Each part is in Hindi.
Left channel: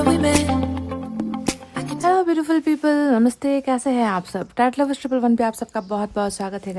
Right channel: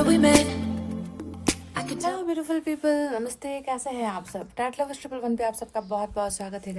remember we met. Hello beautiful people, नमस्ते। कैसे हैं आप सब? टैट लवर्स 111 पे आप सबका बहुत बहुत स्वागत है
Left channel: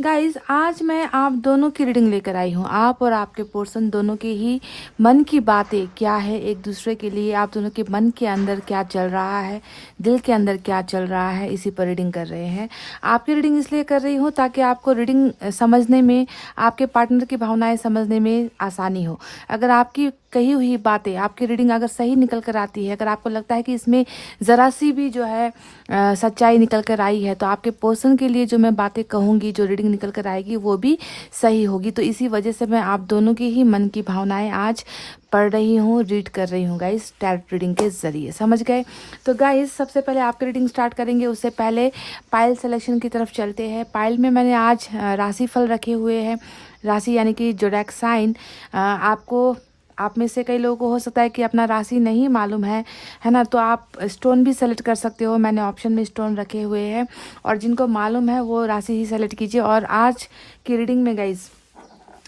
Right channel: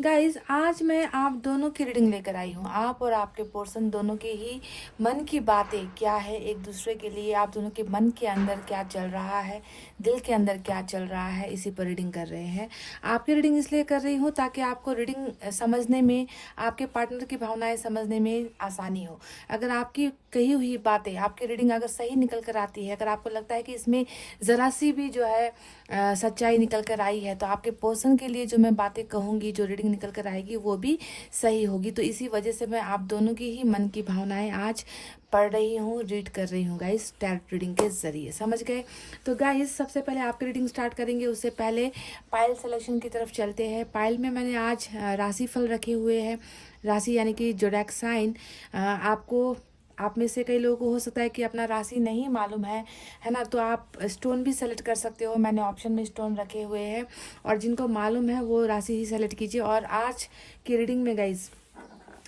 गाइस। आज मैं आप दोनों की रीडिंग लेकर आई हूँ। आप और आपके पर्सन दोनों के ही मन की बातें क्या है एक दूसरे के लिए, आप दोनों के मन के अंदर क्या चल रहा है, दिल के अंदर क्या चल रहा है, इसी पर रीडिंग कर रहे हैं। आपकी रीडिंग इसलिए कर रही हूँ ताकि आपको रीडिंग समझने में, आपके पार्टनर की भावनाएं समझने में आसानी हो। अगर आपकी कही हुई बातें, आपकी रीडिंग अगर सही निकल कर आती है, अगर आपको लगता है कि इसमें ज़रा सी भी जो है सच्चाई निकल कर आई है, तो आपके पर्सन के लिए जो मैं बातें कहूँगी, जो रीडिंग निकल कर आएगी वो भी सही होगी। तो इसी वजह से मैं आप दोनों के ही मन की भावनाएं आज पढ़ रही हूँ, रीड कर रही हूँ गाइस, टैरोट रीडिंग के ज़रिए। समझ गए? तो गाइस सबसे पहले आपकी रीडिंग स्टार्ट करेंगे, उससे पहले पायल सिलेक्शन की तरफ चलते हैं। पायल में मैंने आज राशिफल रखे हुए हैं। राशि यानी कि जोडैक साइन। आपको, आप में से कई लोगों को हो सकता है कि अपना राशि नहीं मालूम है ना, तो आप स्टोन भी सेलेक्ट कर सकते हो। मैंने ऑप्शन में स्टोन रखे हुए हैं, और जिनको मालूम है वो राशि ही सेलेक्ट कीजिए। और आज की रीडिंग में गाइज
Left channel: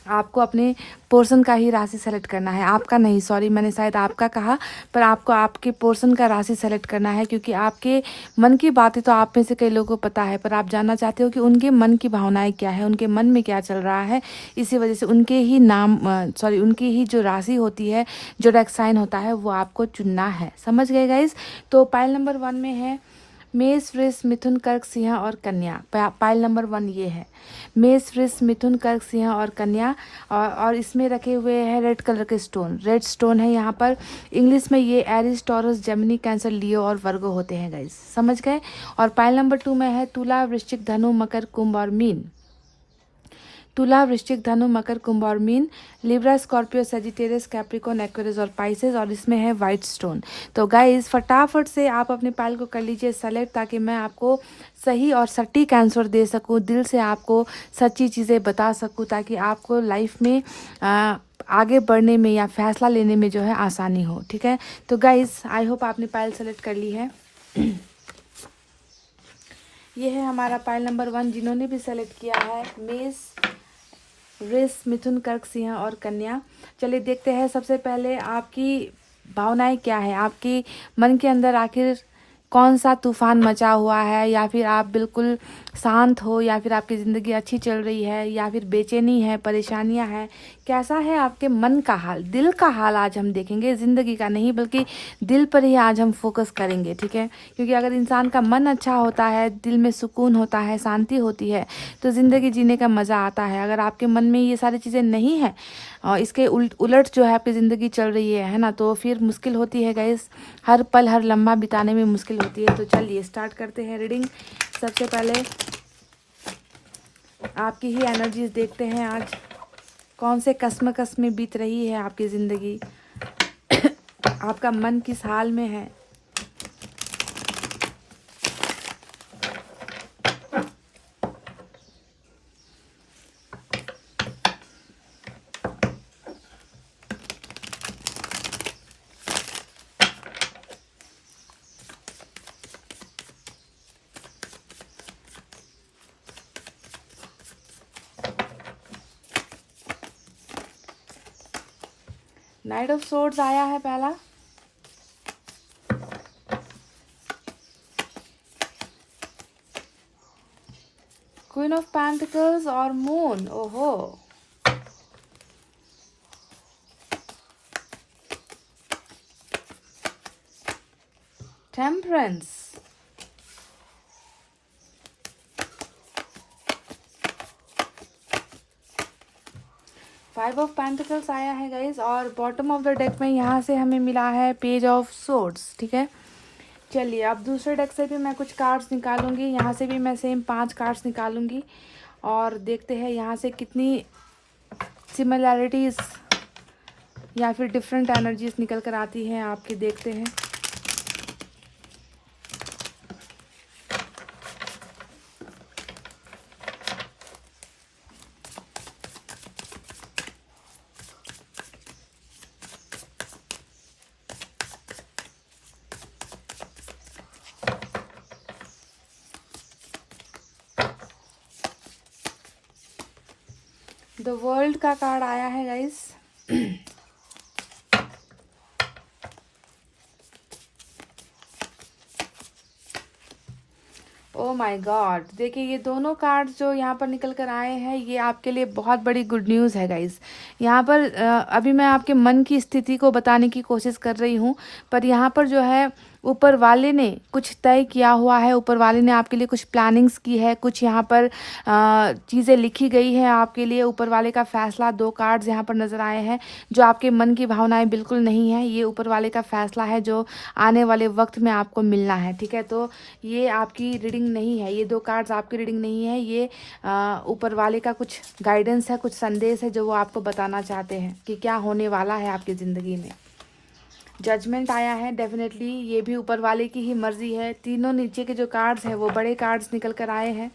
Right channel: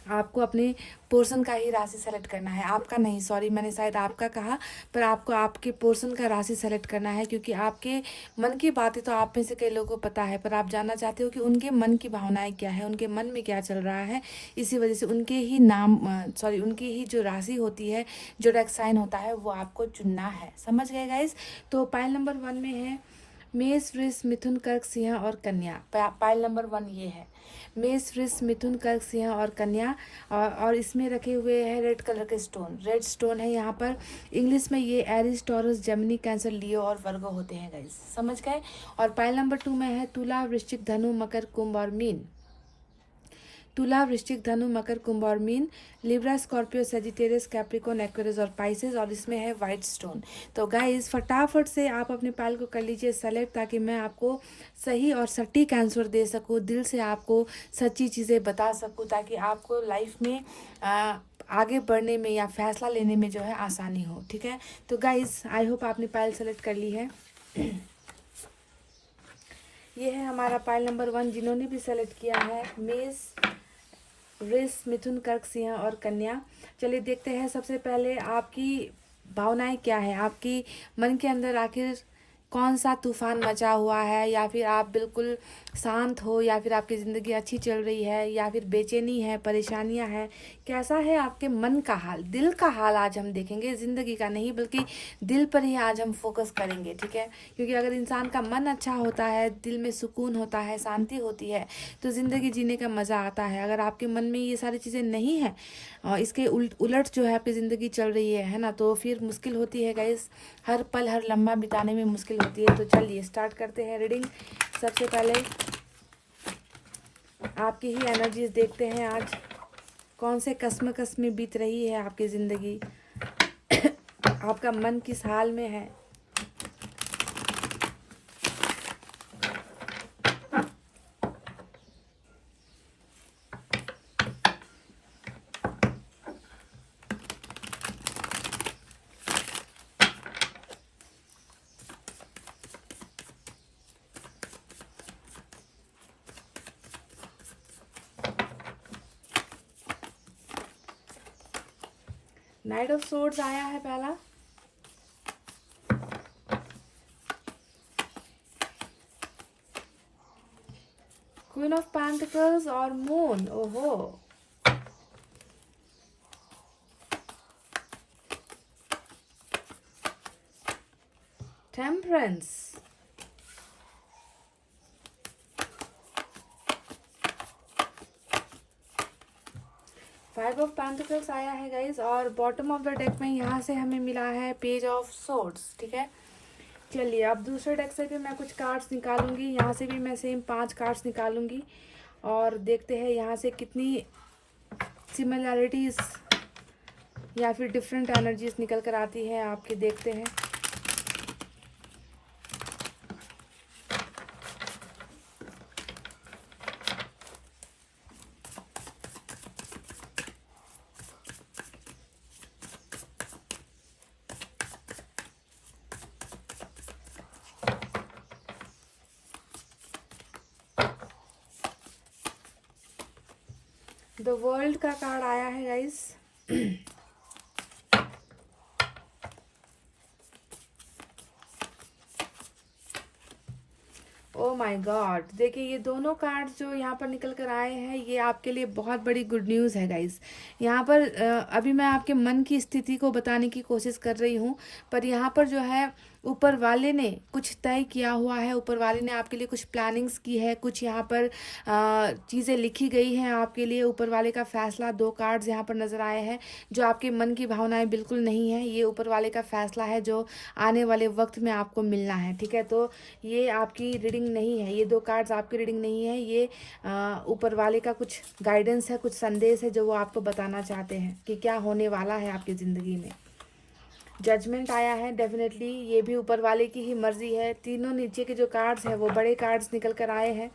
आपको अपने पोर्शन का ही राशि सेलेक्ट करना है, आपका नहीं, सॉरी मैंने शायद आपका कहा, पर आपको आपके पोर्शन का राशि सेलेक्ट करना है। क्योंकि आपके मन की बातें तो आप में से कई लोगों को पता है, पर आप जानना चाहते हो कि उनके मन की भावनाएं क्या है, उनके मन में क्या चल रहा है। इसी वजह से उनके ही नाम, सॉरी उनकी ही जो राशि होती है, जो डेक साइन होता है, वो आपको चुनना है। समझ गए गाइज? तो पाइल नंबर 1 में है मेष, वृष, मिथुन, कर्क, सिंह और कन्या। पाइल नंबर 1 ये है, मेष, वृष, मिथुन, कर्क, सिंह और कन्या। और इसमें रखे हुए हैं रेड कलर के स्टोन, रेड स्टोन है यहाँ पर। इंग्लिश में ये एरिस, टॉरस, जेमिनी, कैंसर, लियो और वर्गो होते हैं गाइस। समझ गए? और पाइल नंबर 2 में है तुला, वृश्चिक, धनु, मकर, कुंभ और मीन। तुला, वृश्चिक, धनु, मकर, कुंभ और मीन। Libra, Scorpio, Sagittarius, Capricorn, Aquarius और पाइसेस। और इसमें है वाइट स्टोन। तो गाइस फटाफट से आप अपने पाइल को कर लीजिए सेलेक्ट, ताकि मैं आपको सही और सटीक आंसर दे सकूं, दिल से आपको सच्ची चीज़ें बता सकूं, ताकि आपको लाइफ में आगे बढ़ने में या फैसला लेने में जो है आसानी हो। ठीक है? तो गाइस आई होप आपने पाइल सेलेक्ट कर ली है। ये है हमारा पाइल नंबर 1। जिन्होंने भी सेलेक्ट किया है मेष, वृष, मिथुन, कर्क, सिंह और कन्या, चलिए देखते हैं सबसे पहले आपकी भावनाएं क्या है, आपकी मन के अंदर आखिर कौन सा तूफान मचा हुआ है, या फिर आप बिल्कुल शांत हो, या फिर आपकी ज़िंदगी अच्छी चल रही है, या फिर बेचैनी है, परेशानियां हैं। कैसा है आपके मन का हाल, दिल का हाल आज हम देखेंगे, ज़िंदगी का नहीं बल्कि दिल पर ही आज हम फोकस करेंगे। ठीक है? क्योंकि अगर इंसान का मन अच्छा होता है, दिल में सुकून होता है, शांति होती है, तो ज़िंदगी जीने का मज़ा आता है। अगर आपके मन में ये सारी चीज़ें नहीं हैं और इसके उलट जो है आपकी ज़िंदगी चल रही है ना, तो फिर मुश्किल होती है गाइस, हर पल हर लम्हा बिताने में मुश्किल होती है। तो चलिए स्टार्ट करते हैं रीडिंग। सबसे पहले आपकी ही एनर्जीज देखते हैं, आज कौन से कस्मकस में बीत रही है आपकी ज़िंदगी, आपका मन किस हाल में है। नाइट ऑफ सोर्ड्स आया है पहला, क्वीन ऑफ पेंटिकल्स और मून। ओहो, टेम्परेंस, 5 ऑफ पेंटिकल्स आया है गाइस। और बॉटम ऑफ द डेक में यहाँ से हमें मिला है पेज ऑफ सोर्ड्स। ठीक है? चलिए अब दूसरे डेक से भी मैं कुछ कार्ड्स निकालूंगी, यहाँ से भी मैं सेम 5 कार्ड्स निकालूंगी, और देखते हैं यहाँ से कितनी सिमिलैरिटीज़ या फिर डिफरेंट एनर्जीज निकल कर आती हैं आपकी। देखते हैं। द वर्ल्ड का कार्ड आया है गाइस। माय गॉड, देखिए ये दोनों कार्ड जो यहाँ पर निकल कर आए हैं ये आपके लिए बहुत बड़ी गुड न्यूज़ है गाइस। यहाँ पर अभी मैं आपके मन की स्थिति को बताने की कोशिश कर रही हूँ, पर यहाँ पर जो है ऊपर वाले ने कुछ तय किया हुआ है, ऊपर वाले ने आपके लिए कुछ प्लानिंग्स की है, कुछ यहाँ पर चीज़ें लिखी गई है आपके लिए। ऊपर वाले का फैसला, 2 कार्ड्स यहाँ पर नज़र आए हैं। जो आपके मन की भावनाएं बिल्कुल नहीं है, ये ऊपर वाले का फैसला है जो आने वाले वक्त में आपको मिलना है, ठीक है। तो ये आपकी रीडिंग नहीं है, ये 2 कार्ड्स आपकी रीडिंग नहीं है, ये ऊपर वाले का कुछ गाइडेंस है, कुछ संदेश है जो वो आपको बताना चाहते हैं कि क्या होने वाला है आपकी ज़िंदगी में। जजमेंट आया है, डेफिनेटली ये भी ऊपर वाले की ही मर्जी है। तीनों नीचे के जो कार्ड्स हैं वो बड़े कार्ड्स निकल कर आए हैं।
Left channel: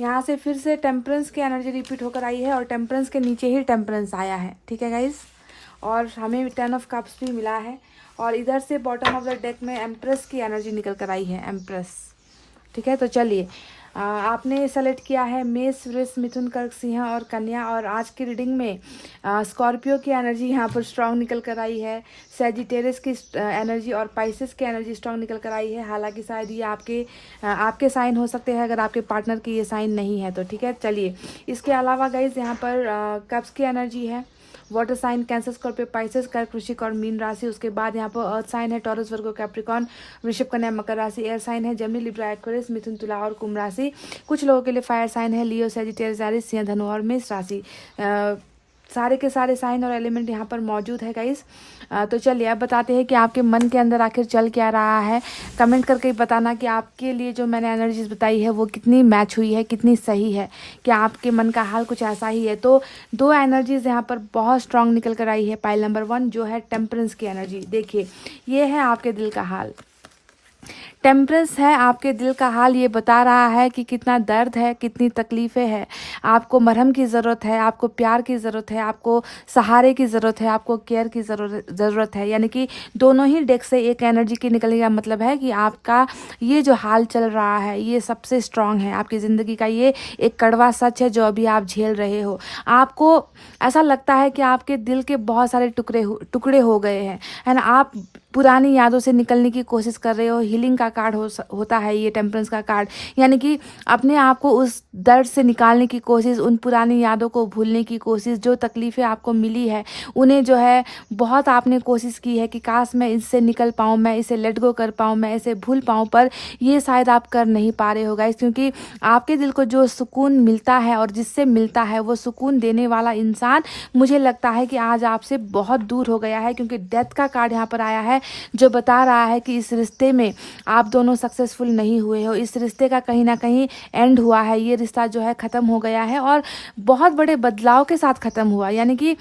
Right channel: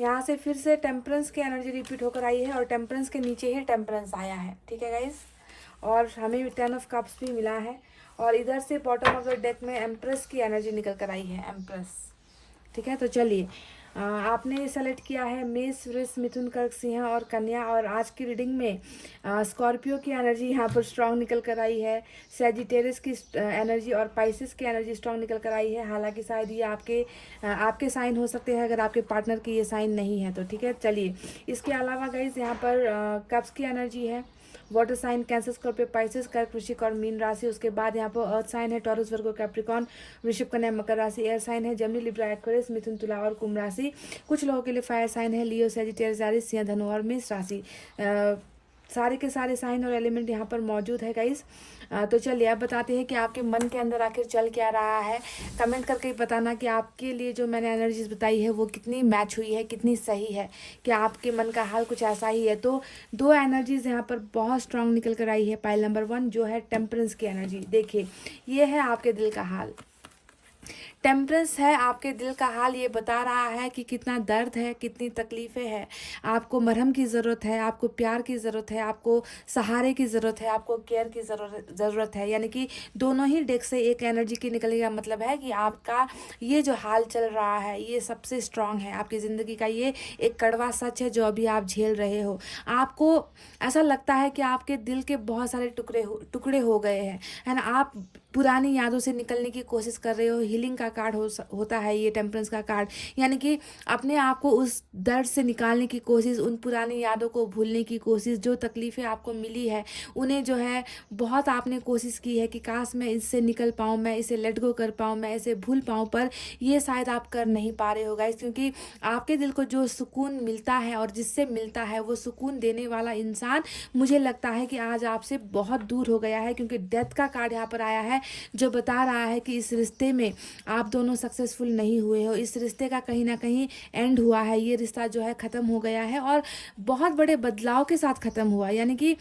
यहाँ से फिर से टेम्परेंस की एनर्जी रिपीट होकर आई है और टेम्परेंस के नीचे ही टेम्परेंस आया है, ठीक है गाइस। और हमें 10 ऑफ कप्स भी मिला है और इधर से बॉटम ऑफ द डेक में एम्प्रेस की एनर्जी निकल कर आई है, एम्प्रेस, ठीक है। तो चलिए, आपने सेलेक्ट किया है मेष, वृष, मिथुन, कर्क, सिंह और कन्या। और आज की रीडिंग में स्कॉर्पियो की एनर्जी यहाँ पर स्ट्रांग निकल कर आई है, सैजिटेरियस की एनर्जी और पाइसेस की एनर्जी स्ट्रांग निकल कर आई है। हालांकि शायद ये आपके साइन हो सकते हैं अगर आपके पार्टनर की ये साइन नहीं है तो, ठीक है। चलिए, इसके अलावा गाइज यहाँ पर कप्स की एनर्जी है, water sign Cancer, Scorpio, Pisces, कर्क, वृश्चिक और मीन राशि। उसके बाद यहाँ पर अर्थ साइन है टॉरस, वर्गो, कैप्रिकॉर्न, वृषभ, कन्या, मकर राशि। एयर साइन है जेमिनी, लिब्रा, एक्वेरियस, मिथुन, तुला और कुंभ राशि। कुछ लोगों के लिए फायर साइन है लियो, सैजिटेरियस, एरिस, सिंह, धनु और मेष राशि। सारे के सारे साइन और एलिमेंट यहाँ पर मौजूद है गाइस। तो चलिए अब बताते हैं कि आपके मन के अंदर आखिर चल क्या रहा है। कमेंट करके बताना कि आपके लिए जो मैंने एनर्जीज बताई है वो कितनी मैच हुई है, कितनी सही है, क्या आपके मन का हाल कुछ ऐसा ही है। तो 2 एनर्जीज यहाँ पर बहुत स्ट्रांग निकल कर आई है। पाइल नंबर 1 जो है टेम्परेंस की एनर्जी, देखिए ये है आपके दिल का हाल। टेम्परेंस है आपके दिल का हाल, ये बता रहा है कि कितना दर्द है, कितनी तकलीफ़ें हैं, आपको मरहम की ज़रूरत है, आपको प्यार की ज़रूरत है, आपको सहारे की ज़रूरत है, आपको केयर की ज़रूरत है। यानी कि दोनों ही डेक से एक एनर्जी की निकलने का मतलब है कि आपका ये जो हाल चल रहा है ये सबसे स्ट्रांग है आपकी ज़िंदगी का। ये एक कड़वा सच है जो अभी आप झेल रहे हो। आपको ऐसा लगता है कि आपके दिल के बहुत सारे टुकड़े हो गए हैं, है ना। आप पुरानी यादों से निकलने की कोशिश कर रहे हो। हीलिंग का कार्ड होता है ये टेम्परेंस का कार्ड, यानी कि अपने आप को उस दर्द से निकालने की कोशिश, उन पुरानी यादों को भूलने की कोशिश, जो तकलीफ़ें आपको मिली है उन्हें जो है बहुत आपने कोशिश की है कि काश मैं इससे निकल पाऊँ, मैं इसे लेट गो कर पाऊँ, मैं इसे भूल पाऊँ, पर ये शायद आप कर नहीं पा रहे हो गाइस। क्योंकि आपके दिल को जो सुकून मिलता है और जिससे मिलता है वो सुकून देने वाला इंसान मुझे लगता है कि आज आपसे बहुत दूर हो गया है। क्योंकि डेथ का कार्ड यहाँ पर आया है जो बता रहा है कि इस रिश्ते में आप दोनों सक्सेसफुल नहीं हुए हो, इस रिश्ते का कहीं ना कहीं एंड हुआ है, ये रिश्ता जो है ख़त्म हो गया है और बहुत बड़े बदलाव के साथ ख़त्म हुआ। यानी कि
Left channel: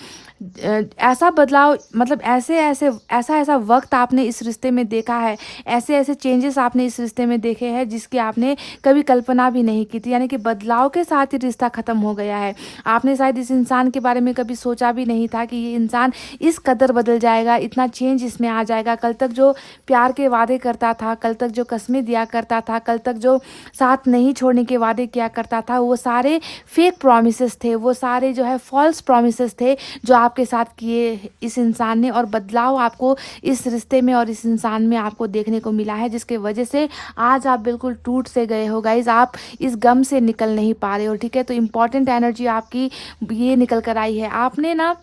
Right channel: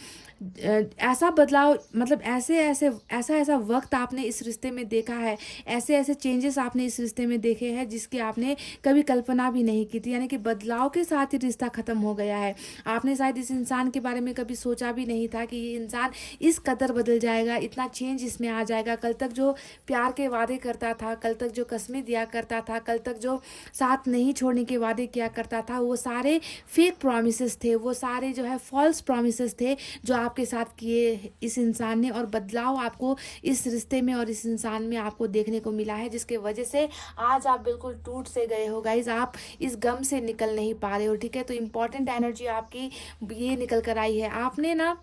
ऐसा बदलाव, मतलब ऐसा वक्त आपने इस रिश्ते में देखा है, ऐसे ऐसे चेंजेस आपने इस रिश्ते में देखे हैं जिसकी आपने कभी कल्पना भी नहीं की थी। यानी कि बदलाव के साथ ही रिश्ता ख़त्म हो गया है। आपने शायद इस इंसान के बारे में कभी सोचा भी नहीं था कि ये इंसान इस कदर बदल जाएगा, इतना चेंज इसमें आ जाएगा। कल तक जो प्यार के वादे करता था, कल तक जो कस्में दिया करता था, कल तक जो साथ नहीं छोड़ने के वादे किया करता था, वो सारे फेक प्रॉमिसेस थे, वो सारे जो है फॉल्स प्रॉमिसेस थे जो आपके साथ किए इस इंसान ने। और बदलाव आपको इस रिश्ते में और इस इंसान में आपको देखने को मिला है, जिसके वजह से आज आप बिल्कुल टूट से गए हो गाइज। आप इस गम से निकल नहीं पा रहे हो, ठीक है। तो इम्पॉर्टेंट एनर्जी आपकी ये निकल कर आई है। आपने ना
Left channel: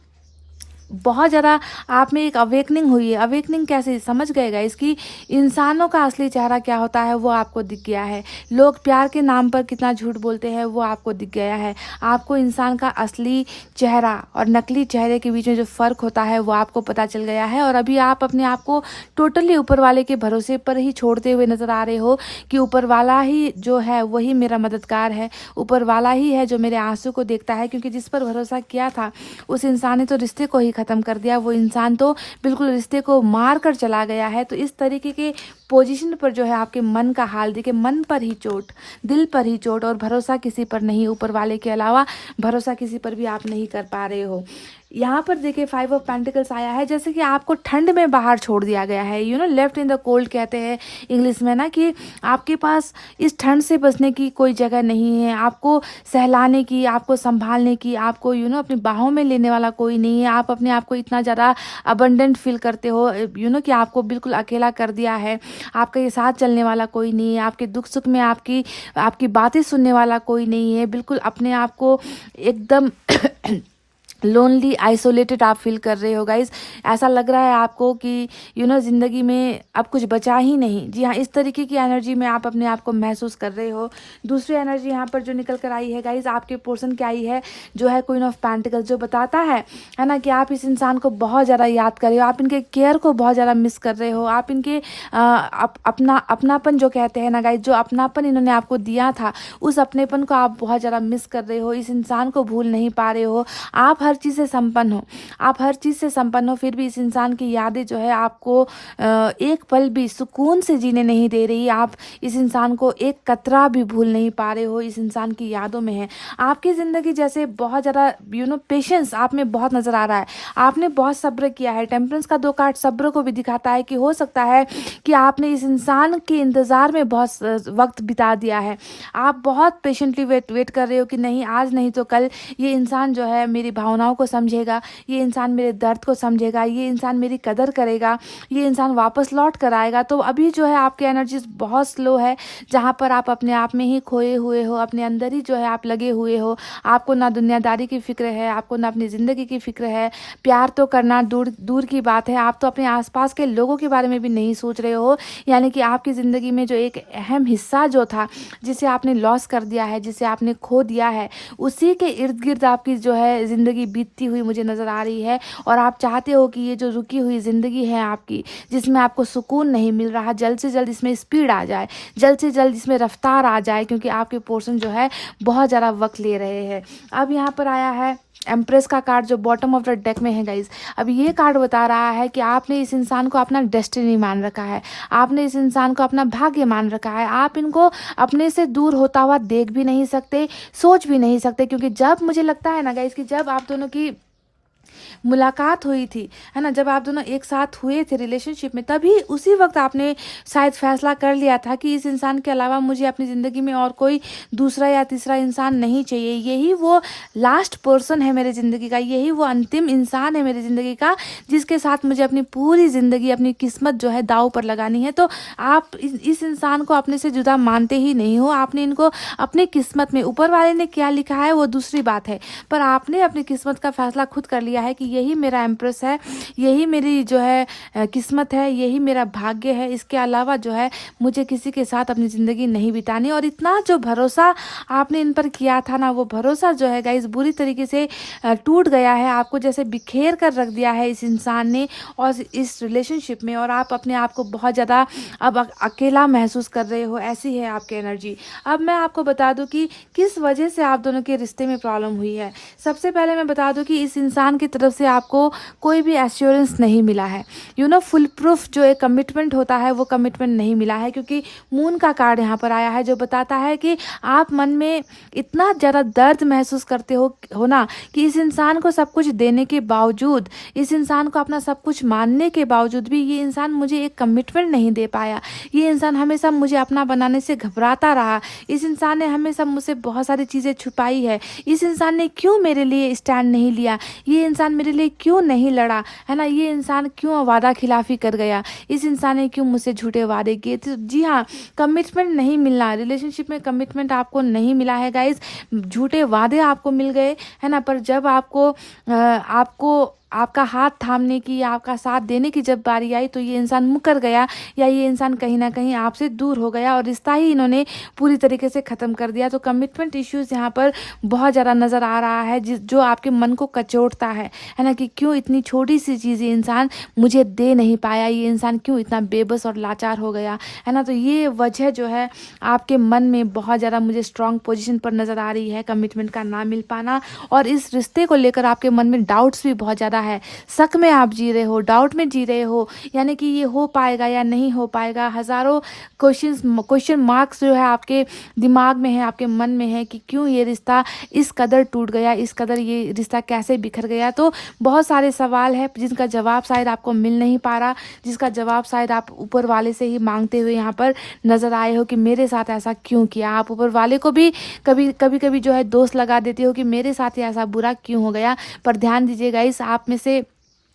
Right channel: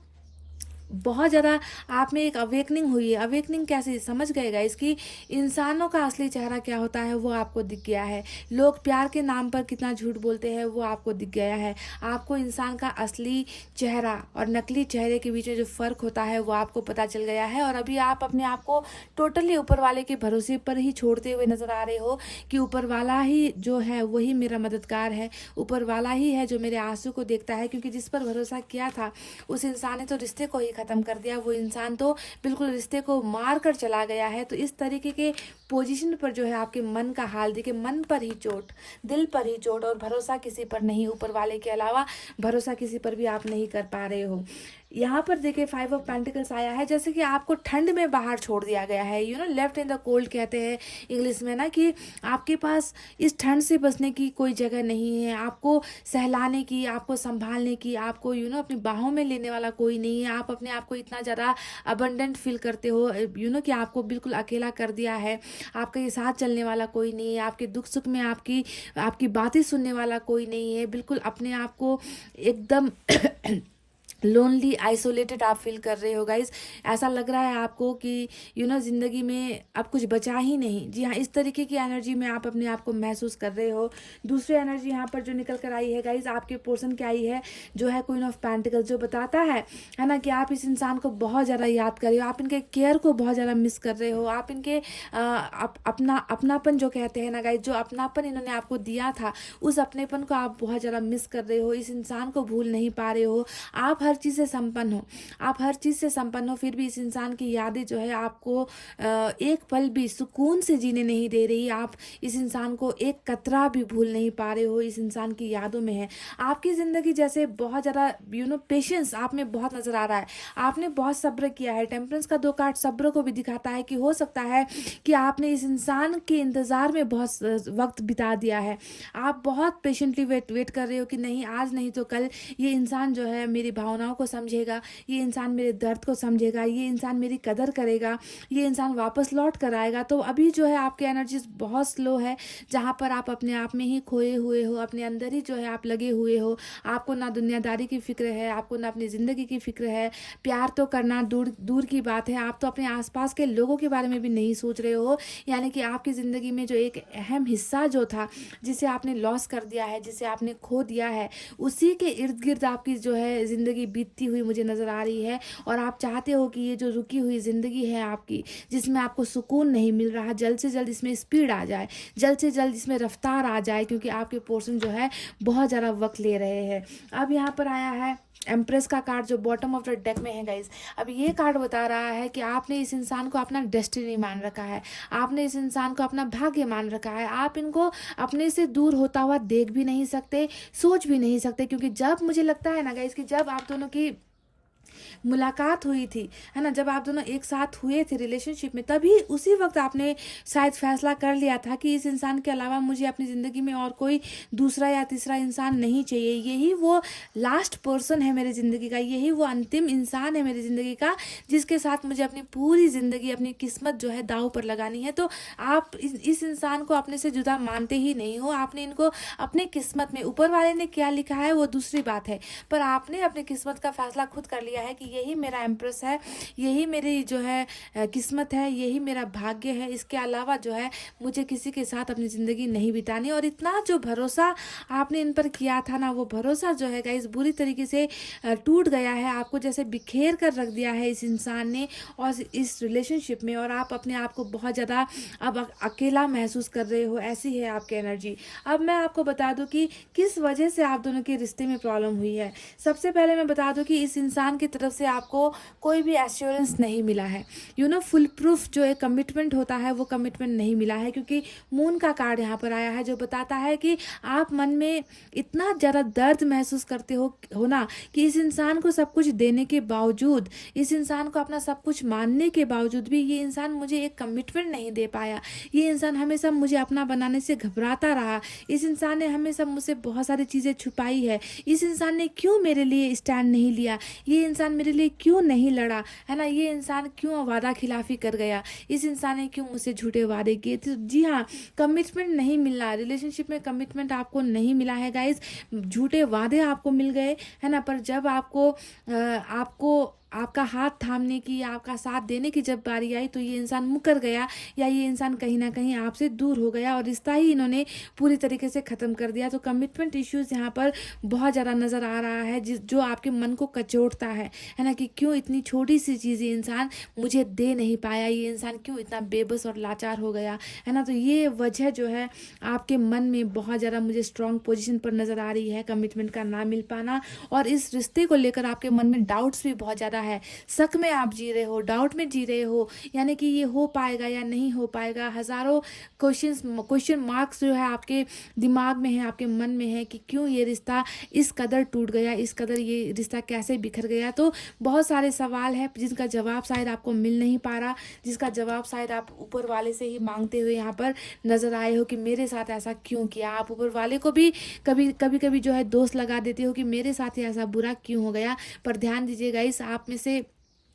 बहुत ज़्यादा आप में एक अवेकनिंग हुई है। अवेकनिंग कैसे समझ गएगा इसकी, इंसानों का असली चेहरा क्या होता है वो आपको दिख गया है। लोग प्यार के नाम पर कितना झूठ बोलते हैं वो आपको दिख गया है। आपको इंसान का असली चेहरा और नकली चेहरे के बीच में जो फ़र्क होता है वो आपको पता चल गया है। और अभी आप अपने आप को टोटली ऊपर वाले के भरोसे पर ही छोड़ते हुए नज़र आ रहे हो कि ऊपर वाला ही जो है वही मेरा मददगार है, ऊपर वाला ही है जो मेरे आंसू को देखता है। क्योंकि जिस पर भरोसा किया था उस इंसान ने तो रिश्ते को ही ख़त्म कर दिया, वो इंसान तो बिल्कुल रिश्ते को मार कर चला गया है। तो इस तरीके के पोजीशन पर जो है आपके मन का हाल देखिए, मन पर ही चोट, दिल पर ही चोट और भरोसा किसी पर नहीं, ऊपर वाले के अलावा भरोसा किसी पर भी आप नहीं कर पा रहे हो। यहाँ पर देखिए 5 ऑफ पेंटिकल्स आया है, जैसे कि आपको ठंड में बाहर छोड़ दिया गया है, लेफ्ट इन द कोल्ड कहते हैं इंग्लिश में ना, कि आपके पास इस ठंड से बचने की कोई जगह नहीं है, आपको सहलाने की, आपको संभालने की, आपको अपनी बाहों में लेने वाला कोई नहीं है। आप अपने आप को इतना ज़्यादा अबंडेंट फील करते हो कि आपको बिल्कुल अकेला कर दिया है, आपका ये साथ चलने वाला कोई नहीं है, आपके दुख सुख में आपकी आपकी बातें सुनने वाला कोई नहीं है, बिल्कुल अपने आप को एकदम लोनली आइसोलेटेड आप फील कर रहे हो गाइज। ऐसा लग रहा है आपको कि ज़िंदगी में अब कुछ बचा ही नहीं। जी हाँ, इस तरीके की एनर्जी में आप अपने आप को महसूस कर रहे हो। दूसरी एनर्जी यहाँ पर जो निकल कर आई है गाइज, आपके पोर्शन क्या आई है, जो है क्वीन ऑफ पेंटिकल्स, जो बताता है ना कि आप इस इंसान को बहुत ज़्यादा याद कर रहे हो, आप इनके केयर को बहुत ज़्यादा मिस कर रहे हो, आप इनके अपनापन जो कहते हैं ना गाइज, जो अपनापन इन्होंने आपको दिया था, उस अपनेपन को आप बहुत ज़्यादा मिस कर रहे हो, इस इंसान को भूल नहीं पा रहे हो। आप हर चीज़ से संपन्न हो, आप हर चीज़ से संपन्न हो, फिर भी इस इंसान की यादें जो है आपको एक पल भी सुकून से जीने नहीं दे रही। आप इस इंसान को एक कतरा भी भूल नहीं पा रहे हो, इस इंसान की यादों में है। आपकी ज़िंदगी जैसे बहुत ज़्यादा पेशेंस आप में बहुत नज़र आ रहा है, आपने बहुत सब्र किया है। टेम्परेंस का 2 कार्ड सब्र को भी दिखाता है कि हो सकता है कि आपने इस इंसान के इंतज़ार में बहुत वक्त बिता दिया है। आप बहुत पेशेंटली वेट कर रहे हो कि नहीं, आज नहीं तो कल ये इंसान जो है मेरी भावनाओं को समझेगा, ये इंसान मेरे दर्द को समझेगा, ये इंसान मेरी कदर करेगा, ये इंसान वापस लौट कर आएगा। तो अभी जो है आपकी एनर्जी बहुत स्लो है, जहाँ पर आप अपने आप में ही खोए हुए हो, अपने अंदर ही जो है आप लगे हुए हो। आपको ना दुनियादारी की फिक्र है, आपको ना अपनी ज़िंदगी की फिक्र है। प्यार तो करना दूर दूर की बात है, आप तो अपने आसपास के लोगों के बारे में भी नहीं सोच रहे हो। यानी कि आपकी ज़िंदगी में जो एक अहम हिस्सा जो था, जिसे आपने लॉस कर दिया है, जिसे आपने खो दिया है, उसी के इर्द गिर्द आपकी जो है ज़िंदगी बीतती हुई मुझे नज़र आ रही है। और आप चाहते हो कि ये जो रुकी हुई ज़िंदगी है आपकी, जिसमें आपको सुकून नहीं मिल रहा, जल्द से जल्द इसमें स्पीड आ जाए, जल्द से जल्द इसमें रफ्तार आ जाए, क्योंकि आपके पोर्शन जो है बहुत ज़्यादा वक्त ले रहे हैं। अब यहाँ पर आया है एम्प्रेस का कार्ड, जो बॉटम ऑफ द डेक में है गाइज। अब ये कार्ड बता रहा है कि आपने इस इंसान को अपना डेस्टिनी मान रखा है, आपने इस इंसान को अपना भाग्य मान रखा है। आप इनको अपने से दूर होता हुआ देख भी नहीं सकते, सोच भी नहीं सकते, क्योंकि जब मुझे लगता है ना गाइज कि जब आप दोनों की मुलाकात हुई थी, है ना, जब आप दोनों एक साथ हुए थे रिलेशनशिप में, तभी उसी वक्त आपने शायद फैसला कर लिया था कि इस इंसान के अलावा मुझे अपनी ज़िंदगी में और कोई दूसरा या तीसरा इंसान नहीं चाहिए। यही वो लास्ट पर्सन है मेरी ज़िंदगी का, यही वो अंतिम इंसान है मेरी ज़िंदगी का, जिसके साथ मुझे अपनी पूरी ज़िंदगी, अपनी किस्मत जो है दांव पर लगानी है। तो आप इस इंसान को अपने से जुदा मानते ही नहीं हो। आपने इनको अपनी किस्मत में, ऊपर वाले ने क्या लिखा है वो दूसरी बात है, पर आपने अपनी किस्मत का फैसला खुद कर लिया है कि यही मेरा एम्प्रेस है, यही मेरी जो है किस्मत है, यही मेरा भाग्य है। इसके अलावा जो है मुझे किसी के साथ अपनी ज़िंदगी नहीं बितानी। और इतना जो भरोसा आपने इन पर किया था ना, वो भरोसा जो है गाइस बुरी तरीके से टूट गया है। आपको जैसे बिखेर कर रख दिया है इस इंसान ने और इस रिलेशनशिप में, और आप अपने आप को बहुत ज़्यादा अब अकेला महसूस कर रहे हो। ऐसी है आपकी एनर्जी। अब मैं आपको बता दूं कि किस वजह से आप दोनों के रिश्ते में प्रॉब्लम हुई है। सबसे पहले मैं बता दूं कि इस इंसान की तरफ से आपको कोई भी एश्योरेंस नहीं मिला है। फुल प्रूफ जो एक कमिटमेंट होता है वो कमिटमेंट नहीं मिला है, क्योंकि मून का कार्ड यहाँ पर आया है, जो बताता है कि आप मन में इतना ज़्यादा दर्द महसूस करते हो ना, कि इस इंसान को सब कुछ देने के बावजूद, इस इंसान को अपना सब कुछ मानने के बावजूद भी ये इंसान मुझे एक कमिटमेंट नहीं दे पाया। ये इंसान हमेशा मुझे अपना बनाने से घबराता रहा। इस इंसान ने हमेशा मुझसे बहुत सारी चीज़ें छुपाई है। इस इंसान ने क्यों मेरे लिए स्टैंड नहीं लिया, ये इंसान मेरे लिए क्यों नहीं लड़ा, है ना, ये इंसान क्यों वादा खिलाफी कर गया, इस इंसान ने क्यों मुझसे झूठे वादे किए। तो जी हाँ, कमिटमेंट नहीं मिलना, रिलेशनशिप में कमिटमेंट आपको नहीं मिला है गाइज, झूठे वादे आपको मिल गए, है ना। पर जब आपको आपका हाथ थामने की या आपका साथ देने की जब बारी आई, तो ये इंसान मुकर गया, या ये इंसान कहीं ना कहीं आपसे दूर हो गया और रिश्ता ही इन्होंने पूरी तरीके से ख़त्म कर दिया। तो कमिटमेंट इश्यूज़ यहाँ पर बहुत ज़्यादा नज़र आ रहा है, जो आपके मन को कचोटता है ना, कि क्यों इतनी छोटी सी चीज़ ये इंसान मुझे दे नहीं पाया, ये इंसान क्यों इतना बेबस और लाचार हो गया, है ना। तो ये वजह जो है आपके मन में बहुत ज़्यादा मुझे स्ट्रॉन्ग पोजिशन पर नज़र आ रही है, कमिटमेंट का ना मिल पाना। और इस रिश्ते को लेकर आपके मन में डाउट्स भी बहुत ज़्यादा है, शक में आप जी रहे हो, डाउट में जी रहे हो, यानी कि ये हो पाएगा या नहीं हो पाएगा, हज़ारों क्वेश्चन मार्क्स जो है आपके दिमाग में है, आपके मन में है कि क्यों ये रिश्ता इस कदर टूट गया, इस कदर ये रिश्ता कैसे बिखर गया। तो बहुत सारे सवाल हैं जिनका जवाब शायद आपको मिल नहीं पा रहा, जिसका जवाब शायद आप ऊपर वाले से ही मांगते हुए यहाँ पर नज़र आए हो कि मेरे साथ ऐसा क्यों किया। आप ऊपर वाले को भी कभी जो है दोष लगा देते हो कि मेरे साथ ही ऐसा बुरा क्यों हो गया। पर ध्यान दीजिएगा, इस आप में से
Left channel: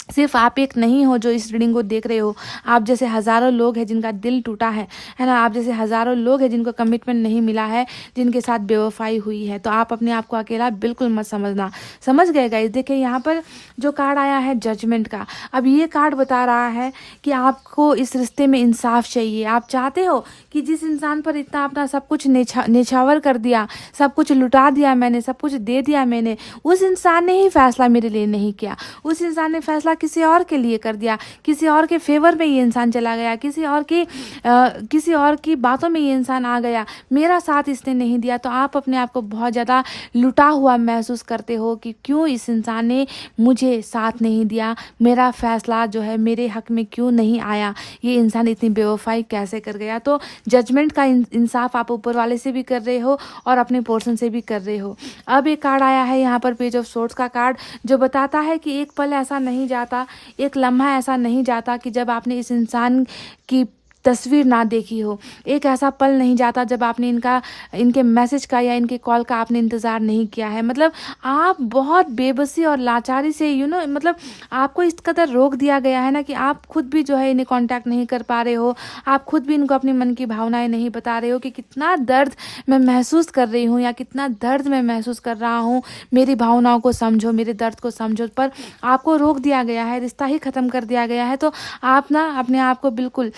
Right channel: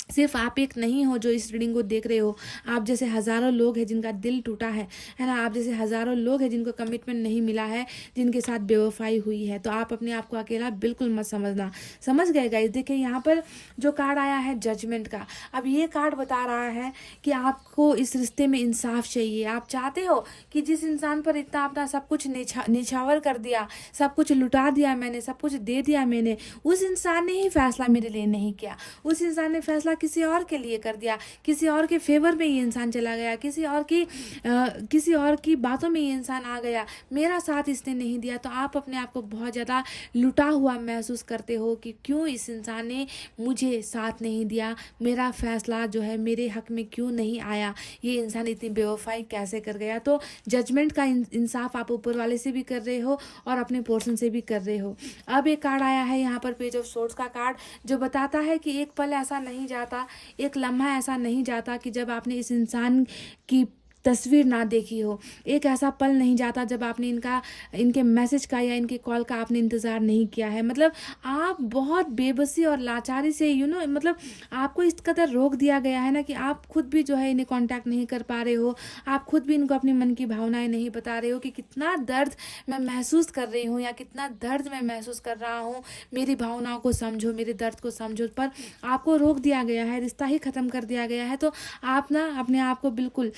सिर्फ आप एक नहीं हो जो इस रीडिंग को देख रहे हो। आप जैसे हज़ारों लोग हैं जिनका दिल टूटा है ना। आप जैसे हज़ारों लोग हैं जिनको कमिटमेंट नहीं मिला है, जिनके साथ बेवफाई हुई है। तो आप अपने आप को अकेला बिल्कुल मत समझना। समझ गए गाइस? देखिए यहाँ पर जो कार्ड आया है जजमेंट का, अब ये कार्ड बता रहा है कि आपको इस रिश्ते में इंसाफ चाहिए। आप चाहते हो कि जिस इंसान पर इतना अपना सब कुछ नेछावर कर दिया, सब कुछ लुटा दिया मैंने, सब कुछ दे दिया मैंने, उस इंसान ने ही फैसला मेरे लिए नहीं किया। उस इंसान ने फैसला किसी और के लिए कर दिया, किसी और के फेवर में ये इंसान चला गया, किसी और की बातों में ये इंसान आ गया, मेरा साथ इसने नहीं दिया। तो आप अपने आप को बहुत ज़्यादा लुटा हुआ महसूस करते हो कि क्यों इस इंसान ने मुझे साथ नहीं दिया, मेरा फैसला जो है मेरे हक में क्यों नहीं आया, ये इंसान इतनी बेवफाई कैसे कर गया। तो जजमेंट का इंसाफ आप ऊपर वाले से भी कर रहे हो और अपने पोर्शन से भी कर रहे हो। अब एक कार्ड आया है यहाँ पर पेज ऑफ सोर्ड्स का कार्ड, जो बताता है कि एक पल ऐसा नहीं जाता, एक लम्हा ऐसा नहीं जाता कि जब आपने इस इंसान की तस्वीर ना देखी हो। एक ऐसा पल नहीं जाता जब आपने इनके मैसेज का या इनके कॉल का आपने इंतज़ार नहीं किया है। मतलब आप बहुत बेबसी और लाचारी से मतलब आपको इस कदर रोक दिया गया है ना कि आप खुद भी जो है इन्हें कांटेक्ट नहीं कर पा रहे हो। आप खुद भी इनको अपनी मन की भावनाएं नहीं बता रहे हो कि कितना दर्द मैं महसूस कर रही हूँ या कितना दर्द मैं महसूस कर रहा हूँ, मेरी भावनाओं को समझो, मेरे दर्द को समझो। पर आपको रोक दिया गया है, रिश्ता ही ख़त्म कर दिया गया है। तो आप ना अपने आप को बिल्कुल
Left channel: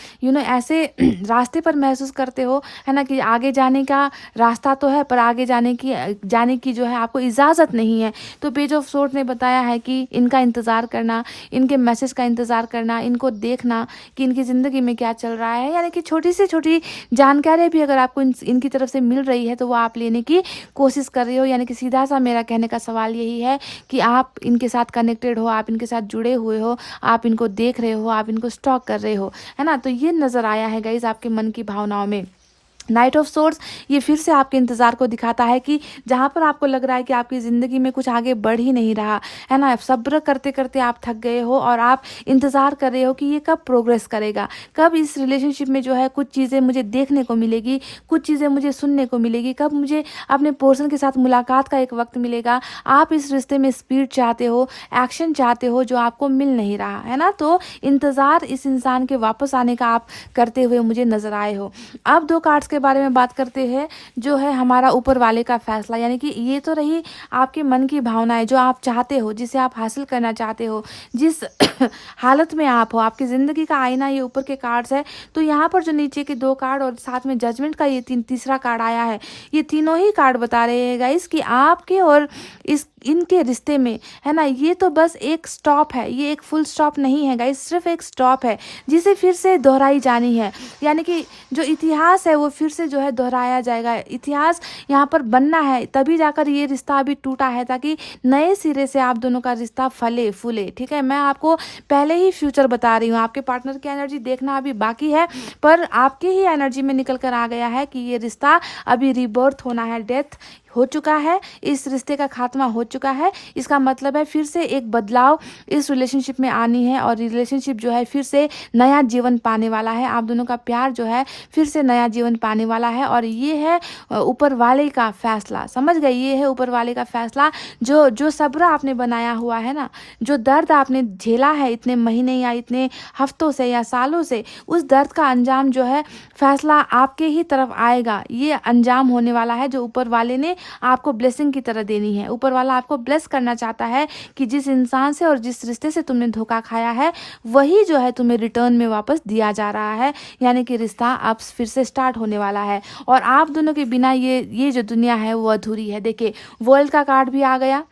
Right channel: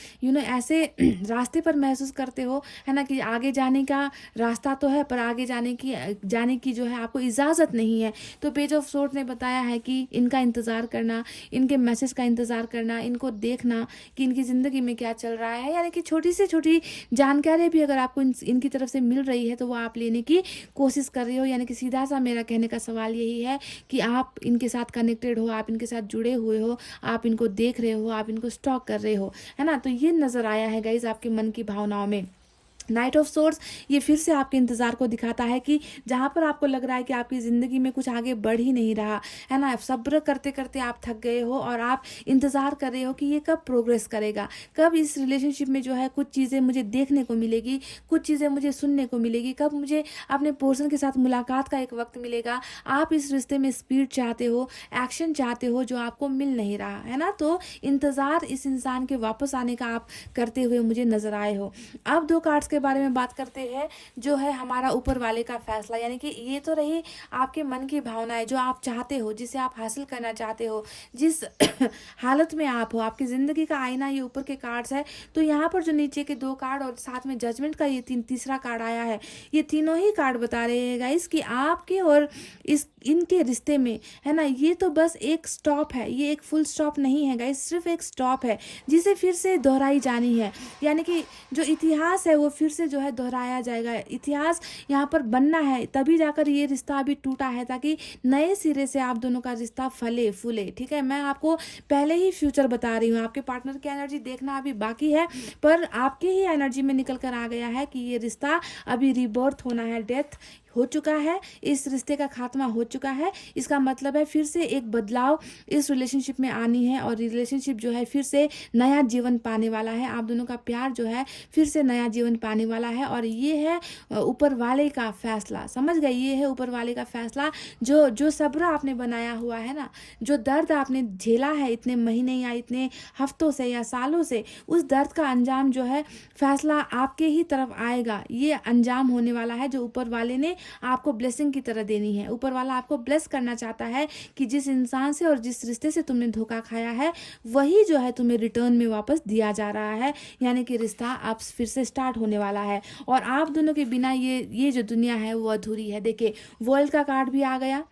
ऐसे रास्ते पर महसूस करते हो, है ना, कि आगे जाने का रास्ता तो है पर आगे जाने की जो है आपको इजाज़त नहीं है। तो पेज ऑफ सोर्ड्स ने बताया है कि इनका इंतज़ार करना, इनके मैसेज का इंतज़ार करना, इनको देखना कि इनकी ज़िंदगी में क्या चल रहा है, यानी कि छोटी से छोटी जानकारी भी अगर आपको इनकी तरफ से मिल रही है तो वो आप लेने की कोशिश कर रहे हो। यानी कि सीधा सा मेरा कहने का सवाल यही है कि आप इनके साथ कनेक्टेड हो, आप इनके साथ जुड़े हुए हो, आप इनको देख रहे हो, आप इनको स्टॉक कर रहे हो, है ना। तो ये नज़र आया है गाइस आपके मन की भावनाओं में। नाइट ऑफ सोर्ड्स ये फिर से आपके इंतज़ार को दिखाता है कि जहाँ पर आपको लग रहा है कि आपकी ज़िंदगी में कुछ आगे बढ़ ही नहीं रहा है ना, सब्र करते करते आप थक गए हो और आप इंतज़ार कर रहे हो कि ये कब प्रोग्रेस करेगा, कब इस रिलेशनशिप में जो है कुछ चीज़ें मुझे देखने को मिलेगी, कुछ चीज़ें मुझे सुनने को मिलेगी, कब मुझे अपने पर्सन के साथ मुलाकात का एक वक्त मिलेगा। आप इस रिश्ते में स्पीड चाहते हो, एक्शन चाहते हो, जो आपको मिल नहीं रहा है ना। तो इंतज़ार इस इंसान के वापस आने का आप करते हुए मुझे नज़र आए हो। अब दो कार्ड्स के बारे में बात करते हैं, जो है हमारा ऊपर वाले का फैसला। यानी कि ये तो रही आपके मन की भावनाएं, जो आप चाहते हो, जिसे आप हासिल करना चाहते हो, जिस हालत में आप हो, आपकी ज़िंदगी का आईना ये ऊपर के कार्ड्स है। तो यहाँ पर जो नीचे के दो कार्ड और साथ में जजमेंट का ये तीसरा कार्ड आया है, ये तीनों ही कार्ड बता रहे हैं गाइस कि आपके और इनके रिश्ते में, है ना, ये तो बस एक स्टॉप है, ये एक फुल स्टॉप नहीं है गाइस, सिर्फ एक स्टॉप है जिसे फिर से दोहराई जानी है। यानी कि जो इतिहास है वो फिर से जो है दोहराया जाएगा, इतिहास यहाँ पर बनना है, तभी जाकर ये रिश्ता अभी टूटा है ताकि नए सिरे से आप दोनों का रिश्ता फले फूले। ठीक है, मैं आपको पहले ही फ्यूचर बता रही हूँ, आपके पार्टनर की एनर्जी देखना अभी बाकी है, पर आपके ही एनर्जी में निकल कर आ गया है कि ये रिश्ता अभी रिबर्थ होना है, डेथ हो चुका है, इस रिश्ते का खात्मा हो चुका है। इसका मतलब है फिर से एक बदलाव इस रिलेशनशिप में आनी है और रिलेशनशिप जो है फिर से नया जीवन पाने वाला है। आप दोनों का प्यार जो है फिर से नया जीवन पाने वाला है और ये है ऊपर वाले का फैसला। समझ गए? ये है ऊपर वाले का फैसला। जो सब्र आपने बनाया हुआ है ना, जो दर्द आपने झेला है इतने महीने या इतने हफ्तों से या सालों से, उस दर्द का अंजाम जो है फैसला आपके ही तरफ आएगा। ये अंजाम होने वाला है जो ऊपर वाले ने आपको ब्लेसिंग की तरह देनी है। ऊपर वाला आपको ब्लेस करना चाहता है कि जिस इंसान से और जिस रिश्ते से तुमने धोखा खाया है वही जो है तुम्हें रिटर्न में वापस दिया जा रहा है। यानी कि रिश्ता अब फिर से स्टार्ट होने वाला है और आप दोनों के बिना ये जो दुनिया है वो अधूरी है। देखिए, वर्ल्ड का कार्ड भी आ गया,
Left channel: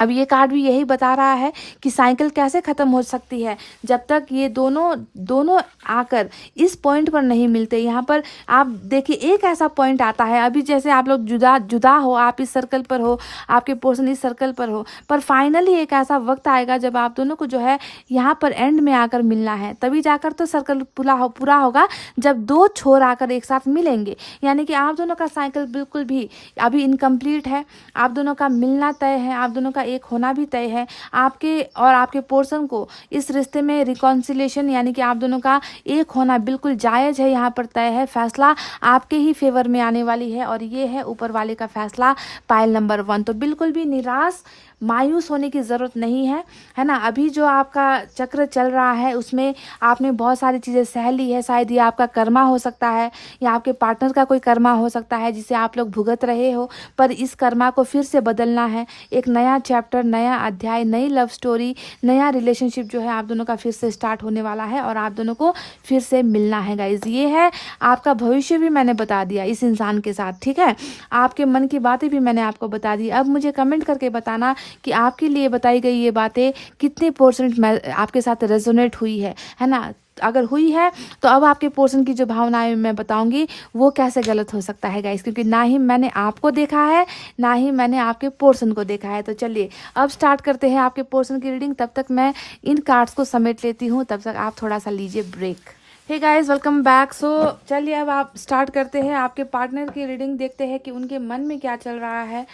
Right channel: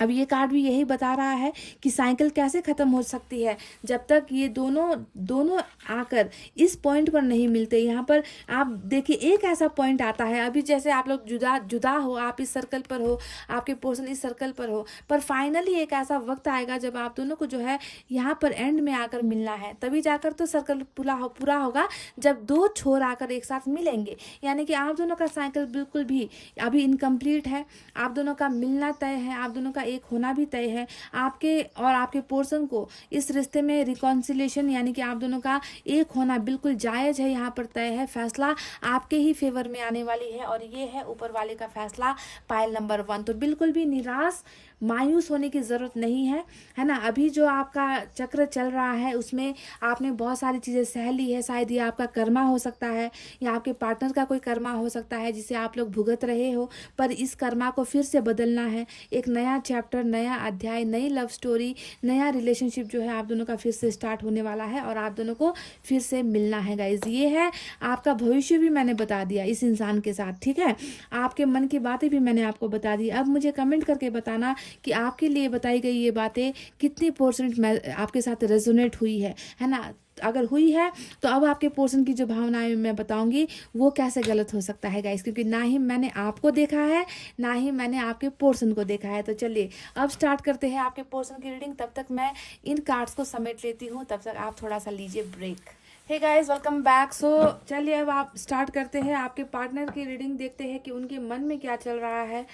अब ये कार्ड भी यही बता रहा है कि साइकिल कैसे ख़त्म हो सकती है जब तक ये दोनों आकर इस पॉइंट पर नहीं मिलते। यहाँ पर आप देखिए एक ऐसा पॉइंट आता है, अभी जैसे आप लोग जुदा हो, आप इस सर्कल पर हो, आपके पोर्शन इस सर्कल पर हो, पर फाइनली एक ऐसा वक्त आएगा जब आप दोनों को जो है यहाँ पर एंड में आकर मिलना है। तभी जाकर तो सर्कल पूरा होगा जब दो छोर आकर एक साथ मिलेंगे। यानी कि आप दोनों का साइकिल बिल्कुल भी अभी इनकम्प्लीट है, आप दोनों का मिलना तय है, आप दोनों का एक होना भी तय है। आपके और आपके पोर्शन को इस रिश्ते में रिकॉन्सिलेशन यानी कि आप दोनों का एक होना बिल्कुल जायज़ है, यहाँ पर तय है। फैसला आपके ही फेवर में आने वाली है और ये है ऊपर वाले का फैसला, पाइल नंबर 1। तो बिल्कुल भी निराश मायूस होने की ज़रूरत नहीं है ना। अभी जो आपका चक्र चल रहा है उसमें आपने बहुत सारी चीज़ें सह ली है। शायद ये आपका कर्मा हो सकता है या आपके पार्टनर का कोई कर्मा हो सकता है जिसे आप लोग भुगत रहे हो, पर इस कर्मा को फिर से बदलना है। एक नया चैप्टर, नया अध्याय, नई लव स्टोरी, नया रिलेशनशिप जो है आप दोनों का फिर से स्टार्ट होने वाला है और आप दोनों को फिर से मिलना है गाइज। ये है आपका भविष्य भी मैंने बता दिया इस इंसान के साथ, ठीक है। आपके मन की बातें भी मैंने आपको बता दी। अब मुझे कमेंट करके बताना कि आपके लिए बताई गई ये बातें कितने % आपके साथ रेजोनेट हुई है ना। अगर हुई है तो अब आपके पोर्शन की जो भावनाएं मैं बताऊंगी वो कैसे गलत हो सकता है गाइस, क्योंकि ना ही मैंने आपको देखा है ना ही मैंने आपके पोर्शन को देखा है। तो चलिए अब स्टार्ट करते हैं आपके पोर्शन की रीडिंग। तब तक मैं इन कार्ड्स को समेट लेती हूँ, तब तक आप थोड़ा सा लीजिए break. Hey guys, welcome back. So चलिए अब आप स्टार्ट करते हैं आपके पार्टनर की रीडिंग। देखते हैं कि उनके मन में क्या चल रहा है,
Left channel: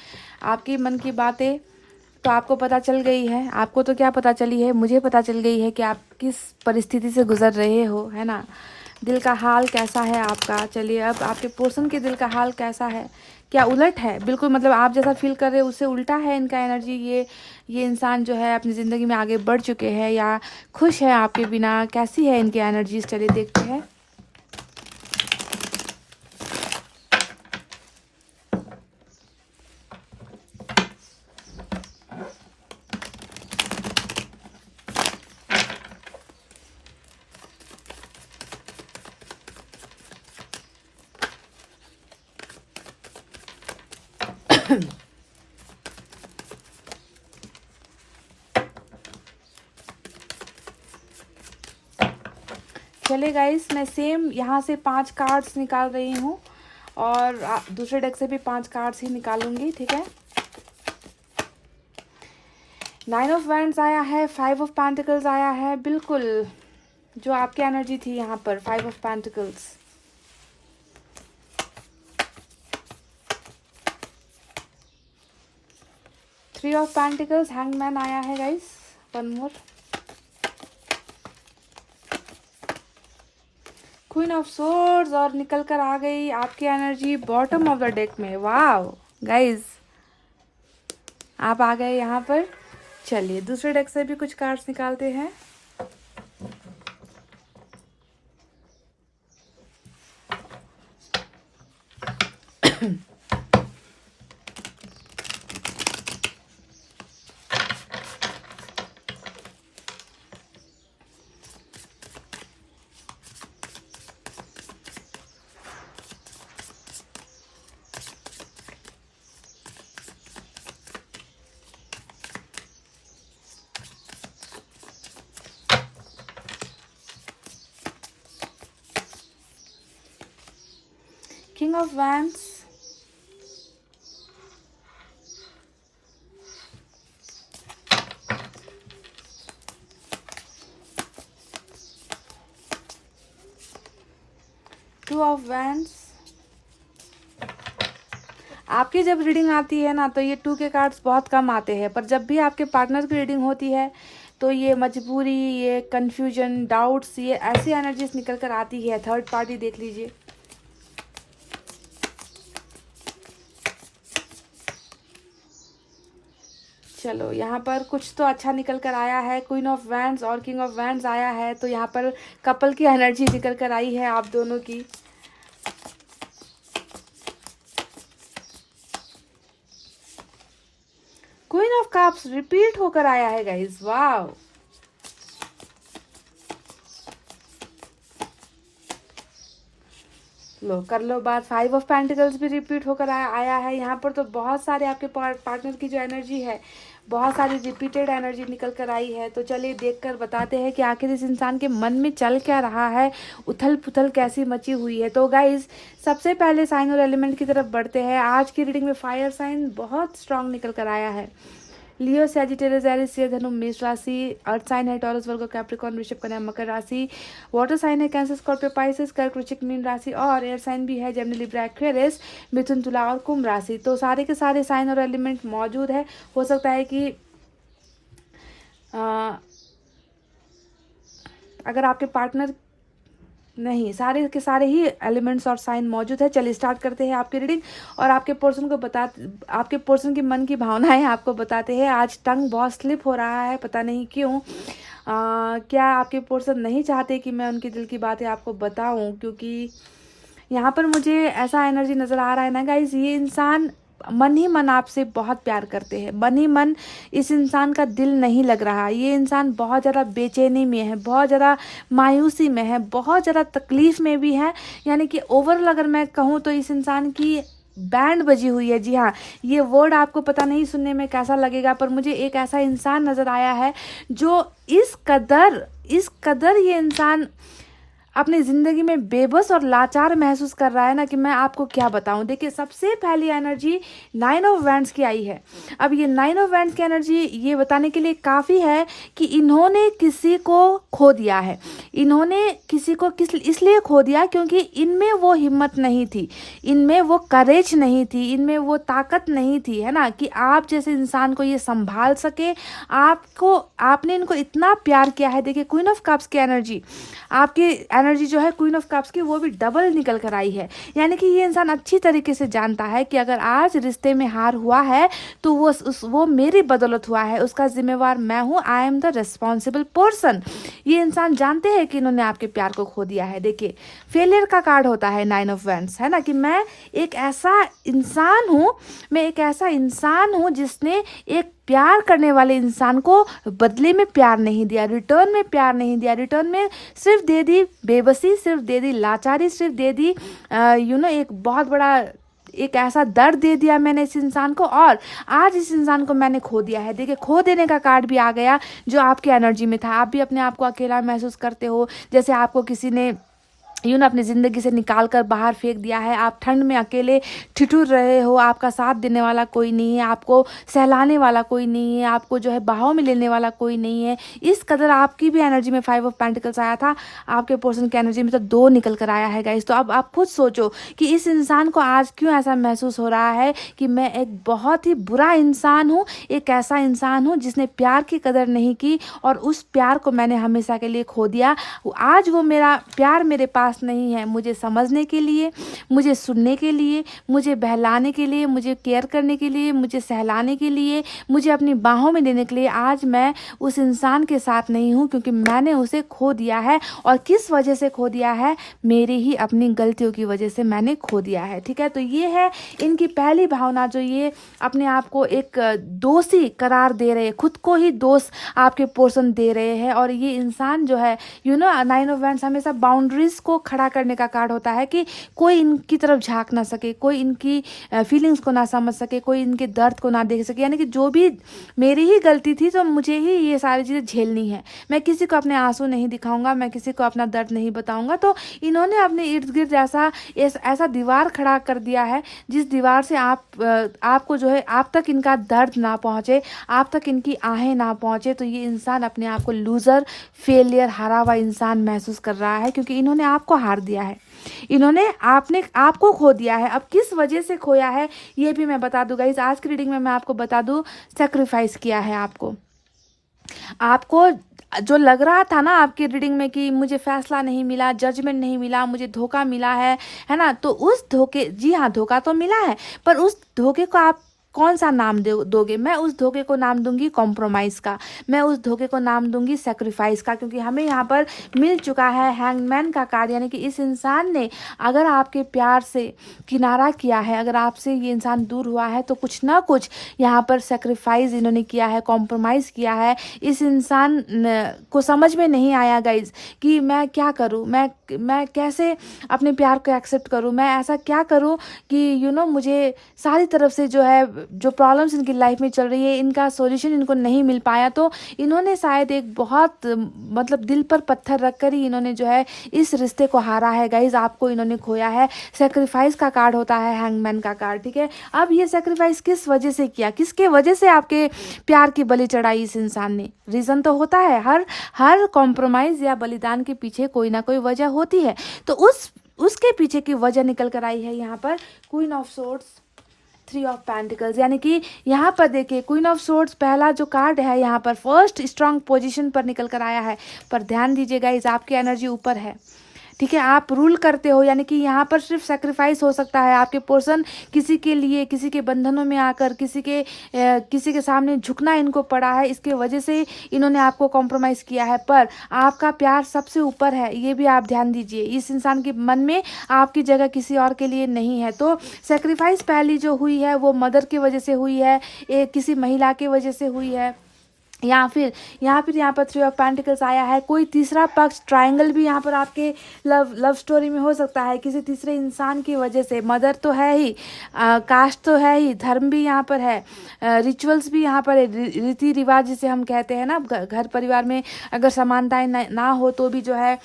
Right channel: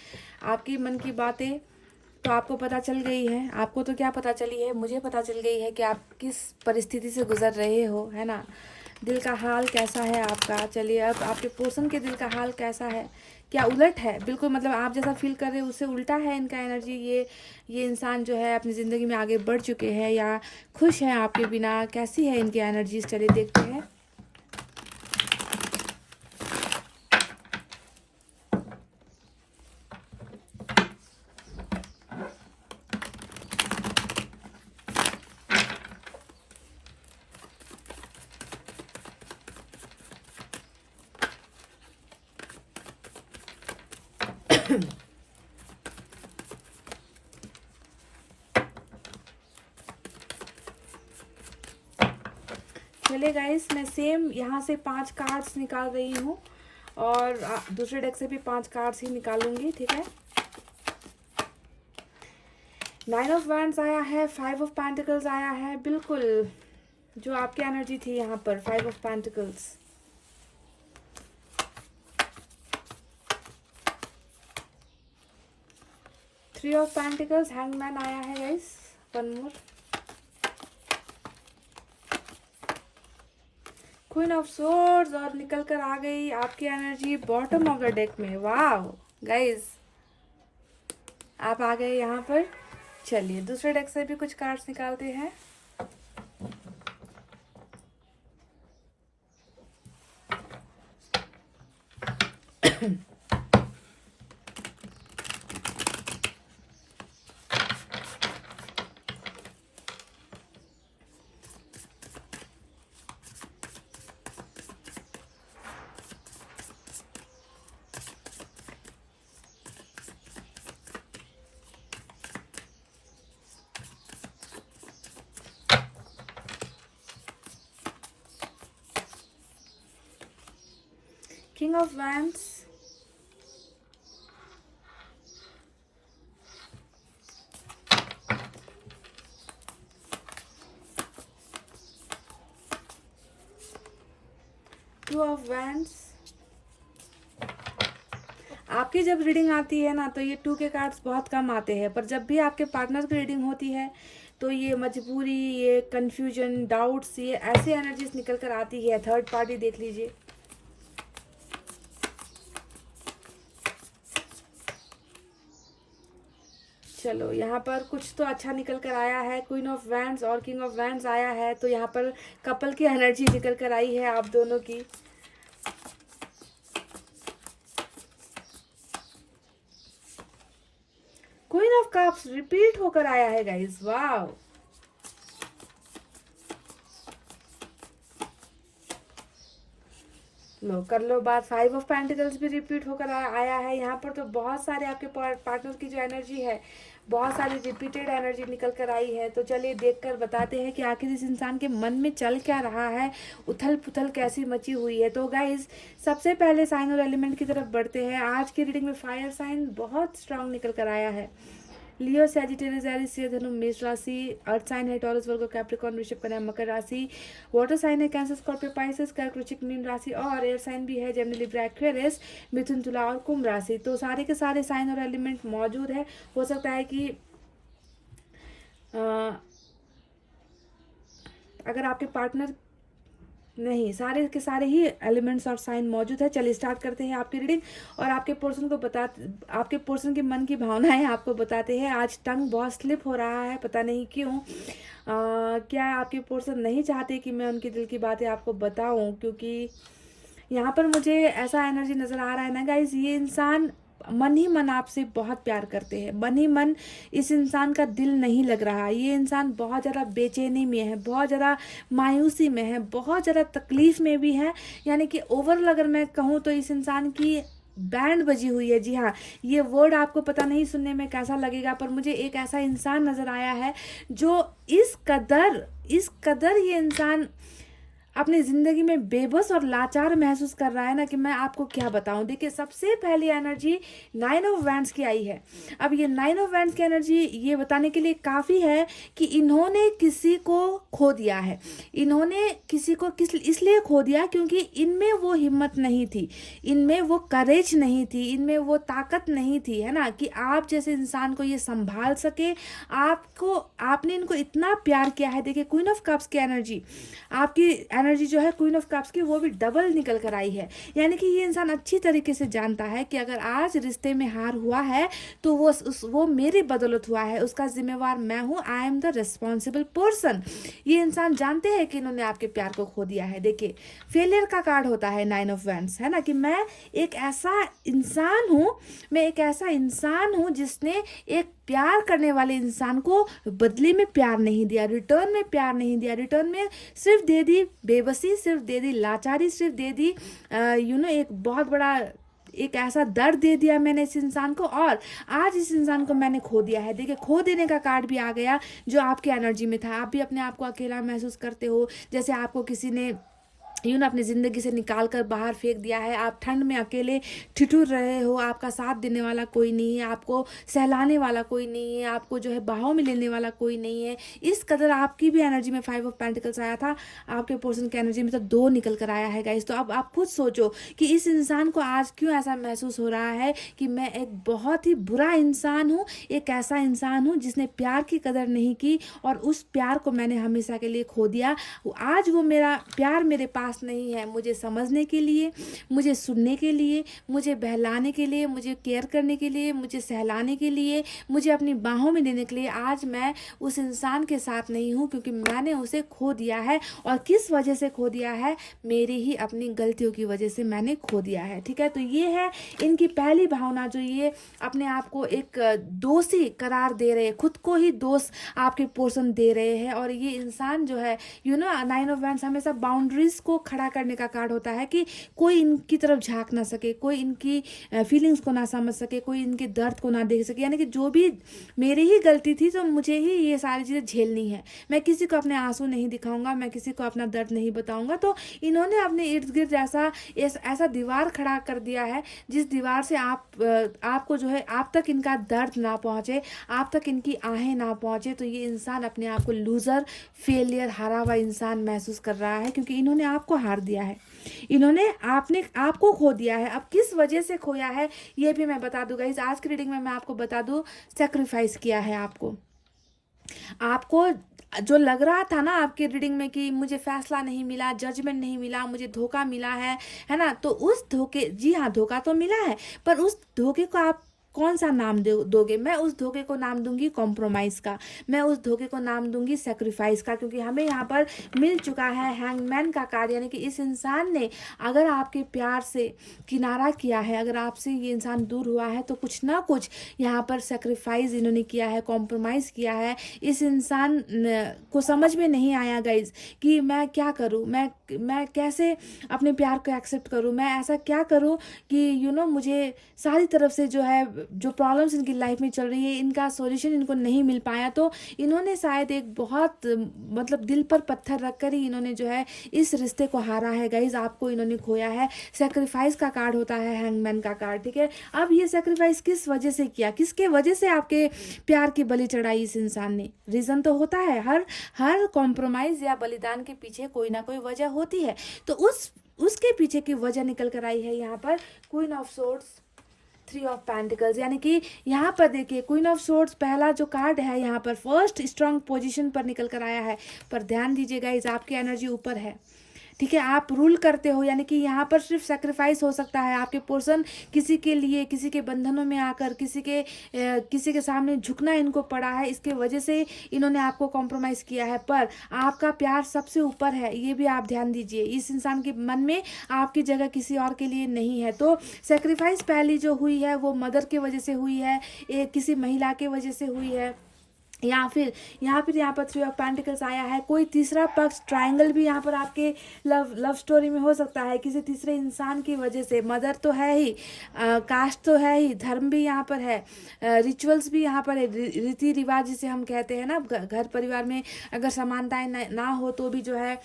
आपकी मन की बातें तो आपको पता चल गई है। आपको तो क्या पता चली है, मुझे पता चल गई है कि आप किस परिस्थिति से गुजर रहे हो, है ना। दिल का हाल कैसा है आपका। चलिए अब आपके पोर्शन के दिल का हाल कैसा है, क्या उलट है, बिल्कुल मतलब आप जैसा फील कर रहे हो उससे उल्टा है इनका एनर्जी। ये इंसान जो है अपनी ज़िंदगी में आगे बढ़ चुके हैं या खुश है आपके बिना, कैसी है इनकी एनर्जीज। चलिए देखते हैं। चले गाइस, मैं सेम यहाँ से 5 कार्ड्स निकाल रही हूँ और दूसरे डेक से भी 5 कार्ड्स ही निकालूंगी, ठीक है। 9 ऑफ वैंड्स आया है, 5 ऑफ पेंटिकल्स आया है, बिल्कुल जो आपकी एनर्जी थी यहाँ पर। 5 of pentacles, 3 of pentacles, hangman आया है guys, 1 more, queen of swords और निकल कर आ गई आपकी energy bottom of the deck में। वाह गाइस, आप आ गए यहाँ पर। चलिए दूसरे डेक से भी कुछ कार्ड्स निकालते हैं। King of Wands, Two of Wands। आपकी जब रीडिंग आती है ना तो ये 2 के कार्ड्स बहुत कम आते हैं, पर जब भी आपके पार्टनर की रीडिंग होती है तो ये मजबूरी, ये कंफ्यूजन, डाउट्स, ये ऐसी एनर्जीज निकल कर आती है। थर्ड पार्टी देख लीजिए। चलो यहाँ पर कुछ तो अच्छा निकल कर आया है। क्वीन ऑफ वैंड्स और किंग ऑफ वैंड्स आया है, तो यहाँ पर कपल की एनर्जी निकल कर आई है आप दोनों की। क्वीन ऑफ कप्स रिपीट होकर आया है गाइस, वाव। लो कर लो बात। 5 ऑफ पेंटिकल्स भी रिपीट होकर आया है यहाँ पर। तो बहुत सारे आपके पार्टनर की जो एनर्जी है, बहुत सारी रिपीटेड एनर्जी निकल कर आई है। तो चलिए देख कर बताते हैं कि आखिर इस इंसान के मन में चल क्या रहा है, उथल पुथल कैसी मची हुई है। तो गाइज सबसे पहले साइन और एलिमेंट की तरफ बढ़ते हैं। आज की रीडिंग में फायर साइन बहुत स्ट्रांग निकल कर आया है। लियो, सैजिटेरियस, एरिस, सिंह, धनु, मेष राशि। अर्थ साइन है टॉरस, वर्गो, कैप्रिकॉर्न, वृषभ, कन्या, मकर राशि। वाटर साइन है कैंसर, स्कॉर्पियो, पाइसेस, कर्क, वृश्चिक, मीन राशि। और एयर साइन भी है जेमिनी, लिब्रा, एक्वेरियस, मिथुन, तुला और कुंभ राशि। तो सारे के सारे साइन और एलिमेंट मौजूद है। हो सकता है कि अगर आपके पार्टनर नहीं, सारे के सारे ही एलिमेंट्स और साइन मौजूद है। चलिए स्टार्ट करते हैं आपकी रीडिंग और आपके पर्सन की मन की भावनाएं आपको बताते हैं। आज टंग बहुत स्लिप हो रहा है, पता नहीं क्यों। क्या आपके पर्सन नहीं चाहते कि मैं उनकी दिल की बातें आपको बताऊं? क्योंकि यहाँ पर मुझे ऐसा एनर्जी नज़र आ रहा है ना गाइज, ये इंसान मन ही मन आपसे बहुत प्यार करते हैं। मन ही मन इस इंसान का दिल नहीं लग रहा। ये इंसान बहुत ज़्यादा बेचैनी में है, बहुत ज़्यादा मायूसी में है, बहुत ज़्यादा तकलीफ़ में भी है। यानी कि ओवरऑल अगर मैं कहूँ तो इस इंसान की बैंड बजी हुई है। जी हाँ, ये वर्ड आपको पता नहीं सुनने में कैसा लगेगा, पर मुझे एक ऐसा इंसान नज़र आया है जो इस कदर ये इंसान अपनी ज़िंदगी में बेबस और लाचार महसूस कर रहा है ना कि मैं आपको क्या बताऊं। देखिए सबसे पहली एनर्जी 9 ऑफ वैंड्स की आई है। अब ये 9 ऑफ वैंड्स की एनर्जी ये बताने के लिए काफ़ी है कि इन्होंने किसी को खो दिया है। इन्होंने किसी को इसलिए खो दिया क्योंकि इनमें वो हिम्मत नहीं थी, इनमें वो करेज नहीं थी, इनमें वो ताकत नहीं थी, है ना, कि आप जैसे इंसान को ये संभाल सके। आपने इनको इतना प्यार किया है। देखिए क्वीन ऑफ कप्स की एनर्जी, आपकी एनर्जी जो है क्वीन ऑफ कप्स की, वो भी डबल निकल कर आई है। यानी कि ये इंसान अच्छी तरीके से जानता है कि अगर आज रिश्ते में हार हुआ है तो वो मेरी बदौलत हुआ है, उसका जिम्मेवार मैं हूँ। I am the responsible person. ये इंसान जानते हैं कि इन्होंने आपके प्यार को खो दिया है। देखिए फेलियर का कार्ड होता है 9 ऑफ वैंड्स, है ना, कि मैं एक ऐसा इंसान हूँ जिसने एक प्यार करने वाले इंसान को बदले में प्यार नहीं दिया, रिटर्न में प्यार नहीं दिया, रिटर्न में सिर्फ दे दी बेबसी, सिर्फ दे दी लाचारी, सिर्फ दे दी एक बहुत बड़ा एक ऐसा दर्द दे दिया मैंने इस इंसान को, और आज इस इंसान को मैंने खो दिया है। देखिए खो देने का कार्ड भी आ गया जो आपकी एनर्जी में था। आप भी अपने आप को अकेला महसूस करते हो, जैसे आपको किसी ने अपनी ज़िंदगी से निकाल कर बाहर फेंक दिया है। आप ठंड में अकेले ठिठुर रहे हो, आपका साथ देने वाला कोई नहीं है, आपको सहलाने वाला कोई नहीं है, आपको जो है बाहों में लेने वाला कोई नहीं है। इस कदर आपकी भी एनर्जी में 5 ऑफ पेंटिकल्स आया था, आपके पर्सन की एनर्जी में तो 2 निकल कर आया है गाइस। तो अब आप खुद सोचो कि इस इंसान को आज क्यों ऐसा महसूस हो रहा है कि मैं एक बहुत ही बुरा इंसान हूँ, एक ऐसा इंसान हूँ जिसने प्यार की कदर नहीं की और उस प्यार को मैंने हमेशा के लिए खो दिया। आज वो मेरा प्यार मेरे पास नहीं है मुझे समझने के लिए, मुझे सुनने के लिए, मुझे बहलाने के लिए, मुझे केयर करने के लिए, मुझे सहलाने के लिए, मुझे अपनी बाहों में लेने के लिए। आज मैं उस इंसान के साथ नहीं हूँ क्योंकि मैंने उसे खो दिया है। और किस वजह से खो दिया है? मेरी ही अपनी गलतियों की वजह से मैंने खो दिया है। ठीक है, तो ये है इनकी पहली भावना, जो ये अपने आप को एक दोषी करार दे रहे, खुद को ही दोष आपके पर्सन दे रहे हैं। और ये इंसान जो है 9 ऑफ वैंड्स हमेशा बाउंड्रीज को खड़ा करने का कार्ड होता है कि कोई इनकी तरफ झांक ना सके, कोई इनकी फीलिंग्स को ना समझ सके, कोई इनके दर्द को ना देख सके। यानी कि जो भी मेरी ही गलती थी तो मुझे ही ये सारी चीज़ें झेलनी है। मैं किसी को अपने आंसू नहीं दिखाऊंगा, मैं किसी को अपना दर्द नहीं बताऊंगा। तो इन्होंने अपने इर्द गिर्द ऐसा दीवार खड़ा कर दिया है जिस दीवार से आपको जो है आप तक इनका दर्द ना पहुँचे, आप तक इनकी आहें ना पहुँचे। तो ये इंसान अपने आप को लूज़र, फेलियर, हारा हुआ इंसान महसूस कर रहा है क्योंकि इन्होंने आपको हार दिया है, इन्होंने आपको खो दिया है। अब किस वजह से खोया है ये भी मैं बता दूंगा। इस आज की रीडिंग में मैं आपको बता दूं, सेक्रीफाइस किया है आपको जो लग रहा था ना आपकी रीडिंग में कि मुझे फैसला नहीं मिला, जजमेंट नहीं मिला, मुझे धोखा मिला है ना, तो उस धोखे, जी हाँ धोखा तो मिला है, पर उस धोखे को कौन सा नाम दोगे? मैं उस धोखे को नाम दूंगी कॉम्प्रोमाइज़ का, मैं उस धोखे को नाम दूंगी सेक्रीफाइस का, क्योंकि हमें यहाँ पर मिल चुका है हैंगमैन का कार्ड, यानी कि इस इंसान ने अगर आपके प्यार से किनारा किया है, अगर आपसे ये इंसान दूर हुआ है, तो कुछ ना कुछ यहाँ पर सेक्रीफाइस इन्होंने किया है, कॉम्प्रोमाइज़ किया है। इस इंसान को समझ में नहीं आया गाइज कि मैं क्या करूँ, मैं कैसे अपने प्यार को एक्सेप्ट करूँ, मैं ऐसा क्या करूँ कि मुझे सारी तरफ से जो है, जो प्रॉब्लम्स इनकी लाइफ में चल रही है, इनका सॉल्यूशन इनको नहीं मिल पाया। तो इन्होंने शायद एक बहुत मतलब दिल पर पत्थर रखकर ही इन्होंने जो है इस रिश्ते को हारा है गाइज, आपको इन्होंने खोया है। सेक्रीफाइस का कार्ड होता है हैंगमैन का कार्ड, ठीक है। अब ये सेक्रीफाइस किस वजह से किया, किसके वजह से आपके प्यार की बलि चढ़ाई इस इंसान ने? रीज़न तो होता है, हर कॉम्प्रोमाइज़ या बलिदान के पीछे कोई ना कोई वजह होती है। तो उसके पीछे की वजह निकल कर आई है यहाँ पर queen of swords, 3 of pentacles, यानी कि यहाँ पर देखिए क्वीन ऑफ सोर्ड्स पहला जो कार्ड है यहाँ पर फर्स्ट स्ट्रांग पोजीशन पर निकल कर आया है। पर ध्यान दीजिएगा इस आपकी एनर्जी ऊपर है, ठीक है, आप रूल करते हो, यानी कि यहाँ पर सिर्फ सेक्रीफाइस हो सकता है। आपके पर्सन किसी के लिए, किसी के बंधनों में आकर किसी के सामने झुकना इनको पड़ा है, इसके वजह से इन्होंने आपको कॉम्प्रोमाइज़ किया है। पर आपका प्यार सबसे ऊपर है, ये भी आप ध्यान दीजिए। इस इंसान के मन में आपकी जगह किसी और के लिए नहीं है। तो सेक्रीफाइस पहली जो हुई है वो मदर की वजह से हुई है, किसी महिला की वजह से हुई है, या फिर यहाँ पर 3 ऑफ पेंटिकल्स आया है। कोई तीसरा पक्ष, ट्रायंगल भी यहाँ पर आपके लव स्टोरी में हो सकता है, किसी तीसरे इंसान की वजह से। मदर तो है ही, कास्ट तो है ही, धर्म भी यहाँ पर है, रिचुअल्स भी यहाँ पर है, रीति रिवाज जिसे हम कहते हैं ना, घर परिवार में अगर समानताएं ना हो तो भी जो है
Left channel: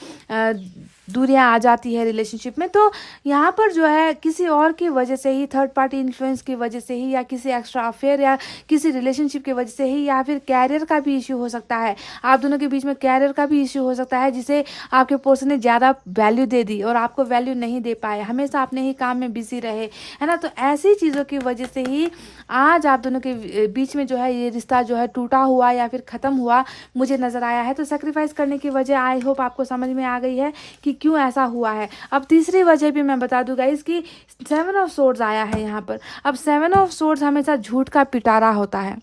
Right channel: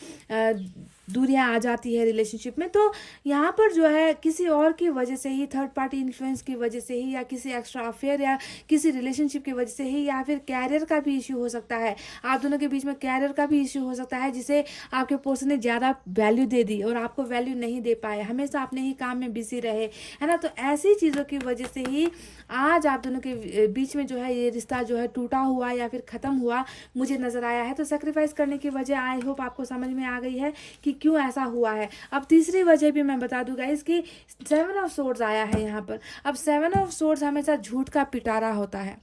दूरियां आ जाती है रिलेशनशिप में। तो यहाँ पर जो है किसी और की वजह से ही, थर्ड पार्टी इन्फ्लुएंस की वजह से ही, या किसी एक्स्ट्रा अफेयर या किसी रिलेशनशिप की वजह से ही, या फिर कैरियर का भी इश्यू हो सकता है। आप दोनों के बीच में कैरियर का भी इश्यू हो सकता है, जिसे आपके पर्सन ने ज़्यादा वैल्यू दे दी और आपको वैल्यू नहीं दे पाए, हमेशा अपने ही काम में बिजी रहे, है ना। तो ऐसी चीज़ों की वजह से ही आज आप दोनों के बीच में जो है ये रिश्ता जो है टूटा हुआ या फिर ख़त्म हुआ मुझे नज़र आया है। तो सेक्रीफाइस करने की वजह आई होप आपको समझ में आ गई है कि क्यों ऐसा हुआ है। अब तीसरी वजह भी मैं बता दूं गाइस कि 7 ऑफ सोर्ड्स आया है यहाँ पर। अब 7 ऑफ सोर्ड्स हमेशा झूठ का पिटारा होता है।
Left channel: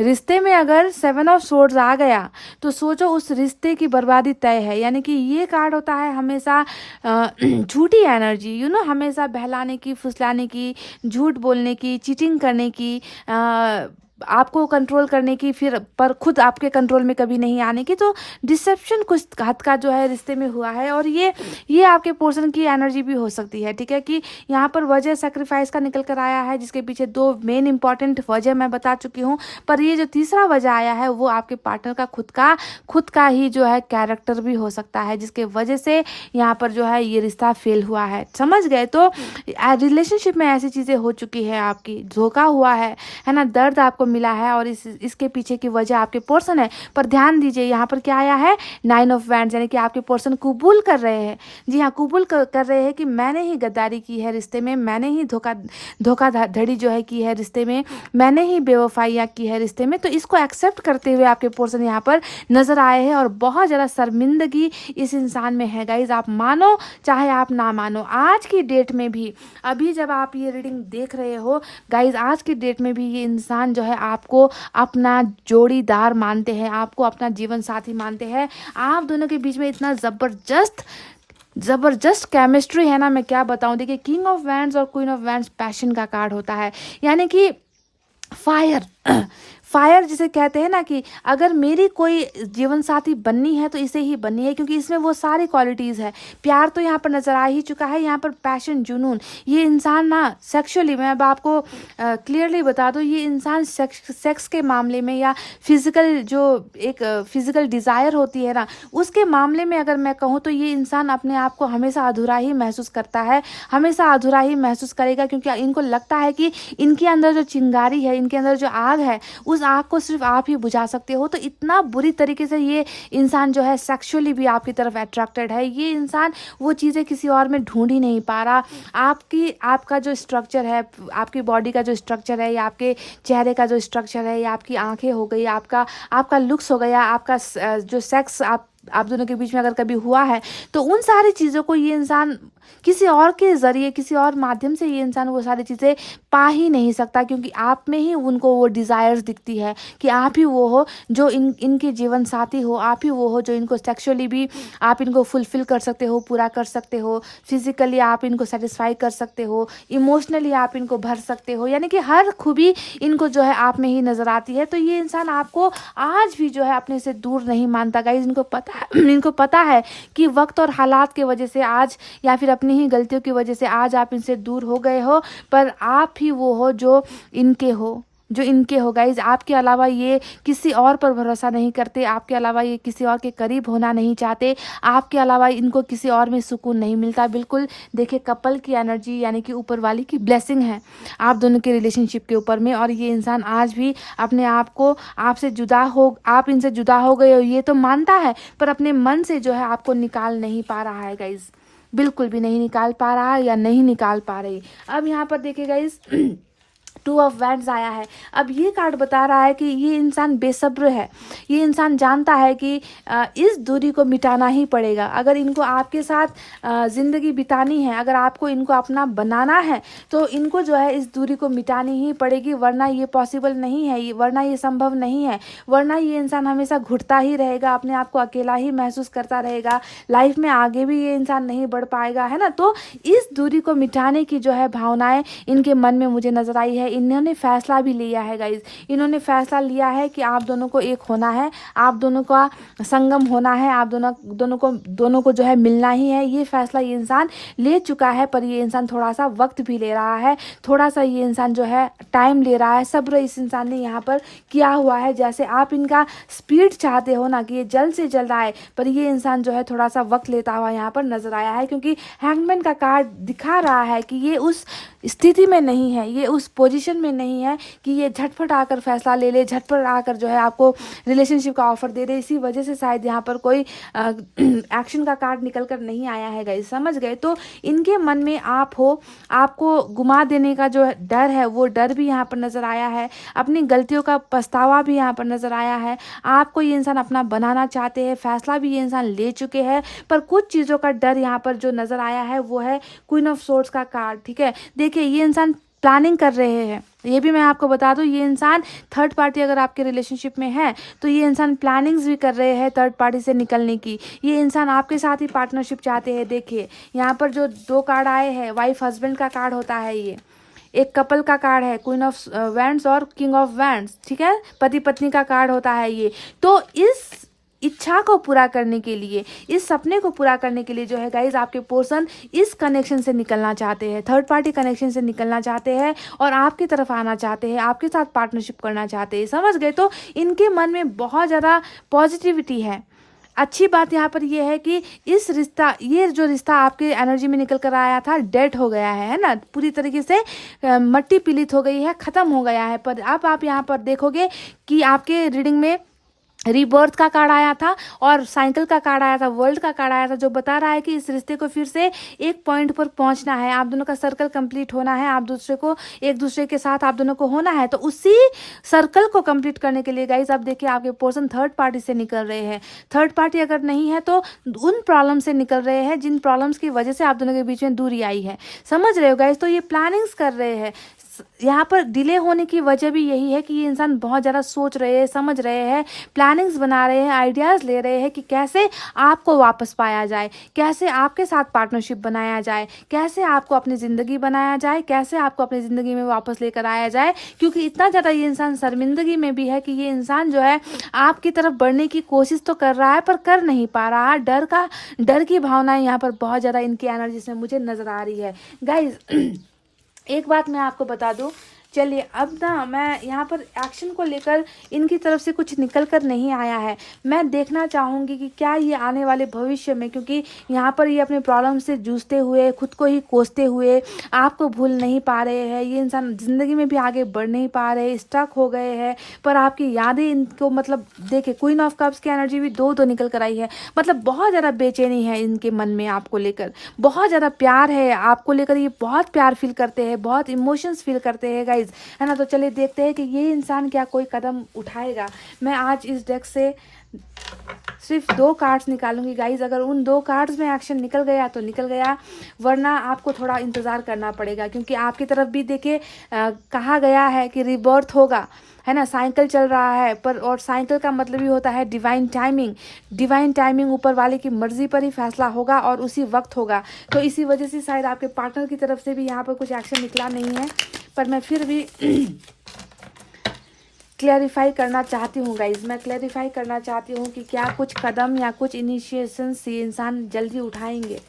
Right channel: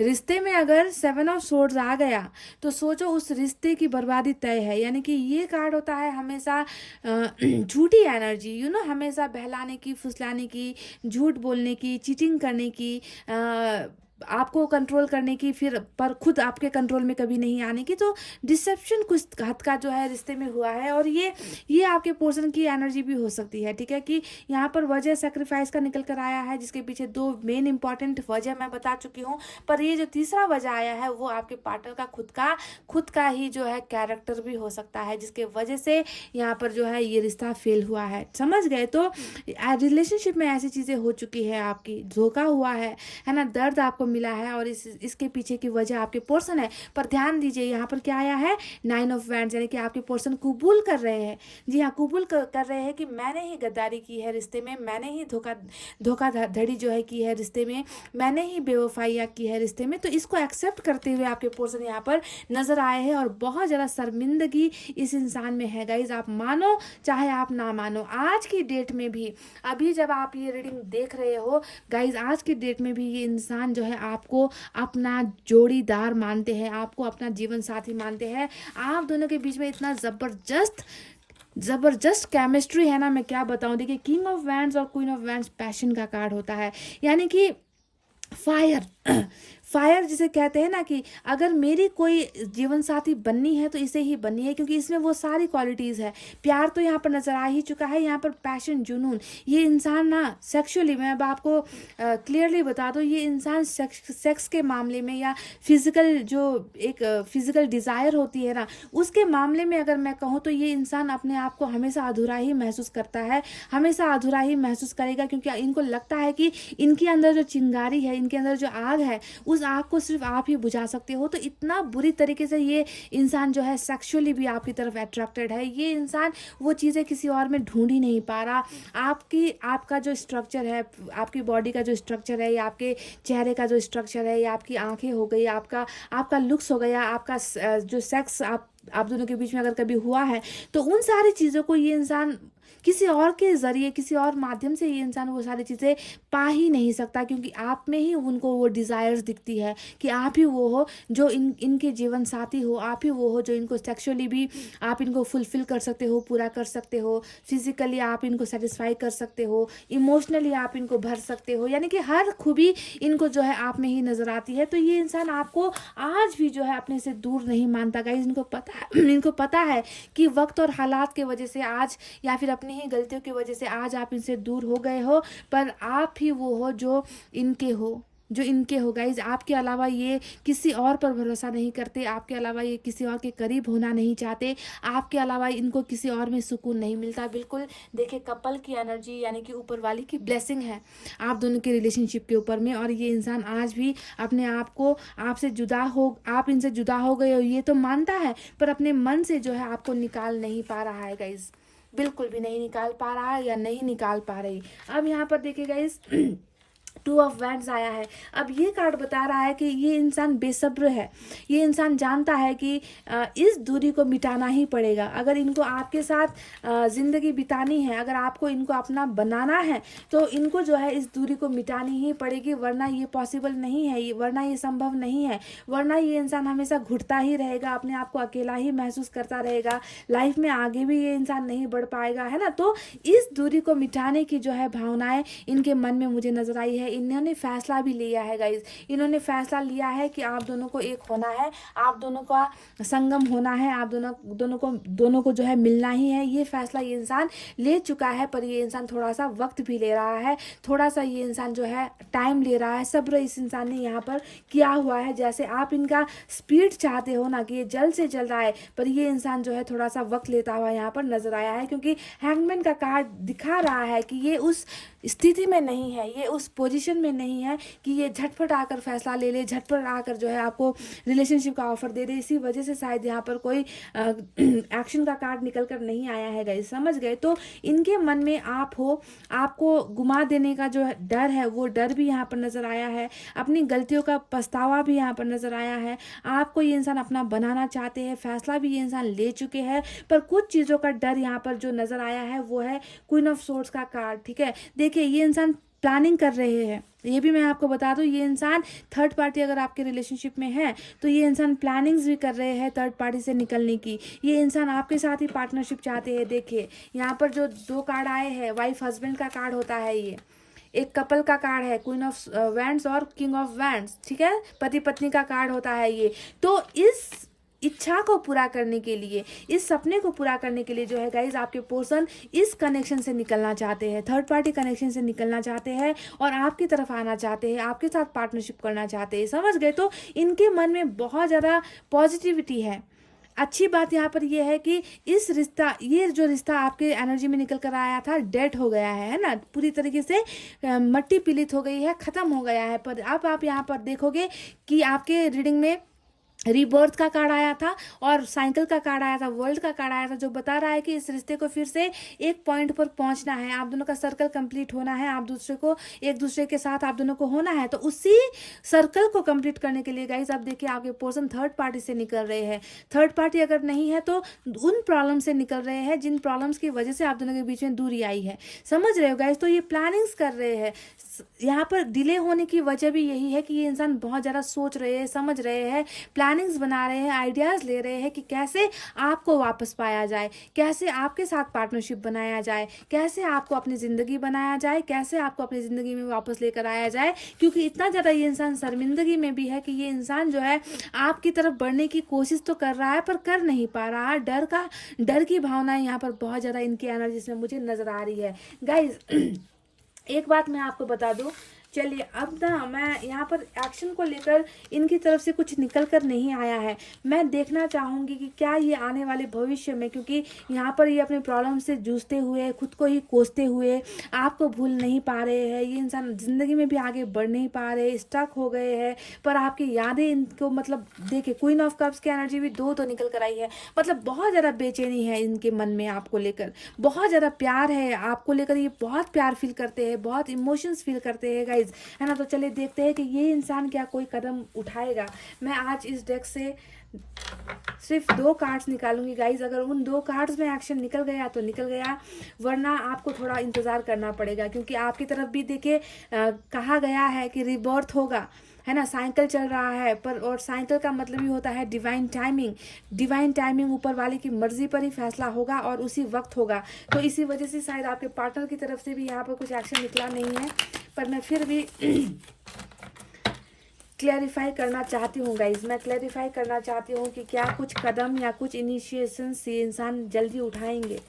रिश्ते में अगर 7 ऑफ सोर्ड्स आ गया तो सोचो उस रिश्ते की बर्बादी तय है। यानी कि ये कार्ड होता है हमेशा झूठी एनर्जी, हमेशा बहलाने की, फुसलाने की, झूठ बोलने की, चीटिंग करने की, आपको कंट्रोल करने की, फिर पर खुद आपके कंट्रोल में कभी नहीं आने की। तो डिसेप्शन कुछ हद का जो है रिश्ते में हुआ है, और ये आपके पर्सन की एनर्जी भी हो सकती है, ठीक है। कि यहाँ पर वजह सेक्रीफाइस का निकल कर आया है, जिसके पीछे 2 मेन इंपॉर्टेंट वजह मैं बता चुकी हूँ। पर ये जो तीसरा वजह आया है वो आपके पार्टनर का खुद का ही जो है कैरेक्टर भी हो सकता है, जिसके वजह से यहाँ पर जो है ये रिश्ता फेल हुआ है। समझ गए? तो रिलेशनशिप में ऐसी चीज़ें हो चुकी है, आपकी धोखा हुआ है ना, दर्द आपको मिला है, और इसके पीछे की वजह आपके पर्सन है। पर ध्यान दीजिए यहाँ पर क्या आया है, 9 ऑफ वैंड्स, यानी कि आपके पर्सन कबूल कर रहे हैं। जी हाँ, कबूल कर रहे हैं कि मैंने ही गद्दारी की है रिश्ते में, मैंने ही धोखाधड़ी जो है की है रिश्ते में, मैंने ही बेवफाइयाँ की है रिश्ते में। तो इसको एक्सेप्ट करते हुए आपके पर्सन यहाँ पर नजर आए हैं, और बहुत ज़्यादा शर्मिंदगी इस इंसान में है गाइज। आप मानो चाहे आप ना मानो, आज की डेट में भी, अभी जब आप ये रीडिंग देख रहे हो गाइज, आज की डेट में भी ये इंसान जो है आपको अपना जोड़ीदार मानते हैं, आपको अपना जीवन साथी मानते हैं। आप दोनों के बीच में इतना जबरदस्त केमिस्ट्री है ना, मैं क्या बताऊं। देखिए, किंग ऑफ वैंड्स और क्वीन ऑफ वैंड्स पैशन का कार्ड होता है, यानी कि फायर जिसे कहते हैं ना, कि अगर मेरी कोई जीवन साथी बननी है तो इसे ही बननी है, क्योंकि इसमें वो सारी क्वालिटीज़ है। प्यार तो यहाँ पर नज़र आ ही चुका है, यहाँ पर पैशन, जुनून। ये इंसान ना सेक्सुअली, मैं अब आपको क्लियरली बता दूँ, ये इंसान सेक्स के मामले में, या फिज़िकल जो एक फिज़िकल डिज़ायर होती है ना, उसके मामले में अगर मैं कहूँ तो ये इंसान अपने आप को हमेशा अधूरा ही महसूस करता है, हमेशा अधूरा ही महसूस करेगा, क्योंकि इनको लगता है कि इनके अंदर जो चिंगारी है, इनके अंदर जो आग है, उस आग को सिर्फ आप ही बुझा सकते हो। तो इतना बुरी तरीके से ये इंसान जो है सेक्सुअली भी आपकी तरफ अट्रैक्टेड है। ये इंसान वो चीज़ें किसी और में ढूंढ ही नहीं पा रहा। आपका जो स्ट्रक्चर है, आपकी बॉडी का जो स्ट्रक्चर है, या आपके चेहरे का जो स्ट्रक्चर है, या आपकी आंखें हो गई, आपका लुक्स हो गया, आपका जो सेक्स आप दोनों के बीच में अगर कभी हुआ है, तो उन सारी चीज़ों को ये इंसान किसी और के ज़रिए, किसी और माध्यम से ये इंसान वो सारी चीज़ें पा ही नहीं सकता, क्योंकि आप में ही उनको वो डिज़ायर्स दिखती है कि आप ही वो हो जो इनके जीवन साथी हो, आप ही वो हो जो इनको सेक्सुअली भी आप इनको फुलफ़िल कर सकते हो, पूरा कर सकते हो, फिज़िकली आप इनको सेटिस्फाई कर सकते हो, इमोशनली आप इनको भर सकते हो, यानी कि हर खूबी इनको जो है आप में ही नज़र आती है। तो ये इंसान आपको आज भी जो है अपने से दूर नहीं मानता गाइस। इनको पता है इनको पता है कि वक्त और हालात की वजह से आज, या फिर अपनी ही गलतियों की वजह से आज आप इनसे दूर हो गए हो, पर आप ही वो हो जो इनके हो, जो इनके हो गाइज। आपके अलावा ये किसी और पर भरोसा नहीं करते, आपके अलावा ये किसी और के करीब होना नहीं चाहते, आपके अलावा इनको किसी और में सुकून नहीं मिलता। बिल्कुल देखिए, कपल की एनर्जी यानी कि ऊपर वाली की ब्लेसिंग है आप दोनों के रिलेशनशिप के ऊपर में। और ये इंसान आज भी अपने आप को आपसे जुदा हो, आप इनसे जुदा हो गए हो ये तो मानता है, पर अपने मन से जो है आपको निकाल नहीं पा रहा है गाइज, बिल्कुल भी नहीं निकाल पा रहा है या नहीं निकाल पा रही। अब यहाँ पर देखिए गाइज, 2 ऑफ वैंड्स आया है। अब ये कार्ड बता रहा है कि ये इंसान बेसब्र है, ये इंसान जानता है कि इस दूरी को मिटाना ही पड़ेगा। अगर इनको आपके साथ ज़िंदगी बितानी है, अगर आपको इनको अपना बनाना है, तो इनको जो है इस दूरी को मिटानी ही पड़ेगी, वरना ये पॉसिबल नहीं है, वरना ये संभव नहीं है, वरना ये इंसान हमेशा घुटता ही रहेगा, अपने आप को अकेला ही महसूस करता रहेगा, लाइफ में आगे भी ये इंसान नहीं बढ़ पाएगा, है ना। तो इस दूरी को मिटाने की जो है भावनाएं इनके मन में मुझे नजर आई है। इन्होंने फैसला भी लिया है गाइज, इन्होंने फैसला लिया है कि आप दोनों को एक होना है, आप दोनों का संगम होना है, आप दोनों को जो है मिलना ही है। ये फैसला ये इंसान ले चुका है, पर ये इंसान थोड़ा सा वक्त भी ले रहा है, थोड़ा सा ये इंसान जो है टाइम ले रहा है। सब्र इस इंसान ने यहाँ पर किया हुआ है। जैसे आप इनका स्पीड चाहते हो ना कि ये जल्द से जल्द आए, पर ये इंसान जो है थोड़ा सा वक्त लेता हुआ यहाँ पर नजर आया है, क्योंकि हैंगमैन का कार्ड दिखा रहा है कि ये उस स्थिति में नहीं है, ये उस पोजीशन में नहीं है कि ये झटपट आकर फैसला ले ले, झटपट आकर जो है आपको रिलेशनशिप का ऑफर दे दे। इसी वजह से शायद यहाँ पर कोई एक्शन का कार्ड निकल कर नहीं आया है गाइस, समझ गए। तो इनके मन में आप हो, आपको गुमा देने का जो डर है वो डर भी यहाँ पर नजर आया है, अपनी गलतियों का पछतावा भी यहाँ पर नजर आया है। आपको ये इंसान अपना बनाना चाहते हैं, फैसला भी ये इंसान ले चुके हैं, पर कुछ चीज़ों का डर यहाँ पर जो नजर आया है वो है क्वीन ऑफ सोर्ड्स का कार्ड। ठीक है, देखिए ये इंसान प्लानिंग कर रहे हैं, ये भी मैं आपको बता दूं, ये इंसान थर्ड पार्टी अगर आपके रिलेशनशिप में है तो ये इंसान प्लानिंग्स भी कर रहे हैं थर्ड पार्टी से निकलने की। ये इंसान आपके साथ ही पार्टनरशिप चाहते हैं। देखिए यहाँ पर जो 2 कार्ड आए हैं, वाइफ हस्बैंड का कार्ड होता है, ये एक कपल का कार्ड है, क्वीन ऑफ वैंड्स और किंग ऑफ वैंड्स। ठीक है, पति पत्नी का कार्ड होता है ये। तो इस इच्छा को पूरा करने के लिए, इस सपने को पूरा करने के लिए जो है गाइज आपके पर्सन इस कनेक्शन से निकलना चाहते हैं, थर्ड पार्टी कनेक्शन से निकलना चाहते हैं और आपकी तरफ आना चाहते हैं, आपके साथ पार्टनरशिप करना चाहते हैं, समझ गए। तो इनके मन में बहुत ज़्यादा पॉजिटिविटी है। अच्छी बात यहाँ पर ये है कि ये जो रिश्ता आपके एनर्जी में निकल कर आया था डेड हो गया है ना, पूरी तरीके से मट्टी पीलित हो गई है, ख़त्म हो गया है। पर अब आप यहाँ पर देखोगे कि आपके रीडिंग में रीबर्थ का कार्ड आया था और साइकिल का कार्ड आया था, वर्ल्ड का कार्ड आया था, जो बता रहा है कि इस रिश्ते को फिर से एक पॉइंट पर पहुंचना है, आप दोनों का सर्कल कंप्लीट होना है, एक दूसरे के साथ आप दोनों को होना है। तो उसी सर्कल को कंप्लीट करने के लिए गाइज आप देखिए आपके पर्सन थर्ड पार्टी से निकल रहे हैं। थर्ड पार्टी अगर नहीं है तो उन प्रॉब्लम से निकल रहे हैं जिन प्रॉब्लम्स की वजह से आप दोनों के बीच में दूरी आई है, समझ रहे हो गाइज। तो ये प्लानिंग्स कर रहे हैं। यहाँ पर डिले होने की वजह भी यही है कि ये इंसान बहुत ज़्यादा सोच रहे हैं, समझ रहे हैं, प्लानिंग्स बना रहे हैं, आइडियाज़ ले रहे हैं कि कैसे आपको वापस पाया जाए, कैसे आपके साथ पार्टनरशिप बनाया जाए, कैसे आपको अपनी ज़िंदगी बनाया जाए, कैसे आपको अपनी ज़िंदगी में वापस लेकर आया जाए। क्योंकि इतना ज़्यादा ये इंसान शर्मिंदगी में भी है कि ये इंसान जो है आपकी तरफ बढ़ने की कोशिश तो कर रहा है पर कर नहीं पा रहा है। डर की भावनाएं यहाँ पर बहुत ज़्यादा इनकी एनर्जी से मुझे नज़र आ रही है गाइज। एक बात मैं आपको बता दूं, चलिए अब ना मैं यहाँ पर एक्शन को लेकर इनकी तरफ से कुछ निकल कर नहीं आया है। मैं देखना चाहूँगी कि क्या ये आने वाले भविष्य में, क्योंकि यहाँ पर ये अपने प्रॉब्लम से जूझते हुए, खुद को ही कोसते हुए आपको भूल नहीं पा रहे हैं। ये इंसान ज़िंदगी में भी आगे बढ़ नहीं पा रहे, स्टक हो गए हैं। पर आपकी यादें इनको, मतलब देखिए क्वीन ऑफ कप्स की एनर्जी भी दो निकल कर आई है, मतलब बहुत ज़्यादा बेचैनी है इनके मन में आपको लेकर, बहुत ज़्यादा प्यार है आपको लेकर, ये बहुत प्यार फील करते हैं, बहुत इमोशंस फील करते हैं गाइस। गाइज, है ना। तो चलिए देखते हैं कि ये इंसान क्या कोई कदम उठाएगा। मैं आज इस डेक से सिर्फ 2 कार्ड्स निकालूंगी गाइज। अगर उन 2 कार्ड्स में एक्शन निकल गया तो निकल गया, वरना आपको थोड़ा इंतज़ार करना पड़ेगा, क्योंकि आपकी तरफ भी देखिए कहा गया है कि रिबर्थ होगा, है ना। साइकिल चल रहा है पर, और साइकिल का मतलब ही होता है डिवाइन टाइमिंग। डिवाइन टाइमिंग ऊपर वाले की मर्जी पर ही फैसला होगा और उसी वक्त होगा। तो इसी वजह से शायद आपके पार्टनर की तरफ से भी यहाँ पर कुछ एक्शन निकला नहीं है, पर मैं फिर भी क्लैरिफाई करना चाहती हूँ गाइज। मैं क्लैरिफाई करना चाहती हूँ कि क्या कुछ कदम या कुछ इनिशिएशंस ये इंसान जल्दी उठाएंगे।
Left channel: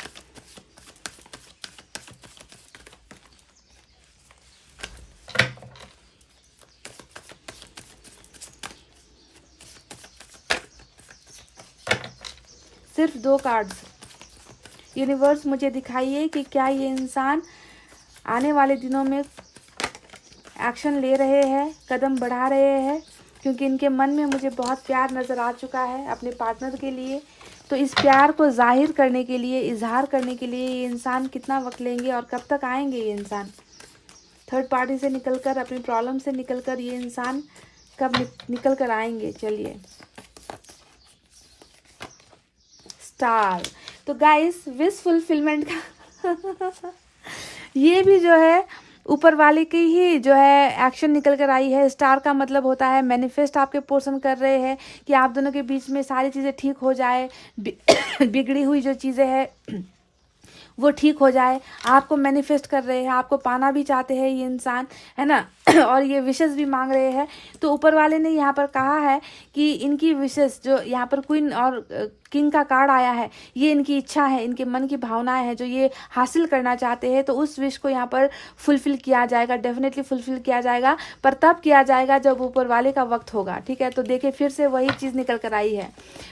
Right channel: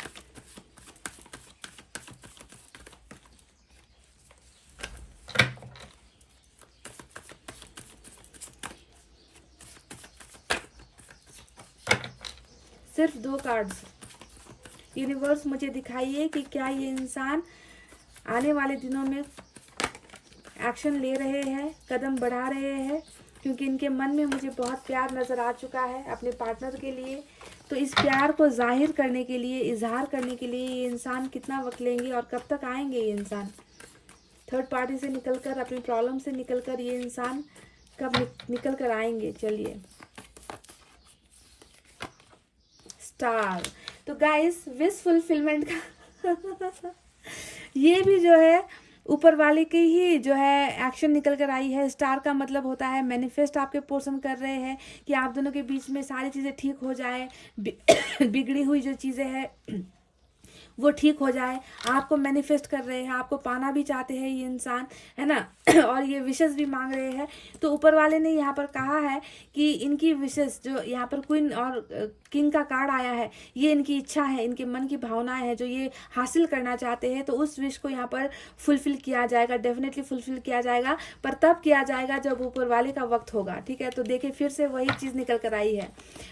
सिर्फ 2 कार्ड्स। यूनिवर्स मुझे दिखाइए कि क्या ये इंसान आने वाले दिनों में एक्शन ले रहे हैं, कदम बढ़ा रहे हैं, क्योंकि इनके मन में मुझे बहुत प्यार नज़र आ चुका है अपने पार्टनर के लिए। तो इस प्यार को जाहिर करने के लिए, इजहार करने के लिए ये इंसान कितना वक्त लेंगे और कब तक आएंगे ये इंसान। थर्ड पार्टी से निकलकर, अपनी प्रॉब्लम से निकलकर ये इंसान कब निकल कर आएंगे। चलिए, स्टार। तो गाइस, विश फुलफिलमेंट का ये भी जो है ऊपर वाले की ही जो है एक्शन निकल कर आई है। स्टार का मतलब होता है मैनिफेस्ट आपके पोर्शन कर रहे हैं कि आप दोनों के बीच में सारी चीज़ें ठीक हो जाए, बिगड़ी हुई जो चीज़ें हैं वो ठीक हो जाए। आपको मैनिफेस्ट कर रहे हैं, आपको पाना भी चाहते हैं ये इंसान, है ना। और ये विशेस भी मांग रहे हैं। तो ऊपर वाले ने यहाँ पर कहा है कि इनकी विशेस, जो यहाँ पर क्वीन और किंग का कार्ड आया है, ये इनकी इच्छा है, इनके मन की भावनाएं हैं जो ये हासिल करना चाहते हैं। तो उस विश को यहाँ पर फुलफिल किया जाएगा, डेफिनेटली फुलफिल किया जाएगा, पर तब किया जाएगा जब ऊपर वाले का वक्त होगा। ठीक है, तो देखिए फिर से वही चीज़ निकल कर आई है।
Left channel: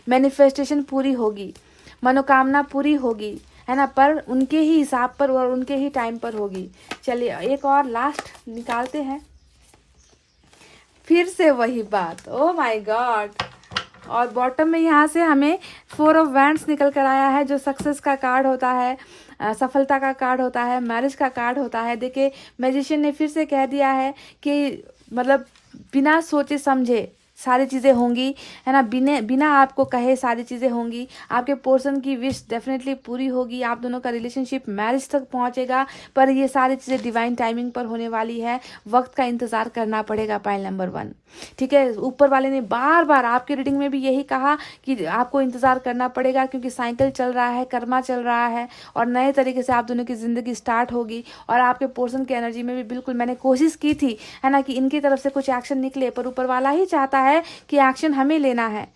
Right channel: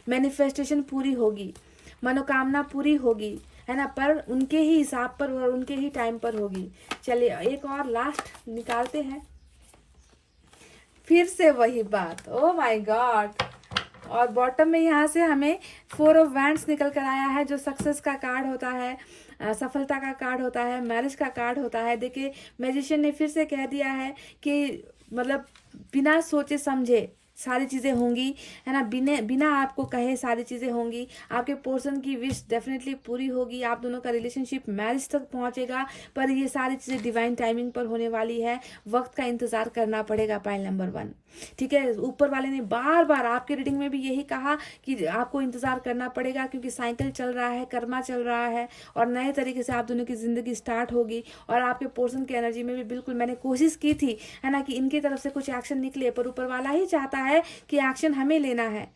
मैनिफेस्टेशन पूरी होगी, मनोकामना पूरी होगी, है ना, पर उनके ही हिसाब पर और उनके ही टाइम पर होगी। चलिए एक और लास्ट निकालते हैं। फिर से वही बात, ओ माय गॉड। और बॉटम में यहाँ से हमें 4 ऑफ वैंड्स निकल कर आया है, जो सक्सेस का कार्ड होता है, सफलता का कार्ड होता है, मैरिज का कार्ड होता है। देखिए मैजिशियन ने फिर से कह दिया है कि मतलब बिना सोचे समझे सारी चीज़ें होंगी, है ना। बिना आपको कहे सारी चीज़ें होंगी। आपके पर्सन की विश डेफिनेटली पूरी होगी, आप दोनों का रिलेशनशिप मैरिज तक पहुंचेगा, पर ये सारी चीज़ें डिवाइन टाइमिंग पर होने वाली है। वक्त का इंतज़ार करना पड़ेगा, पाइल नंबर 1। ठीक है, ऊपर वाले ने बार बार आपके रीडिंग में भी यही कहा कि आपको इंतज़ार करना पड़ेगा, क्योंकि साइकिल चल रहा है, कर्मा चल रहा है, और नए तरीके से आप दोनों की ज़िंदगी स्टार्ट होगी। और आपके पर्सन की एनर्जी में भी बिल्कुल मैंने कोशिश की थी, है ना, कि इनकी तरफ से कुछ एक्शन निकले, पर ऊपर वाला ही चाहता है कि एक्शन हमें लेना है,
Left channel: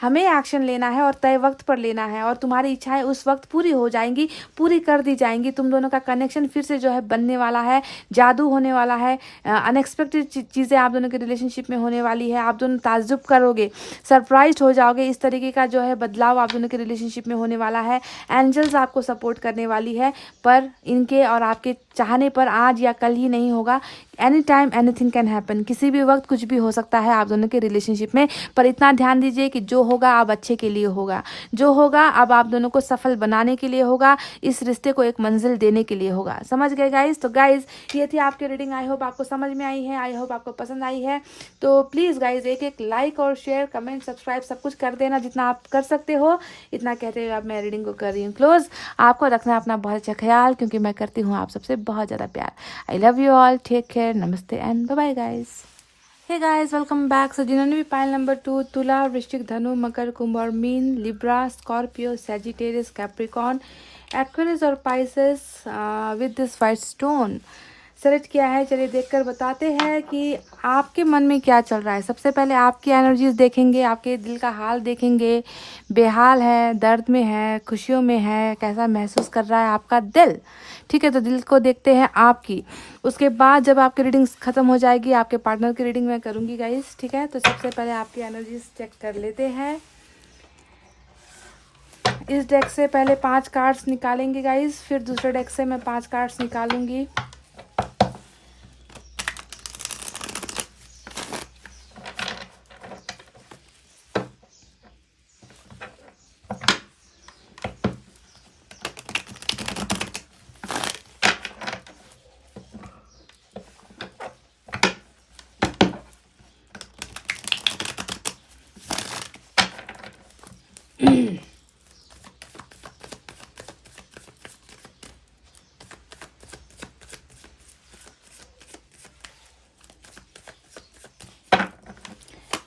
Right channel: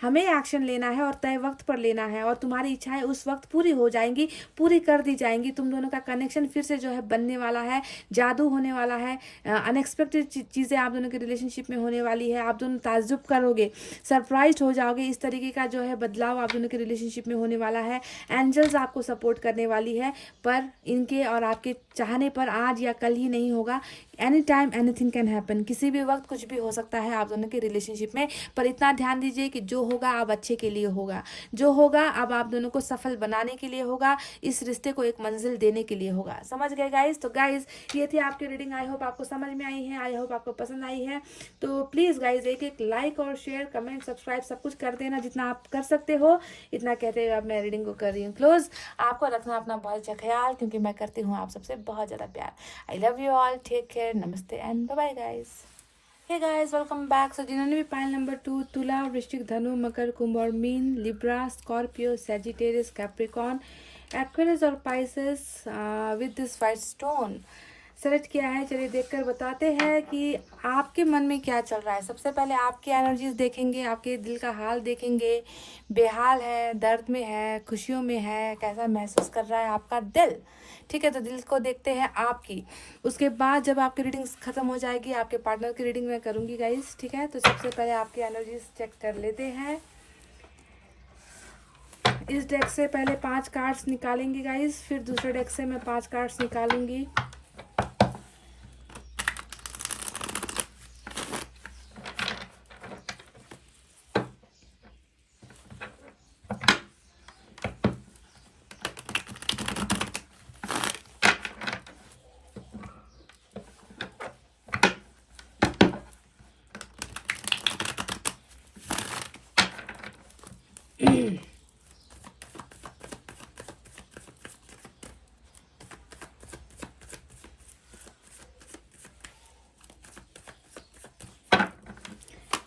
हमें एक्शन लेना है और तय वक्त पर लेना है, और तुम्हारी इच्छाएं उस वक्त पूरी हो जाएंगी, पूरी कर दी जाएंगी। तुम दोनों का कनेक्शन फिर से जो है बनने वाला है, जादू होने वाला है, अनएक्सपेक्टेड चीज़ें आप दोनों के रिलेशनशिप में होने वाली है। आप दोनों ताज्जुब करोगे, सरप्राइज हो जाओगे। इस तरीके का जो है बदलाव आप दोनों के रिलेशनशिप में होने वाला है। एंजल्स आपको सपोर्ट करने वाली है, पर इनके और आपके चाहने पर आज या कल ही नहीं होगा। Any time anything can happen, किसी भी वक्त कुछ भी हो सकता है आप दोनों के रिलेशनशिप में। पर इतना ध्यान दीजिए कि जो होगा अब अच्छे के लिए होगा, जो होगा अब आप दोनों को सफल बनाने के लिए होगा, इस रिश्ते को एक मंजिल देने के लिए होगा। समझ गए गाइज? तो गाइज ये थी आपकी रीडिंग। आई होप आपको समझ में आई है, आई होप आपको पसंद आई है। तो प्लीज़ गाइज एक लाइक और शेयर, कमेंट, सब्सक्राइब सब कुछ कर देना, जितना आप कर सकते हो। इतना कहते हुए अब मैं रीडिंग को कर रही हूँ क्लोज। आपको रखना अपना बहुत अच्छा ख्याल, क्योंकि मैं करती हूँ आप सबसे बहुत ज़्यादा प्यार। I love you all, take care, नमस्ते and bye bye guys. Hey guys, welcome back. So जिन्होंने भी पाइल नंबर 2 तुला, वृश्चिक, धनु, मकर, कुंभ और मीन, Libra, Scorpio, Sagittarius, Capricorn, Aquarius और Pisces with this white stone select किया है, चलिए देखकर बताते हैं कि आपके मन में क्या चल रहा है। सबसे पहले आपकी एनर्जीज देखेंगे, आपके दिल का हाल देखेंगे। बेहाल है, दर्द में है, खुशियों में है, कैसा महसूस कर रहा है आपका दिल। ठीक है, तो दिल को देखते हैं आपकी। उसके बाद जब आपकी रीडिंग ख़त्म हो जाएगी, आपके पार्टनर की रीडिंग मैं करूँगी गाइस। ठीक है, तो सबसे पहले आपकी एनर्जीज चेक कर लेते हैं। इस डेक से पहले 5 कार्ड्स निकालेंगे गाइस, फिर दूसरे डेक से मैं 5 कार्ड्स निकालूंगी।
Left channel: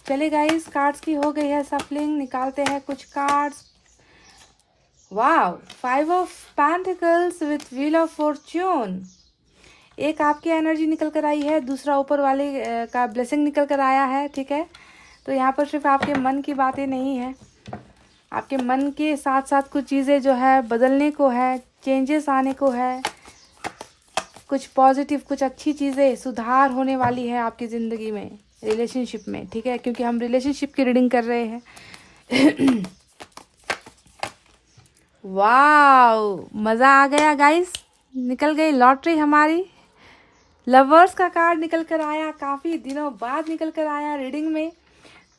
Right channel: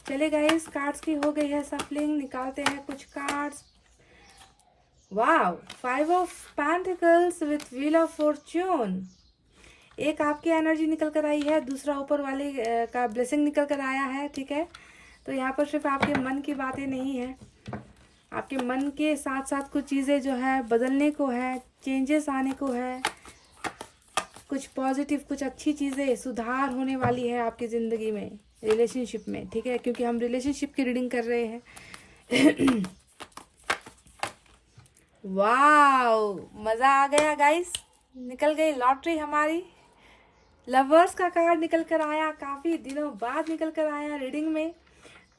चले गाइस, कार्ड्स की हो गई है सफलिंग, निकालते हैं कुछ cards. Wow, 5 of pentacles with wheel of Fortune. एक आपकी एनर्जी निकल कर आई है, दूसरा ऊपर वाले का ब्लेसिंग निकल कर आया है। ठीक है, तो यहाँ पर सिर्फ आपके मन की बातें नहीं है, आपके मन के साथ साथ कुछ चीज़ें जो है बदलने को है, चेंजेस आने को है, कुछ पॉजिटिव, कुछ अच्छी चीज़ें सुधार होने वाली है आपकी ज़िंदगी में, रिलेशनशिप में। ठीक है, क्योंकि हम रिलेशनशिप की रीडिंग कर रहे हैं। वाओ, मज़ा आ गया गाइस, निकल गई लॉटरी हमारी। लवर्स का कार्ड निकल कर आया, काफ़ी दिनों बाद निकल कर आया रीडिंग में।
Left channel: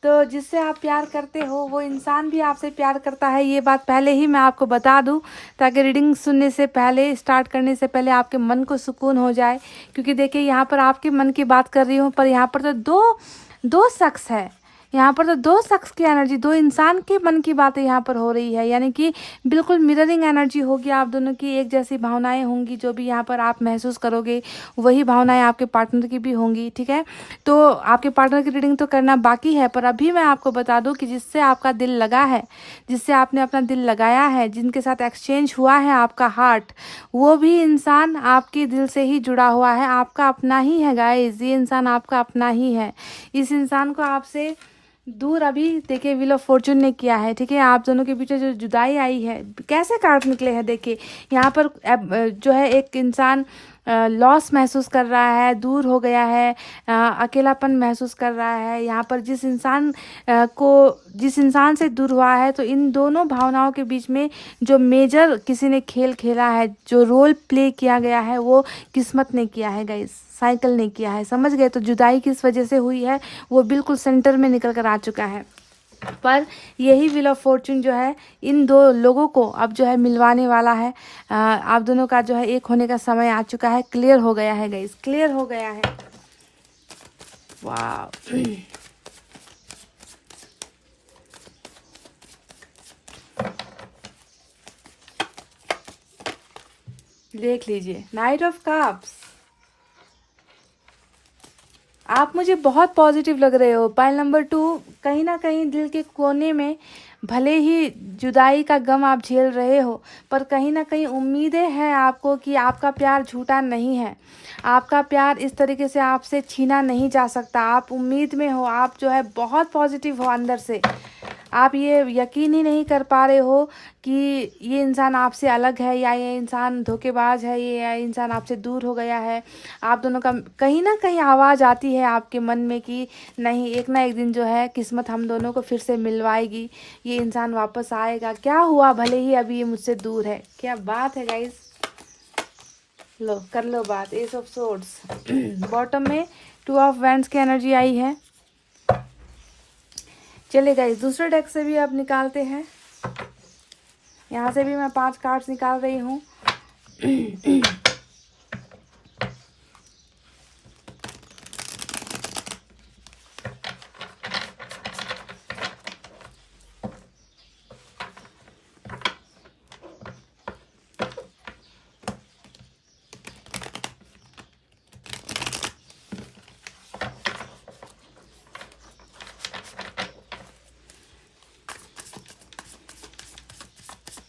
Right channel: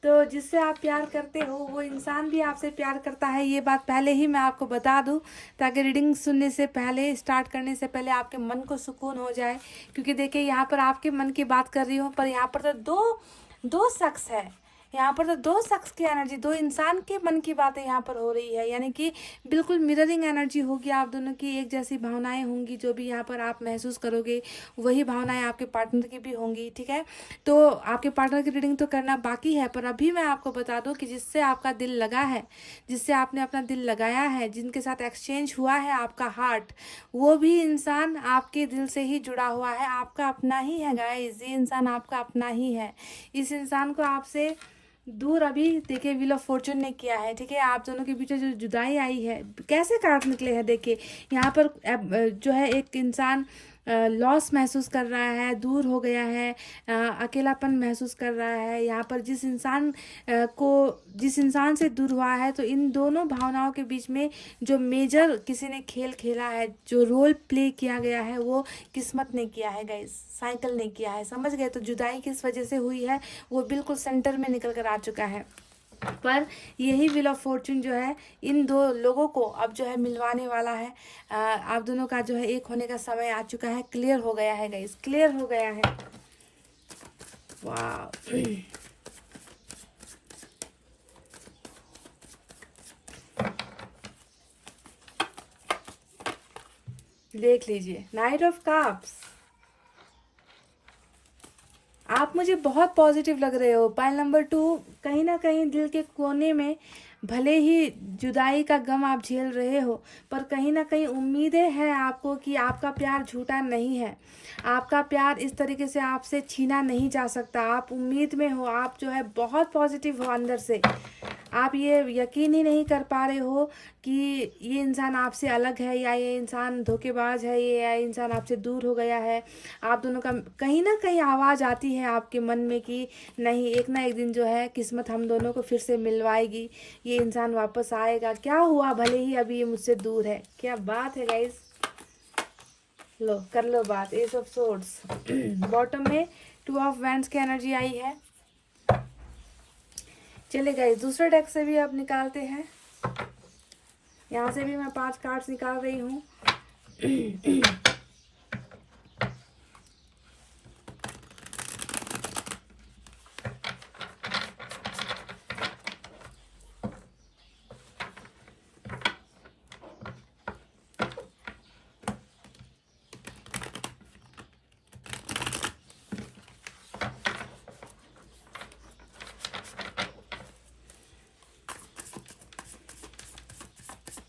तो जिससे आप प्यार करते हो वो इंसान भी आपसे प्यार करता है, ये बात पहले ही मैं आपको बता दूं, ताकि रीडिंग सुनने से पहले, स्टार्ट करने से पहले आपके मन को सुकून हो जाए। क्योंकि देखिए, यहाँ पर आपके मन की बात कर रही हूँ, पर यहाँ पर तो दो शख्स है, यहाँ पर तो दो शख्स की एनर्जी, दो इंसान के मन की बातें यहाँ पर हो रही है। यानी कि बिल्कुल मिररिंग एनर्जी होगी, आप दोनों की एक जैसी भावनाएं होंगी। जो भी यहाँ पर आप महसूस करोगे वही भावनाएं आपके पार्टनर की भी होंगी। ठीक है, तो आपके पार्टनर की रीडिंग तो करना बाकी है, पर अभी मैं आपको बता दूं कि जिससे आपका दिल लगा है, जिससे आपने अपना दिल लगाया है, जिनके साथ एक्सचेंज हुआ है आपका हार्ट, वो भी इंसान आपके दिल से ही जुड़ा हुआ है, आपका अपना ही है गाइस। ये इंसान आपका अपना ही है। इस इंसान को आपसे दूर अभी देखिए व्हील ऑफ फॉर्चून ने किया है। ठीक है, आप दोनों के बीच जो जुदाई आई है, कैसे कार्ड निकले हैं देखिए। यहाँ पर जो है एक इंसान लॉस महसूस कर रहा है, दूर हो गया है, अकेलापन महसूस कर रहा है। यहाँ पर जिस इंसान से दूर हुआ है, तो इन दोनों भावनाओं के बीच में जो मेजर किसी ने खेल खेला है, जो रोल प्ले किया गया है, वो किस्मत ने किया है गाइस, साइकिल ने किया है। समझ गए? तो जुदाई किस वजह से हुई है वो बिल्कुल सेंटर में निकल कर आ चुका है। पर यही व्हील ऑफ फॉर्चून जो है इन दो लोगों को अब जो है मिलवाने वाला है। आप दोनों का जो है एक होने का समय आ चुका है, क्लियर हो गया है गाइस, क्लियर हो गया है। वाह, देख लीजिए, नाइट ऑफ कप्स। आप मुझे बहुत पॉजिटिव लग रहे हो। पाइल नंबर 2, कहीं ना कहीं दिल के कोने में भले ही जुदाई का गम आप झेल रहे हो, पर कहीं ना कहीं उम्मीदें हैं आपको कि आपका प्यार झूठा नहीं है, आपका प्यार इस तरीके से आपसे छीना नहीं जा सकता। आप उम्मीद में हो, आप जो है बहुत पॉजिटिव हो अंदर से। आप ये यकीन ही नहीं कर पा रहे हो कि ये इंसान आपसे अलग है, या ये इंसान धोखेबाज है, ये इंसान आपसे दूर हो गया है। आप दोनों का कहीं ना कहीं आवाज़ आती है आपके मन में कि नहीं, एक ना एक दिन जो है किस्मत हम दोनों को फिर से मिलवाएगी, ये इंसान वापस आएगा। क्या हुआ, भले ही अभी ये मुझसे दूर है। क्या बात है गाइस, लो कर लो बात। एस ऑफ सोर्ड्स, बॉटम में 2 ऑफ वैंड्स की एनर्जी आई है। चले गाइस, दूसरे डेक से भी अब निकालते हैं। यहाँ से भी मैं 5 कार्ड्स निकाल रही हूँ।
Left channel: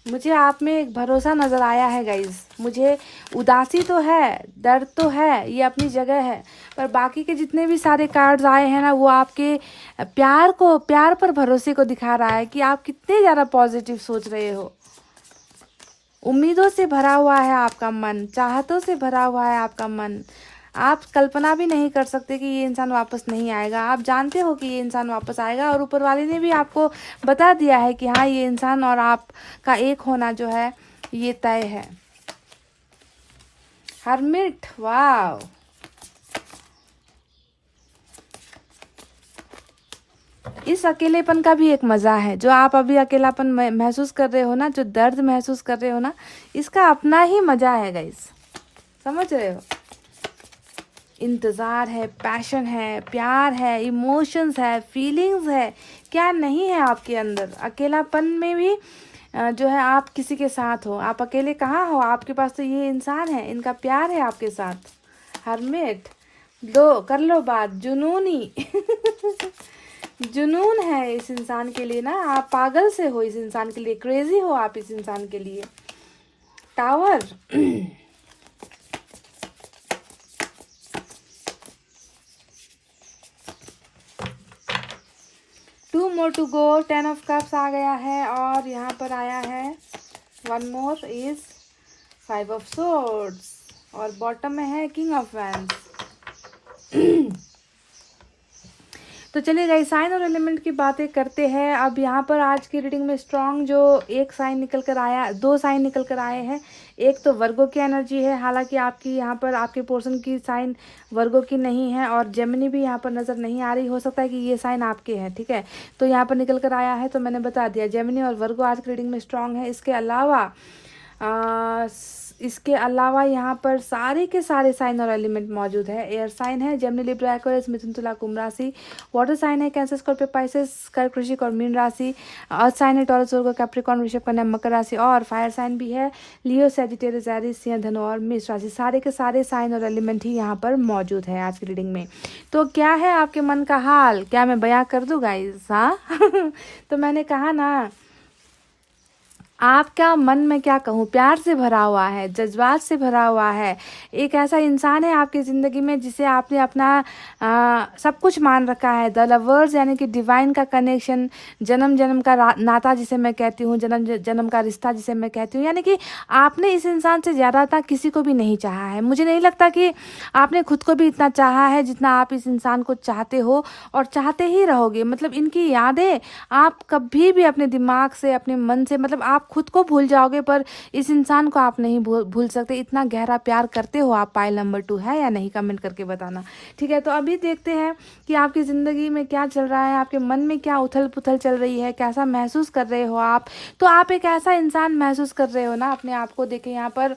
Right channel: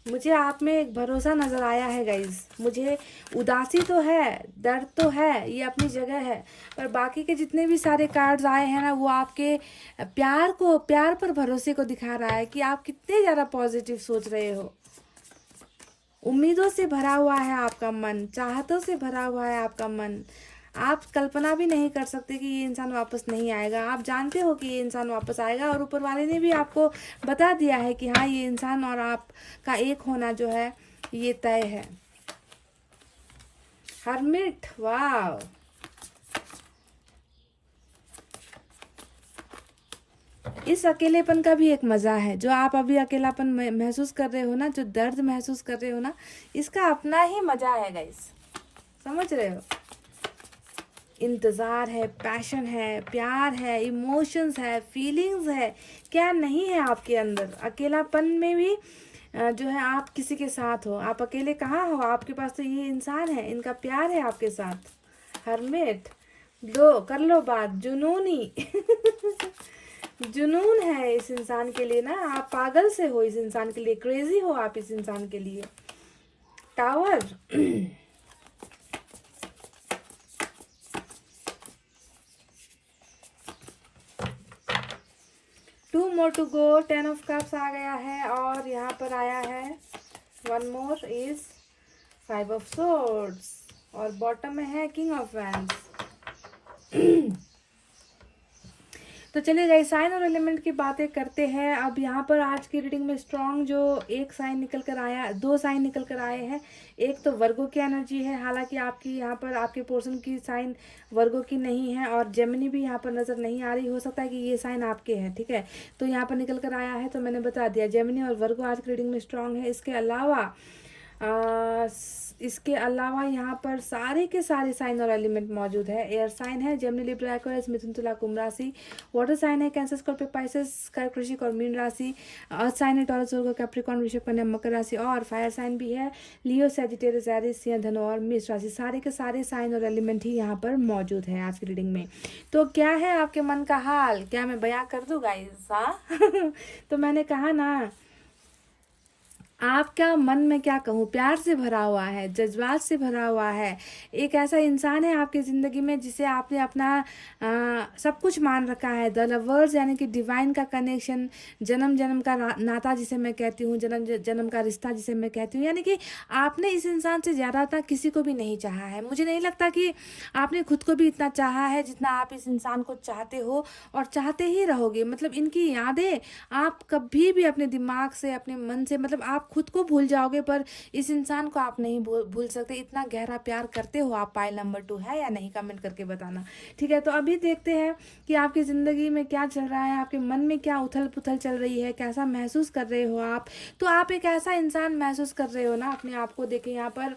मुझे आप में एक भरोसा नज़र आया है गाइज। मुझे उदासी तो है, दर्द तो है, ये अपनी जगह है, पर बाकी के जितने भी सारे कार्ड्स आए हैं ना, वो आपके प्यार पर भरोसे को दिखा रहा है कि आप कितने ज़्यादा पॉजिटिव सोच रहे हो। उम्मीदों से भरा हुआ है आपका मन, चाहतों से भरा हुआ है आपका मन। आप कल्पना भी नहीं कर सकते कि ये इंसान वापस नहीं आएगा। आप जानते हो कि ये इंसान वापस आएगा, और ऊपर वाले ने भी आपको बता दिया है कि हाँ, ये इंसान और आपका एक होना जो है ये तय है। हर्मिट, वाव, इस अकेलेपन का भी एक मज़ा है। जो आप अभी अकेलापन महसूस कर रहे हो ना, जो दर्द महसूस कर रहे हो ना, इसका अपना ही मज़ा है गाइस, समझ रहे हो? इंतज़ार है, पैशन है, प्यार है, इमोशंस है, फीलिंग्स है, क्या नहीं है आपके अंदर। अकेलापन में भी जो है आप किसी के साथ हो, आप अकेले कहाँ हो, आपके पास तो ये इंसान है, इनका प्यार है आपके साथ। हर्मिट, लो कर लो बात, जुनूनी। जुनून है इस इंसान के लिए ना, आप पागल से हो इस इंसान के लिए, क्रेजी हो आप इस इंसान के लिए। Tower, 2 more to go, 10 of cups आ गया है और यहाँ पर आया है 1 more इज 5 ऑफ सोर्ड्स और बॉटम में है किंग ऑफ वैंड्स। तो चलिए गाइस, साइन और एलिमेंट की बातें करते हैं। अब यहाँ पर आज की रीडिंग में स्ट्रॉन्ग जो एक साइन निकल कर आया, 2 साइन निकल कर आए हैं। एक तो वर्गो की एनर्जी है, हालांकि आपकी यहाँ पर आपके पोर्शन की साइन वर्गो की नहीं है और जेमिनी भी यहाँ पर नज़र नहीं आ रही। हो सकता है कि ये साइन आपके हैं, ठीक है। तो यहाँ पर निकल कर आया है, तो मैंने बता दिया जेमिनी और वर्गो आज की रीडिंग में स्ट्रॉन्ग है। इसके अलावा यहाँ पर सारे के सारे साइन और एलिमेंट मौजूद है। एयर साइन है जेमिनी, लिब्रा, एक्वेरियस, मिथुन, तुला, कुंभ राशि। वाटर साइन है कैंसर, स्कॉर्पियो, पाइसेस, कर्क, वृश्चिक और मीन राशि। अर्थ साइन है टॉरस, वर्गो, कैप्रिकॉर्न, वृषभ, कन्या, मकर राशि। और फायर साइन भी है लियो, सैजिटेरियस, एरीज, सिंह, धनु और मेष राशि। सारे के सारे साइन और एलिमेंट ही यहाँ पर मौजूद है आज की रीडिंग में। तो क्या है आपके मन का हाल, क्या मैं बयां कर दूँ गाइस? हाँ तो मैंने कहा ना, आपका मन में क्या कहूँ, प्यार से भरा हुआ है, जज्बात से भरा हुआ है। एक ऐसा इंसान है आपकी ज़िंदगी में जिसे आपने अपना सब कुछ मान रखा है। द लवर्स यानी कि डिवाइन का कनेक्शन, जन्म जन्म का नाता जिसे मैं कहती हूँ, जन्म जन्म का रिश्ता जिसे मैं कहती हूँ। यानी कि आपने इस इंसान से ज़्यादा किसी को भी नहीं चाहा है। मुझे नहीं लगता कि आपने खुद को भी इतना चाहा है जितना आप इस इंसान को चाहते हो और चाहते ही रहोगे। मतलब इनकी यादें आप कभी भी अपने दिमाग से, अपने मन से, मतलब आप खुद को भूल जाओगे पर इस इंसान को आप नहीं भूल सकते। इतना गहरा प्यार करते हो आप। पाइल नंबर 2 है या नहीं, कमेंट करके बताना, ठीक है। तो अभी देखते हैं कि आपकी ज़िंदगी में क्या चल रहा है, आपके मन में क्या उथल पुथल चल रही है, कैसा महसूस कर रहे हो आप। तो आप एक ऐसा इंसान महसूस कर रहे हो ना अपने आप को। देखें यहाँ पर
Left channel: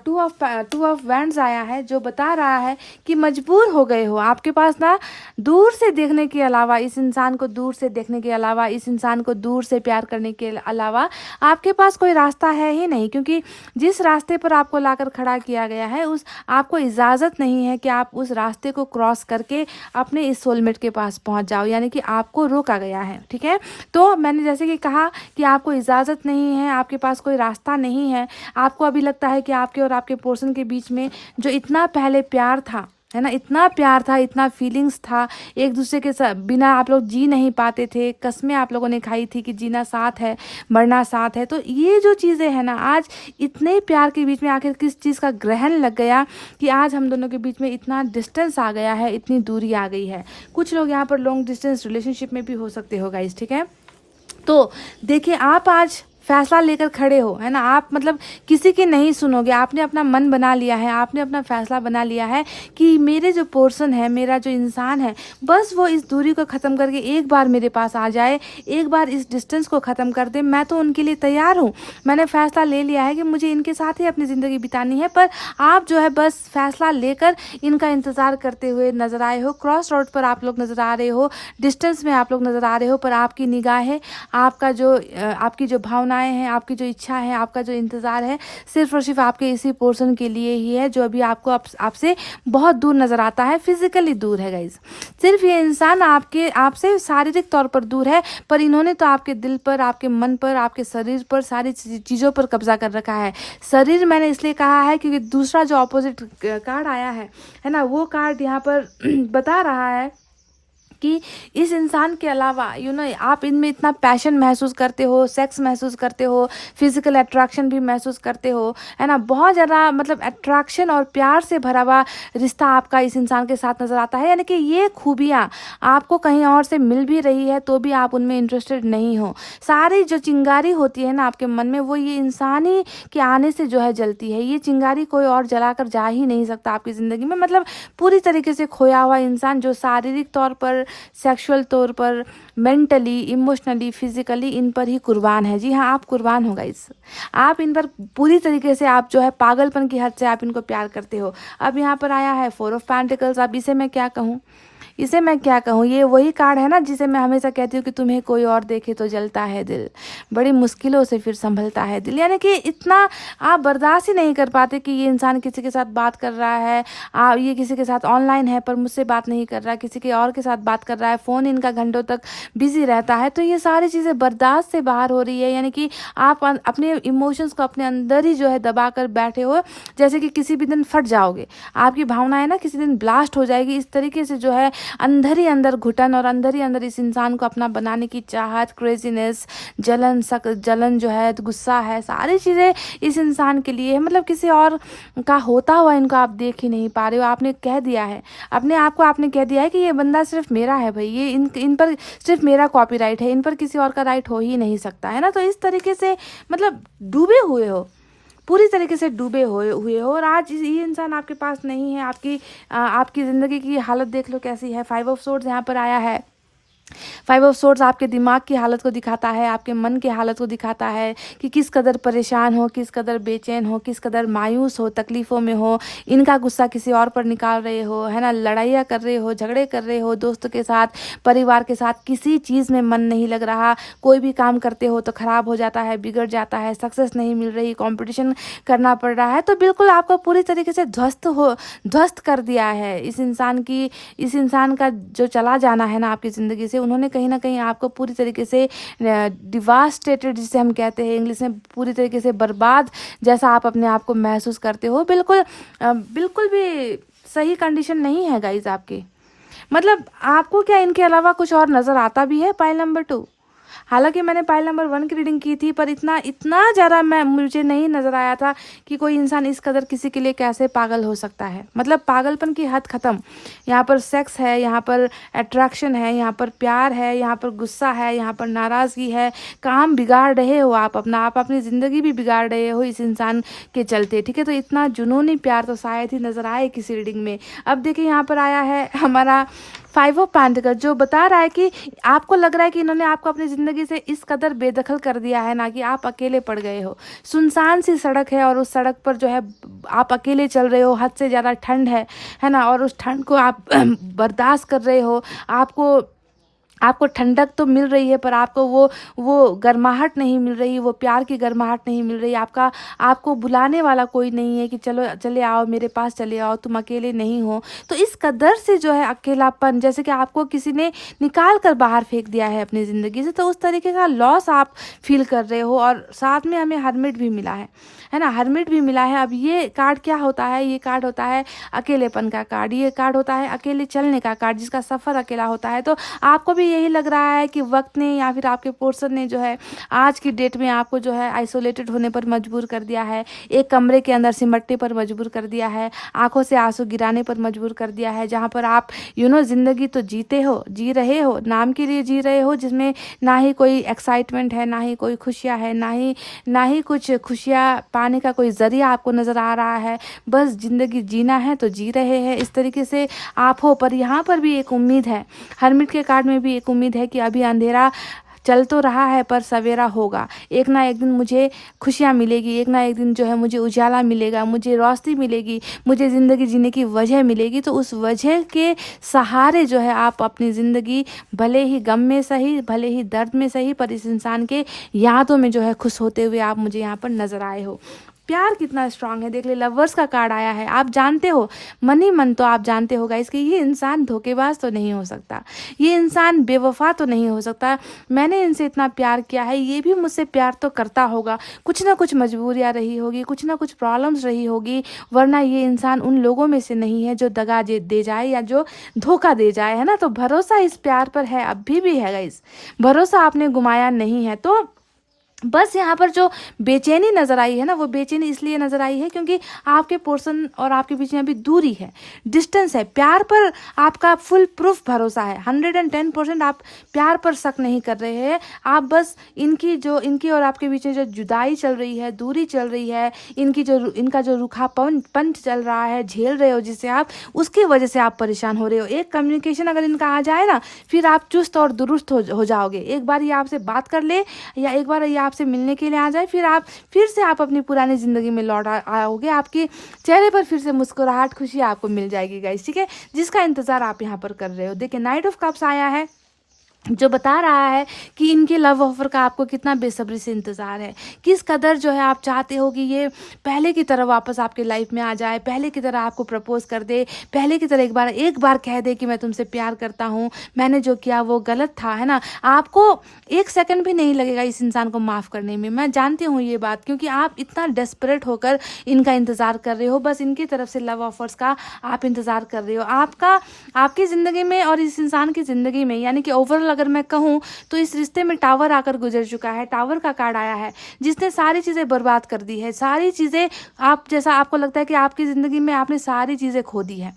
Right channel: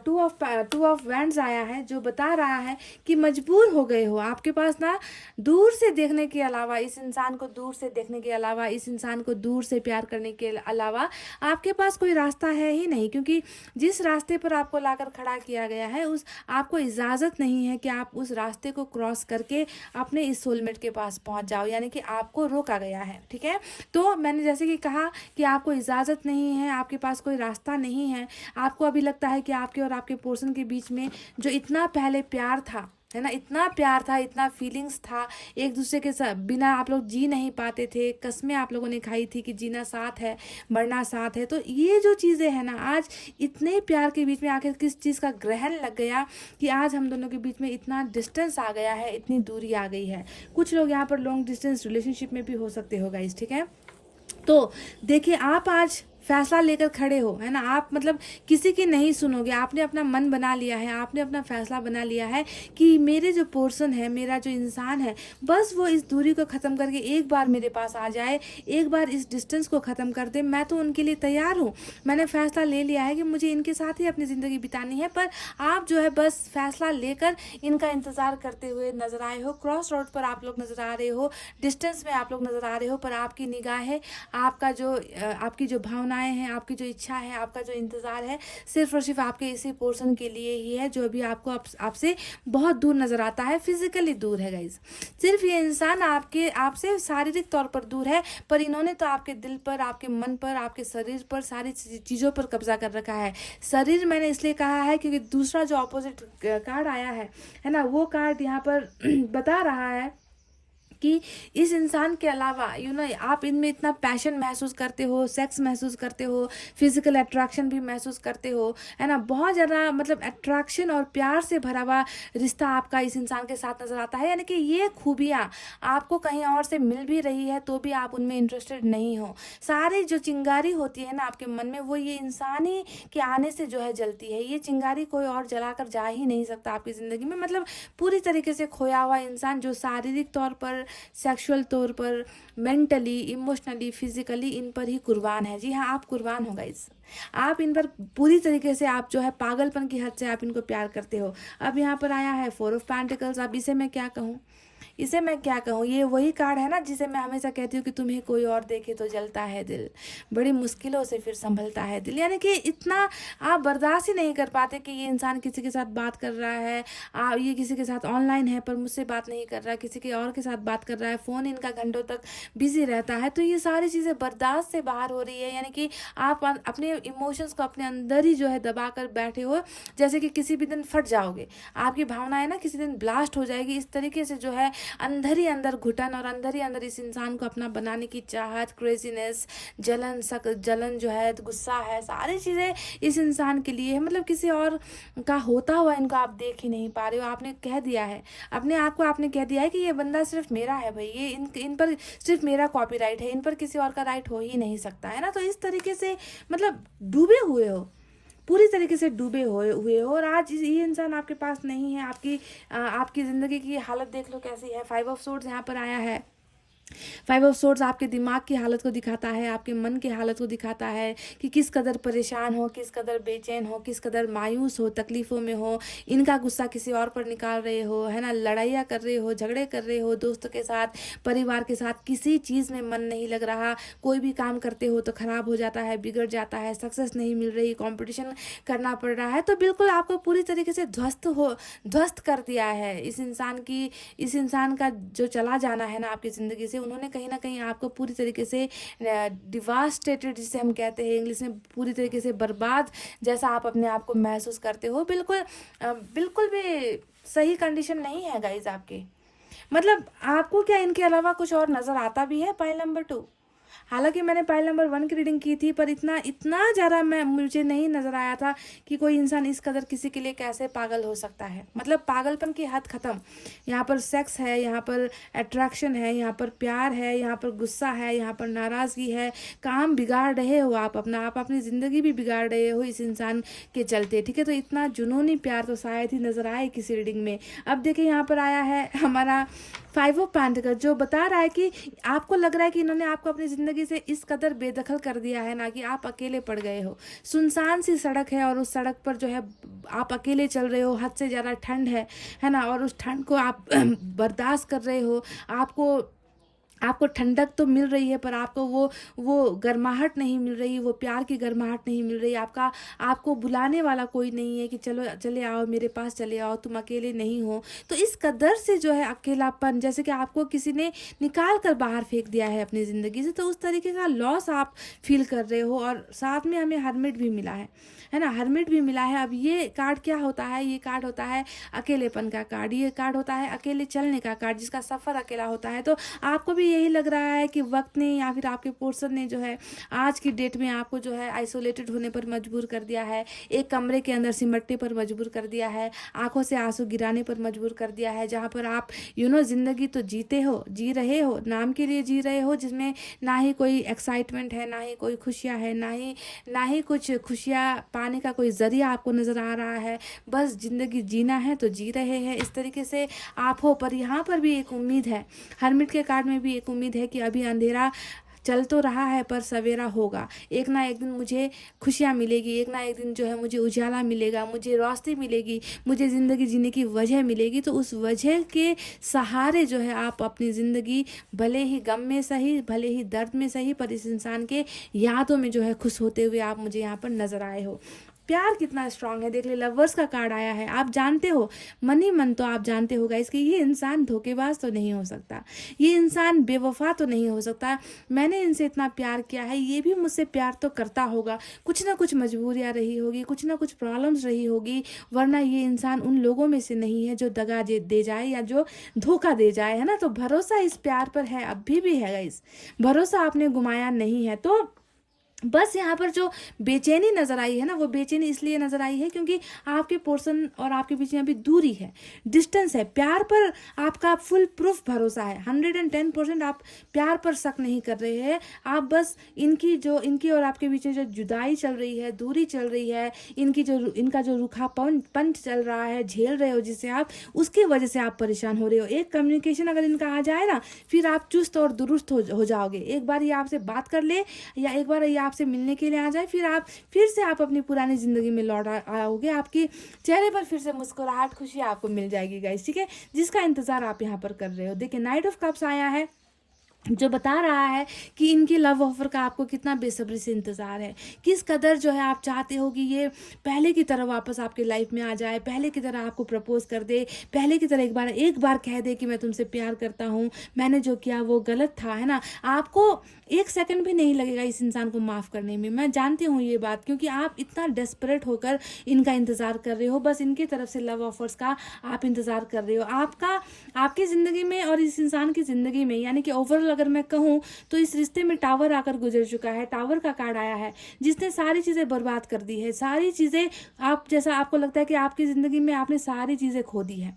2 ऑफ वैंड्स आया है जो बता रहा है कि मजबूर हो गए हो। आपके पास ना दूर से देखने के अलावा, इस इंसान को दूर से देखने के अलावा, इस इंसान को दूर से प्यार करने के अलावा आपके पास कोई रास्ता है ही नहीं। क्योंकि जिस रास्ते पर आपको लाकर खड़ा किया गया है, उस आपको इजाज़त नहीं है कि आप उस रास्ते को क्रॉस करके अपने इस सोलमेट के पास पहुंच जाओ। यानी कि आपको रोका गया है, ठीक है। तो मैंने जैसे कि कहा कि आपको इजाज़त नहीं है, आपके पास कोई रास्ता नहीं है। आपको अभी लगता है कि आपके और आपके पर्सन के बीच में जो इतना पहले प्यार था, है ना, इतना प्यार था, इतना फीलिंग्स था, एक दूसरे के साथ बिना आप लोग जी नहीं पाते थे। कस्में आप लोगों ने खाई थी कि जीना साथ है, मरना साथ है। तो ये जो चीज़ें हैं ना, आज इतने प्यार के बीच में आखिर किस चीज़ का ग्रहण लग गया कि आज हम दोनों के बीच में इतना डिस्टेंस आ गया है, इतनी दूरी आ गई है। कुछ लोग यहाँ पर लॉन्ग डिस्टेंस रिलेशनशिप में भी हो सकते हो गाइस, ठीक है। तो देखिए, आप आज फैसला लेकर खड़े हो, है ना। आप मतलब किसी की नहीं सुनोगे, आपने अपना मन बना लिया है, आपने अपना फैसला बना लिया है कि मेरे जो पर्सन है, मेरा जो इंसान है, बस वो इस दूरी को ख़त्म करके एक बार मेरे पास आ जाए, एक बार इस डिस्टेंस को ख़त्म कर दे। मैं तो उनके लिए तैयार हूँ। मैंने फैसला ले लिया है कि मुझे इनके साथ ही अपनी ज़िंदगी बितानी है। पर आप जो है बस फैसला लेकर इनका इंतज़ार करते हुए नज़र आए हो। क्रॉस रोड पर आप लोग नज़र आ रहे हो, डिस्टेंस में आप लोग नज़र आ रहे हो, पर आपकी निगाहें, आपकी जो भावना हैं, आपकी जो इच्छा है, आपका जो इंतज़ार है, सिर्फ और सिर्फ आपके इसी पोर्शन के लिए ही है जो अभी आपको आपसे बहुत दूर नज़र आता है। फिजिकली दूर है गाइज। सिर्फ ये इंसान आपसे शारीरिक तौर पर दूर है, पर इन्होंने तो आपके दिल पर, आपके मन पर, आपके शरीर पर, सारी चीज़ों पर कब्जा कर रखा है। शरीर मैंने इसलिए कहा है क्योंकि दूसरा जो ऑपोजिट कार्ड आया है ना, वो कार्ड यहाँ पर बता रहा है कि इस इंसान के अलावा आप इनमें इतना पैशन महसूस करते हो, सेक्स महसूस करते हो, फिजिकल अट्रैक्शन भी महसूस करते हो, है ना। बहुत ज़्यादा मतलब अट्रैक्शन और प्यार से भरा हुआ रिश्ता आपका इस इंसान के साथ नज़र आता है। यानी कि ये खूबियाँ आपको कहीं और से मिल भी रही है तो भी आप उनमें इंटरेस्टेड नहीं हो। सारी जो चिंगारी होती है ना आपके मन में, वो ये इंसान ही के आने से जो है जलती है। ये चिंगारी कोई और जलाकर जा ही नहीं सकता आपकी ज़िंदगी में। मतलब पूरी तरीके से खोया हुआ इंसान जो शारीरिक तौर पर, सेक्सुअल तौर पर, मेंटली, इमोशनली, फिजिकली इन पर ही कुर्बान है। जी हाँ, आप कुर्बान हो गाइस। आप इन पर पूरी तरीके से, आप जो है पागलपन की हद से आप इनको प्यार करते हो। अब यहाँ पर आया है 4 ऑफ पेंटिकल्स। अब इसे मैं क्या कहूँ, इसे मैं क्या कहूँ, ये वही कार्ड है ना जिसे मैं हमेशा कहती हूँ कि तुम्हें कोई और देखे तो जलता है दिल, बड़ी मुश्किलों से फिर संभलता है दिल। यानी कि इतना आप बर्दाश्त ही नहीं कर पाते कि ये इंसान किसी के साथ बात कर रहा है, ये किसी के साथ ऑनलाइन है पर मुझसे बात नहीं कर रहा है, किसी के और के साथ बात कर रहा है, फ़ोन इनका घंटों तक बिजी रहता है। तो ये सारी चीज़ें बर्दाश्त से बाहर हो रही है। यानी कि आप अपने इमोशंस को अपने अंदर ही जो है दबा कर बैठे हो, जैसे कि किसी भी दिन फट जाओगे, आपकी भावनाएं ना किसी दिन ब्लास्ट हो जाएगी। इस तरीके से जो है अंदर ही अंदर घुटन और अंदर ही अंदर इस इंसान को अपना बनाने की चाहत, क्रेजीनेस, जलन जो है, गुस्सा है, सारी चीज़ें इस इंसान के लिए है। मतलब किसी और का होता हुआ इनको आप देख ही नहीं पा रहे हो। आपने कह दिया है अपने आप को, आपने कह दिया है कि ये बंदा सिर्फ मेरा है भाई, ये इन पर सिर्फ मेरा कॉपीराइट है, इन पर किसी और का राइट हो ही नहीं सकता है ना। तो इस तरीके से मतलब डूबे हुए हो, पूरी तरीके से डूबे हुए हो। और आज ये इंसान आपके पास नहीं है। आपकी ज़िंदगी की हालत देख लो कैसी है। 5 ऑफ सोर्ड्स यहाँ पर आया है। 5 ऑफ सोर्ड्स आपके दिमाग की हालत को दिखाता है, आपके मन की हालत को दिखाता है कि किस कदर परेशान हो, किस कदर बेचैन हो, किस कदर मायूस हो, तकलीफ़ों में हो। इनका गुस्सा किसी और पर निकाल रहे हो, है ना, लड़ाइयाँ कर रहे हो, झगड़े कर रहे हो, दोस्तों के साथ, परिवार के साथ, किसी चीज़ में मन नहीं लग रहा। कोई भी काम करते हो तो ख़राब हो जाता है, बिगड़ जाता है, सक्सेस नहीं मिल रही, कॉम्पिटिशन करना पड़ रहा है। तो बिल्कुल आपको पूरी तरीके से ध्वस्त कर दिया है इस इंसान का जो चला जाना है ना आपकी ज़िंदगी से। उन्होंने कहीं ना कहीं आपको पूरी तरीके से डिवास्टेटेड, जिसे हम कहते हैं इंग्लिश में, पूरी तरीके से बर्बाद जैसा आप अपने आप को महसूस करते हो। बिल्कुल भी सही कंडीशन नहीं है गाइज आपकी। मतलब आपको क्या इनके अलावा कुछ और नज़र आता भी है? पाइल नंबर 2, हालांकि मैंने पाइल नंबर 1 की रीडिंग की थी, पर इतना ज़्यादा मुझे नहीं नज़र आया था कि कोई इंसान इस कदर किसी के लिए कैसे पागल हो सकता है। मतलब पागलपन की हद ख़त्म। यहाँ पर सेक्स है, यहाँ पर अट्रैक्शन है, यहाँ पर प्यार है, यहाँ पर गुस्सा है, यहाँ पर नाराज़गी है। काम बिगाड़ रहे हो आप अपनी ज़िंदगी भी बिगाड़ रहे हो इस इंसान के चलते, ठीक है। तो इतना जुनूनी प्यार तो शायद ही नज़र आए किसी रीडिंग में। अब देखिए यहाँ पर आया है हमारा 5 ऑफ पेंटिकल्स, जो बता रहा है कि आपको लग रहा है कि इन्होंने आपको अपनी ज़िंदगी से इस कदर बेदखल कर दिया है ना, कि आप अकेले पड़ गए हो। सुनसान सी सड़क है और उस सड़क पर जो है आप अकेले चल रहे हो, हद से ज़्यादा ठंड है ना, और उस ठंड को आप बर्दाश्त कर रहे हो। आपको ठंडक तो मिल रही है, पर आपको वो गर्माहट नहीं मिल रही, वो प्यार की गर्माहट नहीं मिल रही। आपको बुलाने वाला कोई नहीं है कि चलो चले आओ मेरे पास, चले आओ, तुम अकेले नहीं हो। तो इस कदर से जो है अकेलापन, जैसे कि आपको किसी ने निकाल कर बाहर फेंक दिया है अपनी ज़िंदगी से, तो उस तरीके का लॉस आप फील कर रहे हो। और साथ में हमें हर्मिट भी मिला है ना, हर्मिट भी मिला है। अब ये कार्ड क्या होता है? ये कार्ड होता है अकेलेपन का कार्ड, ये कार्ड होता है अकेले चलने का कार्ड, जिसका सफ़र अकेला होता है। तो आपको भी यही लग रहा है कि वक्त ने या फिर आपके पर्सन ने जो है आज की डेट में आपको जो है आइसोलेटेड होने पर मजबूर कर दिया है, एक कमरे के अंदर सिमटने पर मजबूर कर दिया है, आंखों से आंसू गिराने पर मजबूर कर दिया है, जहाँ पर आप ज़िंदगी तो जी रहे हो, नाम के लिए जी रहे हो, जिसमें ना ही कोई एक्साइटमेंट है, ना ही कोई खुशियाँ है, ना ही कुछ खुशियाँ पाने का कोई ज़रिया आपको नज़र आ रहा है। बस ज़िंदगी जीना है तो जी रहे हैं, इस तरीके से आप हो। पर यहाँ पर भी एक उम्मीद है, हरमिट के कार्ड में भी एक उम्मीद है कि अभी अंधेरा चल तो रहा है पर सवेरा होगा। एक ना एक दिन मुझे खुशियाँ मिलेगी, एक ना एक दिन जो है मुझे उजाला मिलेगा, मुझे रोशनी मिलेगी, मुझे ज़िंदगी जीने की वजह मिलेगी। तो उस वजह के सहारे जो है आप अपनी ज़िंदगी, भले ही गम में सही, भले ही दर्द में सही, पर इस इंसान के यादों में जो है खुश होते हुए आप मुझे यहाँ पर नज़र आए हो। प्यार कितना स्ट्रांग है देख ले, लवर्स का कार्ड आया है। आप जानते हो मन ही मन, तो आप जानते हो गाइस कि ये इंसान धोखेबाज तो नहीं हो सकता, ये इंसान बेवफा तो नहीं हो सकता। मैंने इनसे इतना प्यार किया है, ये भी मुझसे प्यार तो करता होगा। कुछ ना कुछ मजबूरियाँ रही होगी, कुछ ना कुछ प्रॉब्लम्स रही होगी, वरना ये इंसान उन लोगों में से नहीं है जो दगा दे जाए या जो धोखा दे जाए, है ना। तो भरोसा इस प्यार पर है, अभी भी है गाइस, भरोसा आपने गुमाया नहीं है। तो बस यहाँ पर जो बेचैनी नज़र आई है ना, वो बेचैनी इसलिए नज़र आई है क्योंकि आपके पर्सन और आपके बीच में अभी दूरी है, डिस्टेंस है। प्यार पर आपका फुल प्रूफ भरोसा है, 110% आप प्यार पर शक नहीं कर रहे हैं। आप बस इनकी और आपके बीच में जो जुदाई चल रही है, दूरी चल रही है, इनका जो रूखापन चल रहा है, झेल रहे हो जिससे आप, उसकी वजह से आप परेशान हो रहे हो। एक कम्युनिकेशन अगर इनका आ जाए ना, फिर आप चुस्त और दुरुस्त हो जाओगे। एक बार ये आपसे बात कर ले या एक बार ये आपसे मिलने के लिए आ जाए, फिर से आप अपनी पुरानी ज़िंदगी में लौट आओगे। आपके चेहरे पर फिर से मुस्कुराहट, खुशी आपको मिल जाएगी गाइस, ठीक है, जिसका इंतज़ार आप यहाँ पर कर रहे हो। देखिए नाइट ऑफ कप्स आया है, जो बता रहा है कि इनके लव ऑफर का आपको कितना बेसब्री से इंतज़ार है, किस कदर जो है आप चाहते हो कि ये पहले की तरह वापस आपके लाइफ में आ जाए, पहले की तरह आपको प्रपोज कर दे, पहले की तरह एक बार कह दे कि मैं तुमसे प्यार करता हूँ, मैंने जो किया वो गलत था, है ना। आपको एक सेकंड भी नहीं लगेगा इस इंसान को माफ़ करने में, मैं जानती हूँ ये बात, क्योंकि आप इतना डेस्परेट होकर इनका इंतज़ार कर रहे हो, बस इनकी तरफ से लव ऑफर्स का आप इंतज़ार कर रहे हो। आपकी ज़िंदगी में और इस इंसान की ज़िंदगी में, यानी कि ओवरऑल अगर मैं कहूँ तो इस रिश्ते में टावर आकर गुजर चुका है, टावर का कार्ड आया है, जिसने सारी चीज़ें बर्बाद कर दी है, सारी चीज़ें आपको लगता है कि आपकी ज़िंदगी में आपने सारी चीज़ें खो दी है,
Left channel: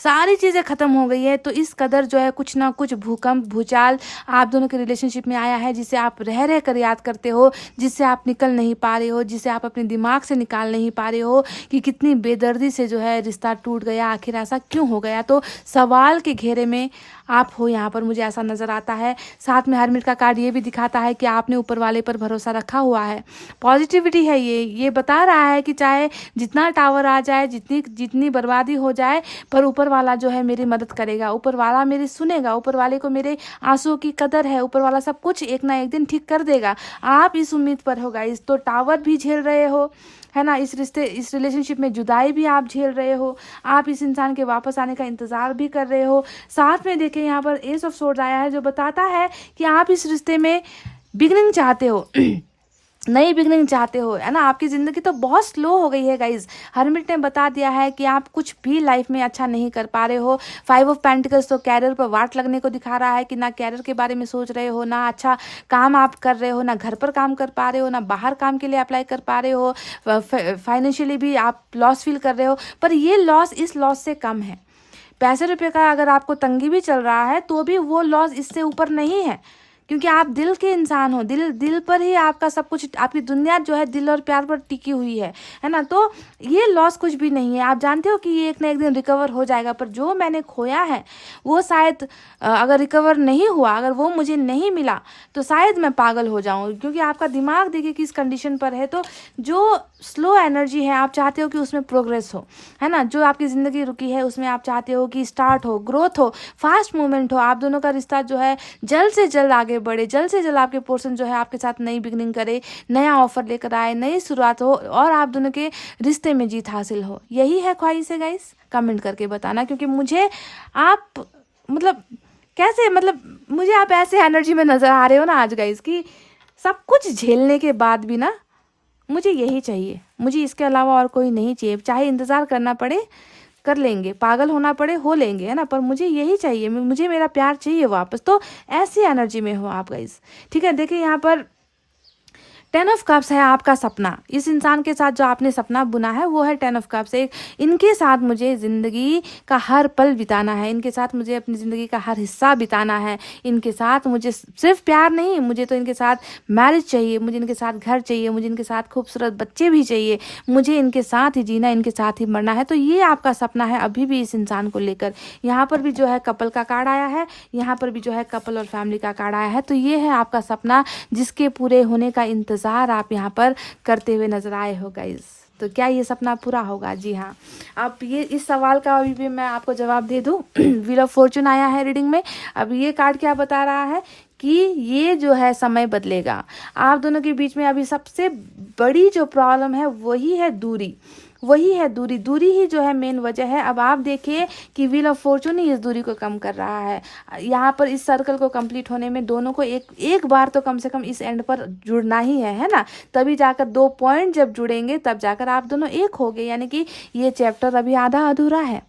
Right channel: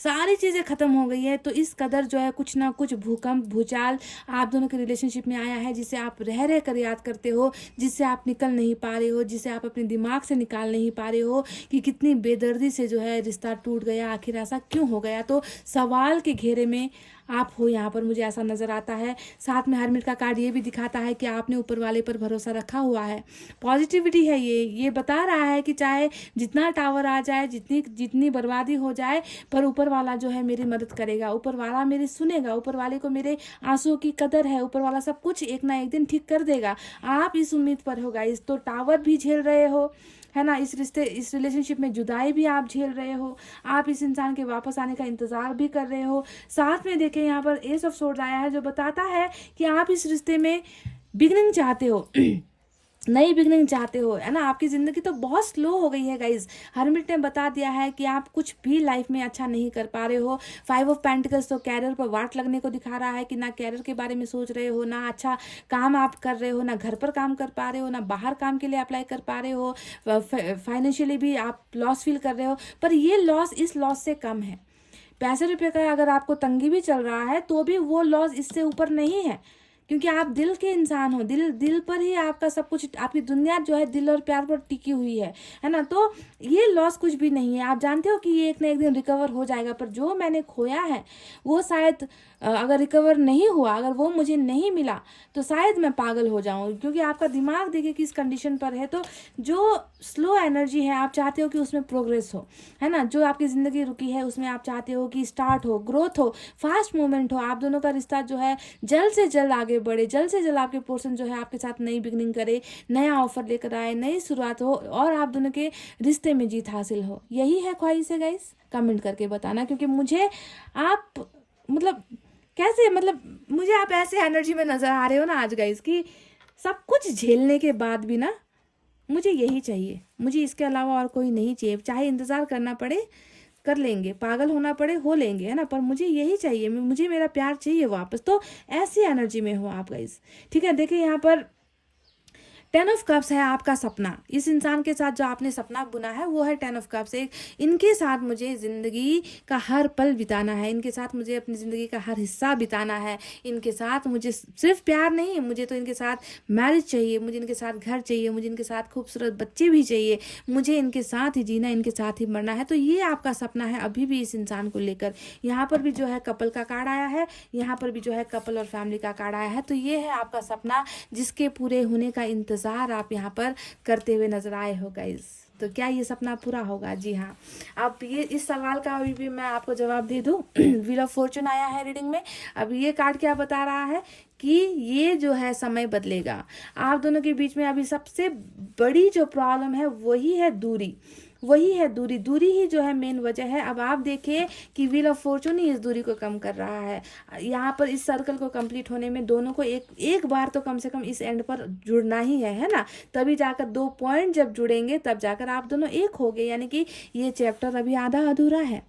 सारी चीज़ें ख़त्म हो गई है। तो इस कदर जो है कुछ ना कुछ भूकंप, भूचाल आप दोनों के रिलेशनशिप में आया है, जिसे आप रह कर याद करते हो, जिससे आप निकल नहीं पा रहे हो, जिसे आप अपने दिमाग से निकाल नहीं पा रहे हो कि कितनी बेदर्दी से जो है रिश्ता टूट गया, आखिर ऐसा क्यों हो गया। तो सवाल के घेरे में आप हो यहाँ पर, मुझे ऐसा नज़र आता है। साथ में हरमिट का कार्ड ये भी दिखाता है कि आपने ऊपर वाले पर भरोसा रखा हुआ है, पॉजिटिविटी है, ये बता रहा है कि चाहे जितना टावर आ जाए, जितनी बर्बादी हो जाए, पर ऊपर वाला जो है मेरी मदद करेगा, ऊपर वाला मेरी सुनेगा, ऊपर वाले को मेरे आंसुओं की कदर है, ऊपर वाला सब कुछ एक ना एक दिन ठीक कर देगा। आप इस उम्मीद पर हो गाइस। तो टावर भी झेल रहे हो, है ना, इस रिलेशनशिप में जुदाई भी आप झेल रहे हो, आप इस इंसान के वापस आने का इंतज़ार भी कर रहे हो। साथ में देखिए यहाँ पर एस ऑफ सोर्ड्स आया है, जो बताता है कि आप इस रिश्ते में बिगनिंग चाहते हो, नई बिगनिंग चाहते हो, है ना। आपकी ज़िंदगी तो बहुत स्लो हो गई है गाइज। हरमिट ने बता दिया है कि आप कुछ भी लाइफ में अच्छा नहीं कर पा रहे हो। 5 ऑफ पेंटिकल्स तो कैरियर पर वाट लगने को दिखा रहा है कि ना कैरियर के बारे में सोच रहे हो, ना अच्छा काम आप कर रहे हो, ना घर पर काम कर पा रहे हो, ना बाहर काम के लिए अप्लाई कर पा रहे हो, फाइनेंशियली भी आप लॉस फील कर रहे हो। पर ये लॉस इस लॉस से कम है। पैसे रुपये का अगर आपको तंगी भी चल रहा है तो भी वो लॉस इससे ऊपर नहीं है, क्योंकि आप दिल के इंसान हो। दिल पर ही आपका सब कुछ, आपकी दुनिया जो है दिल और प्यार पर टिकी हुई है ना। तो ये लॉस कुछ भी नहीं है। आप जानते हो कि ये एक ना एक दिन रिकवर हो जाएगा, पर जो मैंने खोया है वो शायद अगर रिकवर नहीं हुआ, अगर वो मुझे नहीं मिला तो शायद मैं पागल हो जाऊं, क्योंकि आपका दिमाग देखिए किस कंडीशन पर है। तो जो स्लो एनर्जी है आप चाहते हो कि उसमें प्रोग्रेस हो, है ना। जो आपकी ज़िंदगी रुकी है उसमें आप चाहते हो कि स्टार्ट हो, ग्रोथ हो, फास्ट मूवमेंट हो। आप दोनों का रिश्ता जो है जल्द से जल्द आगे बढ़े, जल्द से जल्द आपके पर्सन जो है आपके साथ नई बिगनिंग करे, नया ऑफर लेकर आए, नई शुरुआत हो और आप दोनों के रिश्ते में जीत हासिल हो। यही है ख्वाहिश है गाइस। कमेंट करके बताना, क्योंकि मुझे आप मुझे आप ऐसे एनर्जी में नज़र आ रहे हो ना आज गाइस, कि सब कुछ झेलने के बाद भी ना मुझे यही चाहिए, मुझे इसके अलावा और कोई नहीं चाहिए। चाहे इंतज़ार करना पड़े कर लेंगे, पागल होना पड़े हो लेंगे, है ना, पर मुझे यही चाहिए, मुझे मेरा प्यार चाहिए वापस। तो ऐसी एनर्जी में हो आप गाइस, ठीक है। देखिए यहाँ पर 10 ऑफ कप्स है आपका सपना। इस इंसान के साथ जो आपने सपना बुना है वो है 10 ऑफ कप्स। इनके साथ मुझे ज़िंदगी का हर पल बिताना है, इनके साथ मुझे अपनी ज़िंदगी का हर हिस्सा बिताना है। इनके साथ मुझे सिर्फ प्यार नहीं, मुझे तो इनके साथ मैरिज चाहिए, मुझे इनके साथ घर चाहिए, मुझे इनके साथ खूबसूरत बच्चे भी चाहिए, मुझे इनके साथ ही जीना, इनके साथ ही मरना है। तो ये आपका सपना है अभी भी इस इंसान को लेकर। यहाँ पर भी जो है कपल का कार्ड आया है, यहाँ पर भी जो है कपल और फैमिली का कार्ड आया है। तो ये है आपका सपना जिसके पूरे होने का इंतज़ार आप यहाँ पर करते हुए नजर आए हो गाइस। तो क्या ये सपना पूरा होगा? जी हाँ, आप ये इस सवाल का अभी भी मैं आपको जवाब दे दूँ। व्हील ऑफ फॉर्चून आया है रीडिंग में। अब ये कार्ड क्या बता रहा है कि ये जो है समय बदलेगा। आप दोनों के बीच में अभी सबसे बड़ी जो प्रॉब्लम है वही है दूरी, वही है दूरी। दूरी ही जो है मेन वजह है। अब आप देखिए कि व्हील ऑफ फॉर्चून ही इस दूरी को कम कर रहा है। यहाँ पर इस सर्कल को कंप्लीट होने में दोनों को एक बार तो कम से कम इस एंड पर जुड़ना ही है ना। तभी जाकर 2 पॉइंट जब जुड़ेंगे तब जाकर आप दोनों एक होगे, यानी कि ये चैप्टर अभी आधा अधूरा है।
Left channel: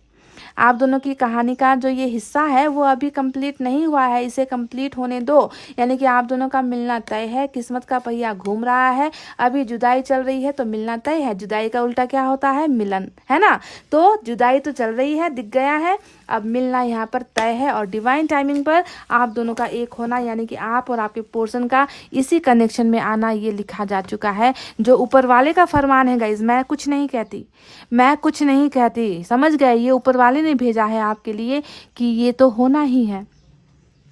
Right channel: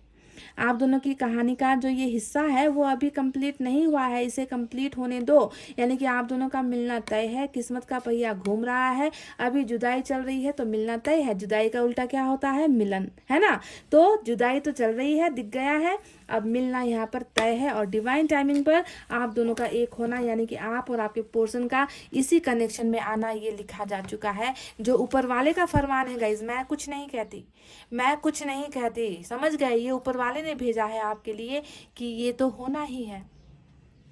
आप दोनों की कहानी का जो ये हिस्सा है वो अभी कंप्लीट नहीं हुआ है, इसे कंप्लीट होने दो। यानी कि आप दोनों का मिलना तय है, किस्मत का पहिया घूम रहा है। अभी जुदाई चल रही है तो मिलना तय है। जुदाई का उल्टा क्या होता है? मिलन, है ना। तो जुदाई तो चल रही है, दिख गया है, अब मिलना यहाँ पर तय है। और डिवाइन टाइमिंग पर आप दोनों का एक होना, यानी कि आप और आपके पर्सन का इसी कनेक्शन में आना, ये लिखा जा चुका है। जो ऊपर वाले का फरमान है गाइज, मैं कुछ नहीं कहती, मैं कुछ नहीं कहती, समझ गए। ये ऊपर वाले ने भेजा है आपके लिए कि ये तो होना ही है।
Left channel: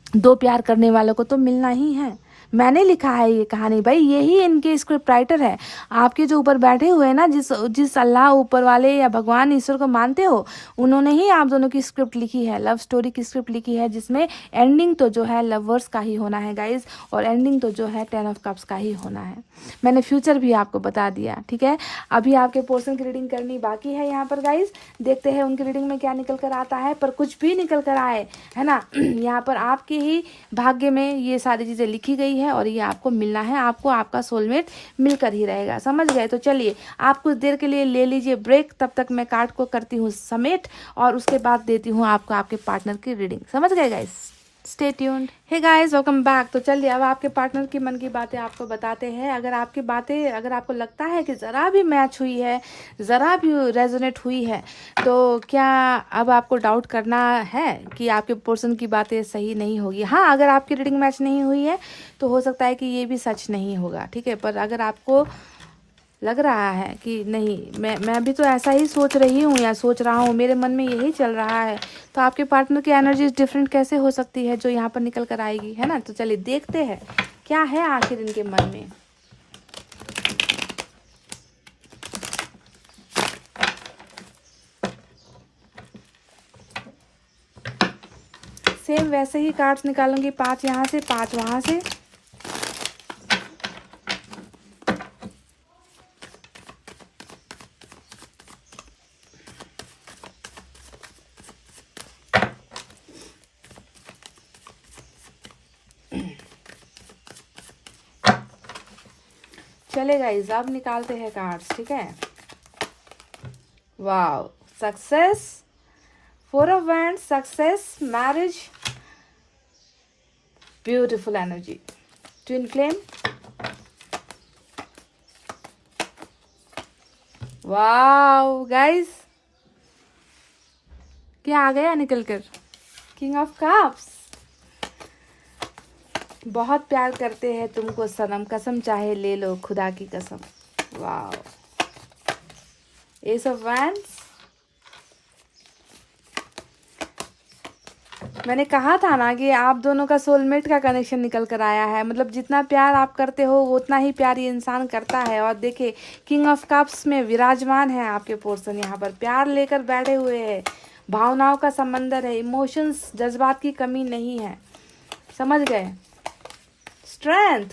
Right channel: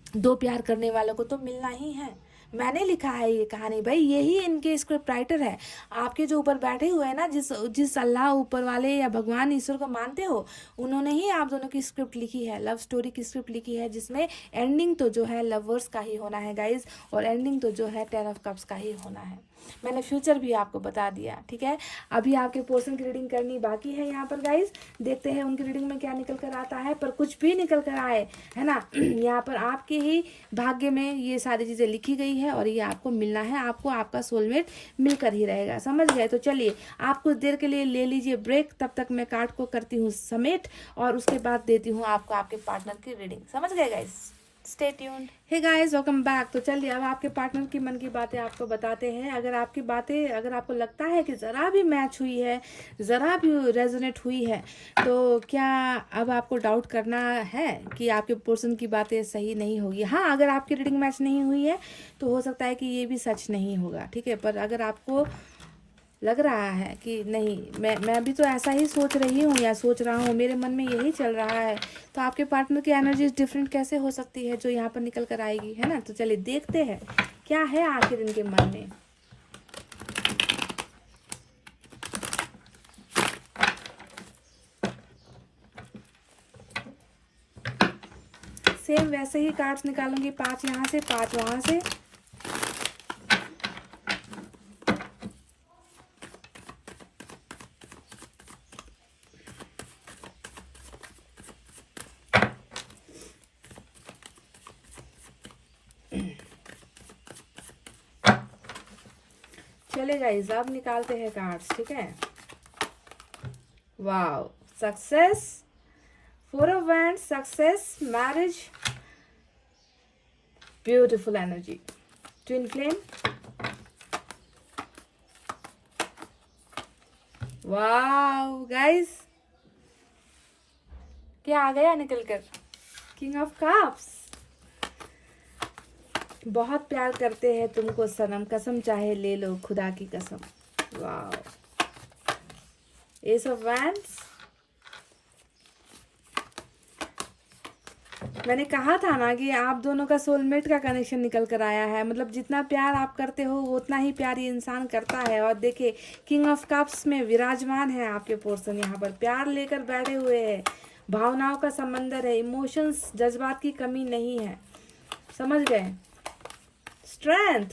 दो प्यार करने वालों को तो मिलना ही है, मैंने लिखा है ये कहानी भाई, यही इनके स्क्रिप्ट राइटर है। आपके जो ऊपर बैठे हुए हैं ना, जिस जिस अल्लाह ऊपर वाले या भगवान ईश्वर को मानते हो, उन्होंने ही आप दोनों की स्क्रिप्ट लिखी है, लव स्टोरी की स्क्रिप्ट लिखी है, जिसमें एंडिंग तो जो है लवर्स का ही होना है गाइज, और एंडिंग तो जो है 10 ऑफ कप्स का ही होना है। मैंने फ्यूचर भी आपको बता दिया, ठीक है। अभी आपके पोर्शन की रीडिंग करनी बाकी है यहाँ पर गाइज, देखते हैं उनकी रीडिंग में क्या निकल कर आता है। पर कुछ भी निकल कर आए है ना, यहाँ पर आपके ही भाग्य में ये सारी चीज़ें लिखी गई है और ये आपको मिलना है, आपको आपका सोलमेट मिलकर ही रहेगा, समझ गए। तो चलिए आप कुछ देर के लिए ले लीजिए ब्रेक, तब तक मैं कार्ड को करती हूँ समेट और उसके बाद देती हूँ आपको आपके पार्टनर की रीडिंग, समझ गए guys. Stay tuned. Hey guys, welcome back. तो चलिए अब आपके पार्टनर की मन की बातें आपको बताते हैं। अगर आपकी बातें, अगर आपको लगता है कि ज़रा भी मैच हुई है, ज़रा भी रेजोनेट हुई है, तो क्या अब आपको डाउट करना है कि आपके पर्सन की बातें सही नहीं होगी। हाँ, अगर आपकी रीडिंग मैच नहीं हुई है तो हो सकता है कि ये भी सच नहीं होगा, ठीक है। पर अगर आपको लग रहा है कि नहीं, मैं भी तो ऐसा ही सोच रही हूँ या सोच रहा हूँ, मेरे मन में यही चल रहा है, तो आपके पार्टनर की एनर्जी डिफरेंट कैसे हो सकती है जो यहाँ पर निकल कर आएगी, है ना। तो चलिए देखते हैं क्या है आखिर इनके मन में। सेम वैसे ही कार्ड्स निकालूंगी, 5 यहाँ से 5 वहाँ से। चले गाइस, अब निकालते हैं कार्ड्स, ठीक है। Wow, success, 4 of wands, success, marriage, beautiful energy, twin flame, wow guys, क्या आ गया निकल कर, किंग ऑफ कप्स। बहुत प्यार करते हैं तुमको सनम, कसम चाहे ले लो खुदा की कसम। Wow, S of wands. मैंने कहा था ना कि आप दोनों का सोलमेट का कनेक्शन निकल कर आया है, मतलब जितना प्यार आप करते हो उतना ही प्यार ये इंसान करता है। और देखिए किंग ऑफ कप्स में विराजमान है आपके पर्सन, यहाँ पर प्यार लेकर बैठे हुए हैं, भावनाओं का समंदर है, इमोशंस, जज्बात की कमी नहीं है, समझ गए। स्ट्रेंथ,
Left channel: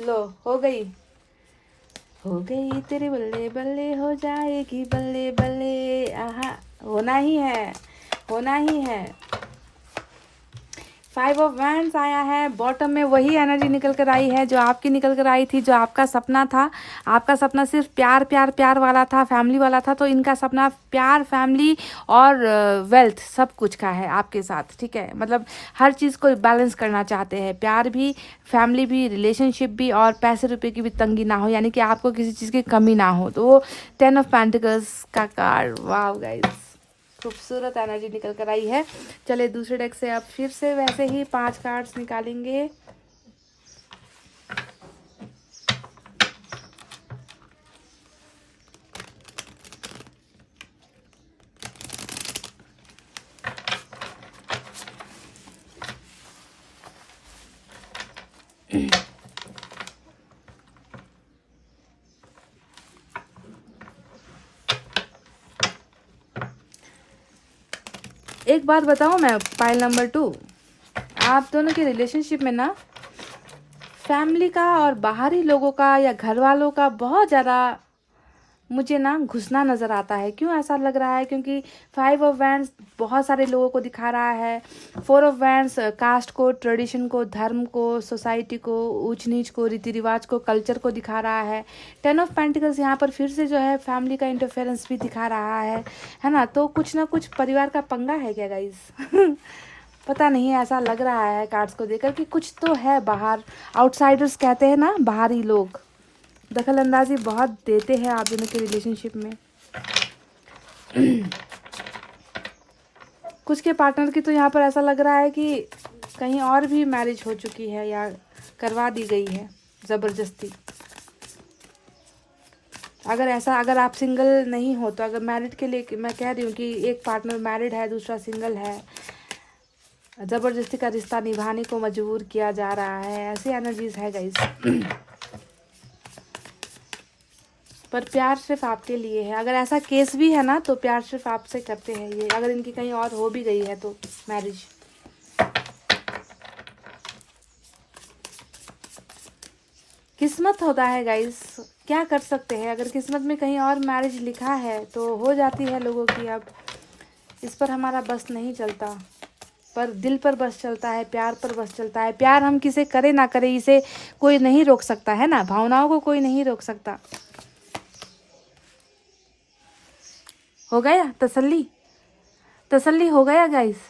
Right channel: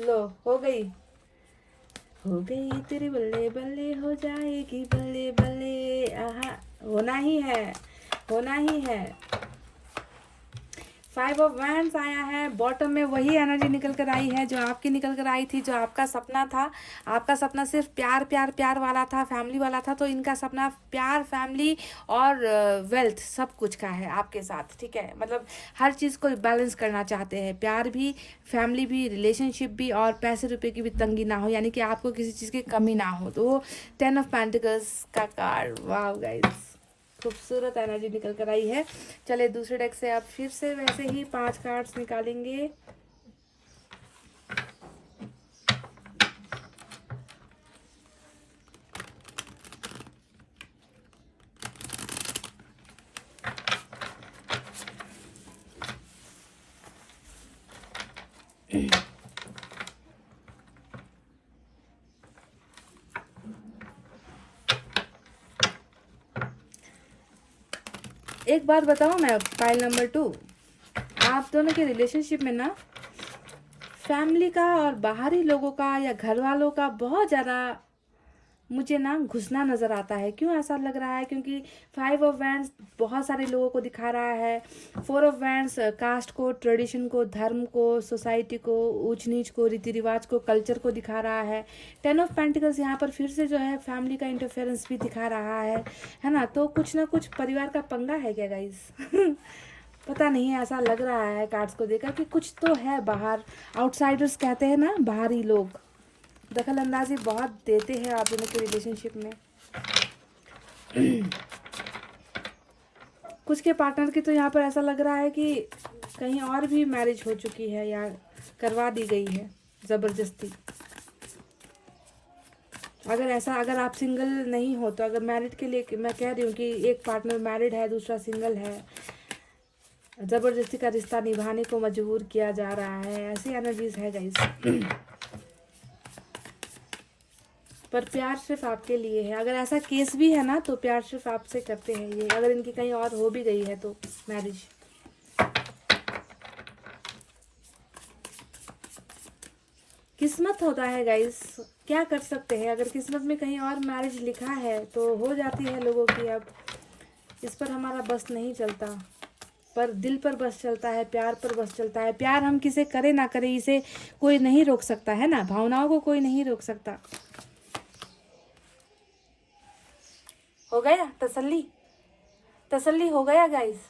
लो हो गई तेरे बल्ले बल्ले हो जाएगी बल्ले बल्ले, आहा, होना ही है, होना ही है। 5 ऑफ वैंड्स आया है, बॉटम में वही एनर्जी निकल कर आई है जो आपकी निकल कर आई थी, जो आपका सपना था। आपका सपना सिर्फ प्यार प्यार प्यार वाला था, फैमिली वाला था, तो इनका सपना प्यार, फैमिली और वेल्थ सब कुछ का है आपके साथ, ठीक है। मतलब हर चीज़ को बैलेंस करना चाहते हैं, प्यार भी, फैमिली भी, रिलेशनशिप भी, और पैसे रुपए की भी तंगी ना हो, यानी कि आपको किसी चीज़ की कमी ना हो। तो वो 10 ऑफ पेंटिकल्स का कार्ड, वाह गाइस, खूबसूरत एनर्जी निकल कर आई है। चलिए दूसरे डेक से अब फिर से वैसे ही 5 कार्ड्स निकालेंगे। एक बात बताऊं मैं, पाइल नंबर 2, आप दोनों के रिलेशनशिप में ना फैमिली का और बाहरी लोगों का या घर वालों का बहुत ज़्यादा मुझे ना घुसना नज़र आता है। क्यों ऐसा लग रहा है? क्योंकि 5 ऑफ वैंड्स बहुत सारे लोगों को दिखा रहा है, 4 ऑफ वैंड्स कास्ट को, ट्रेडिशन को, धर्म को, सोसाइटी को, ऊंच नीच को, रीति रिवाज को, कल्चर को दिखा रहा है। 10 ऑफ पेंटिकल्स यहाँ पर फिर से जो है फैमिली का इंटरफेरेंस भी दिखा रहा है ना। तो कुछ ना कुछ परिवार का पंगा है क्या गाइस? पता नहीं, ऐसा लग रहा है कार्ड्स को देखकर कि कुछ तो है बाहर। आउटसाइडर्स कहते हैं ना, बाहरी लोग दखल अंदाजी बहुत देते हैं आप दोनों के रिलेशनशिप में। कुछ के पार्टनर की तो यहाँ पर ऐसा लग रहा है कि कहीं और भी मैरिज हो चुकी है या करवा दी गई है ज़बरदस्ती। अगर आप सिंगल नहीं हो, तो अगर मैरिड के लिए मैं कह रही हूँ कि एक पार्टनर मैरिड है, दूसरा सिंगल है, जबरदस्ती का रिश्ता निभाने को मजबूर किया जा रहा है, ऐसी एनर्जीज है गाइस। पर प्यार सिर्फ आपके लिए है। अगर ऐसा केस भी है ना तो प्यार सिर्फ आपसे करते हैं ये, अगर इनकी कहीं और हो भी गई है तो मैरिज। किस्मत होता है गाइस, क्या कर सकते हैं। अगर किस्मत में कहीं और मैरिज लिखा है तो हो जाती है लोगों की। अब इस पर हमारा बस नहीं चलता, पर दिल पर बस चलता है, प्यार पर बस चलता है। प्यार हम किसे करे ना करे, इसे कोई नहीं रोक सकता है ना, भावनाओं को कोई नहीं रोक सकता। हो गया तसल्ली, तसल्ली हो गया गाइस।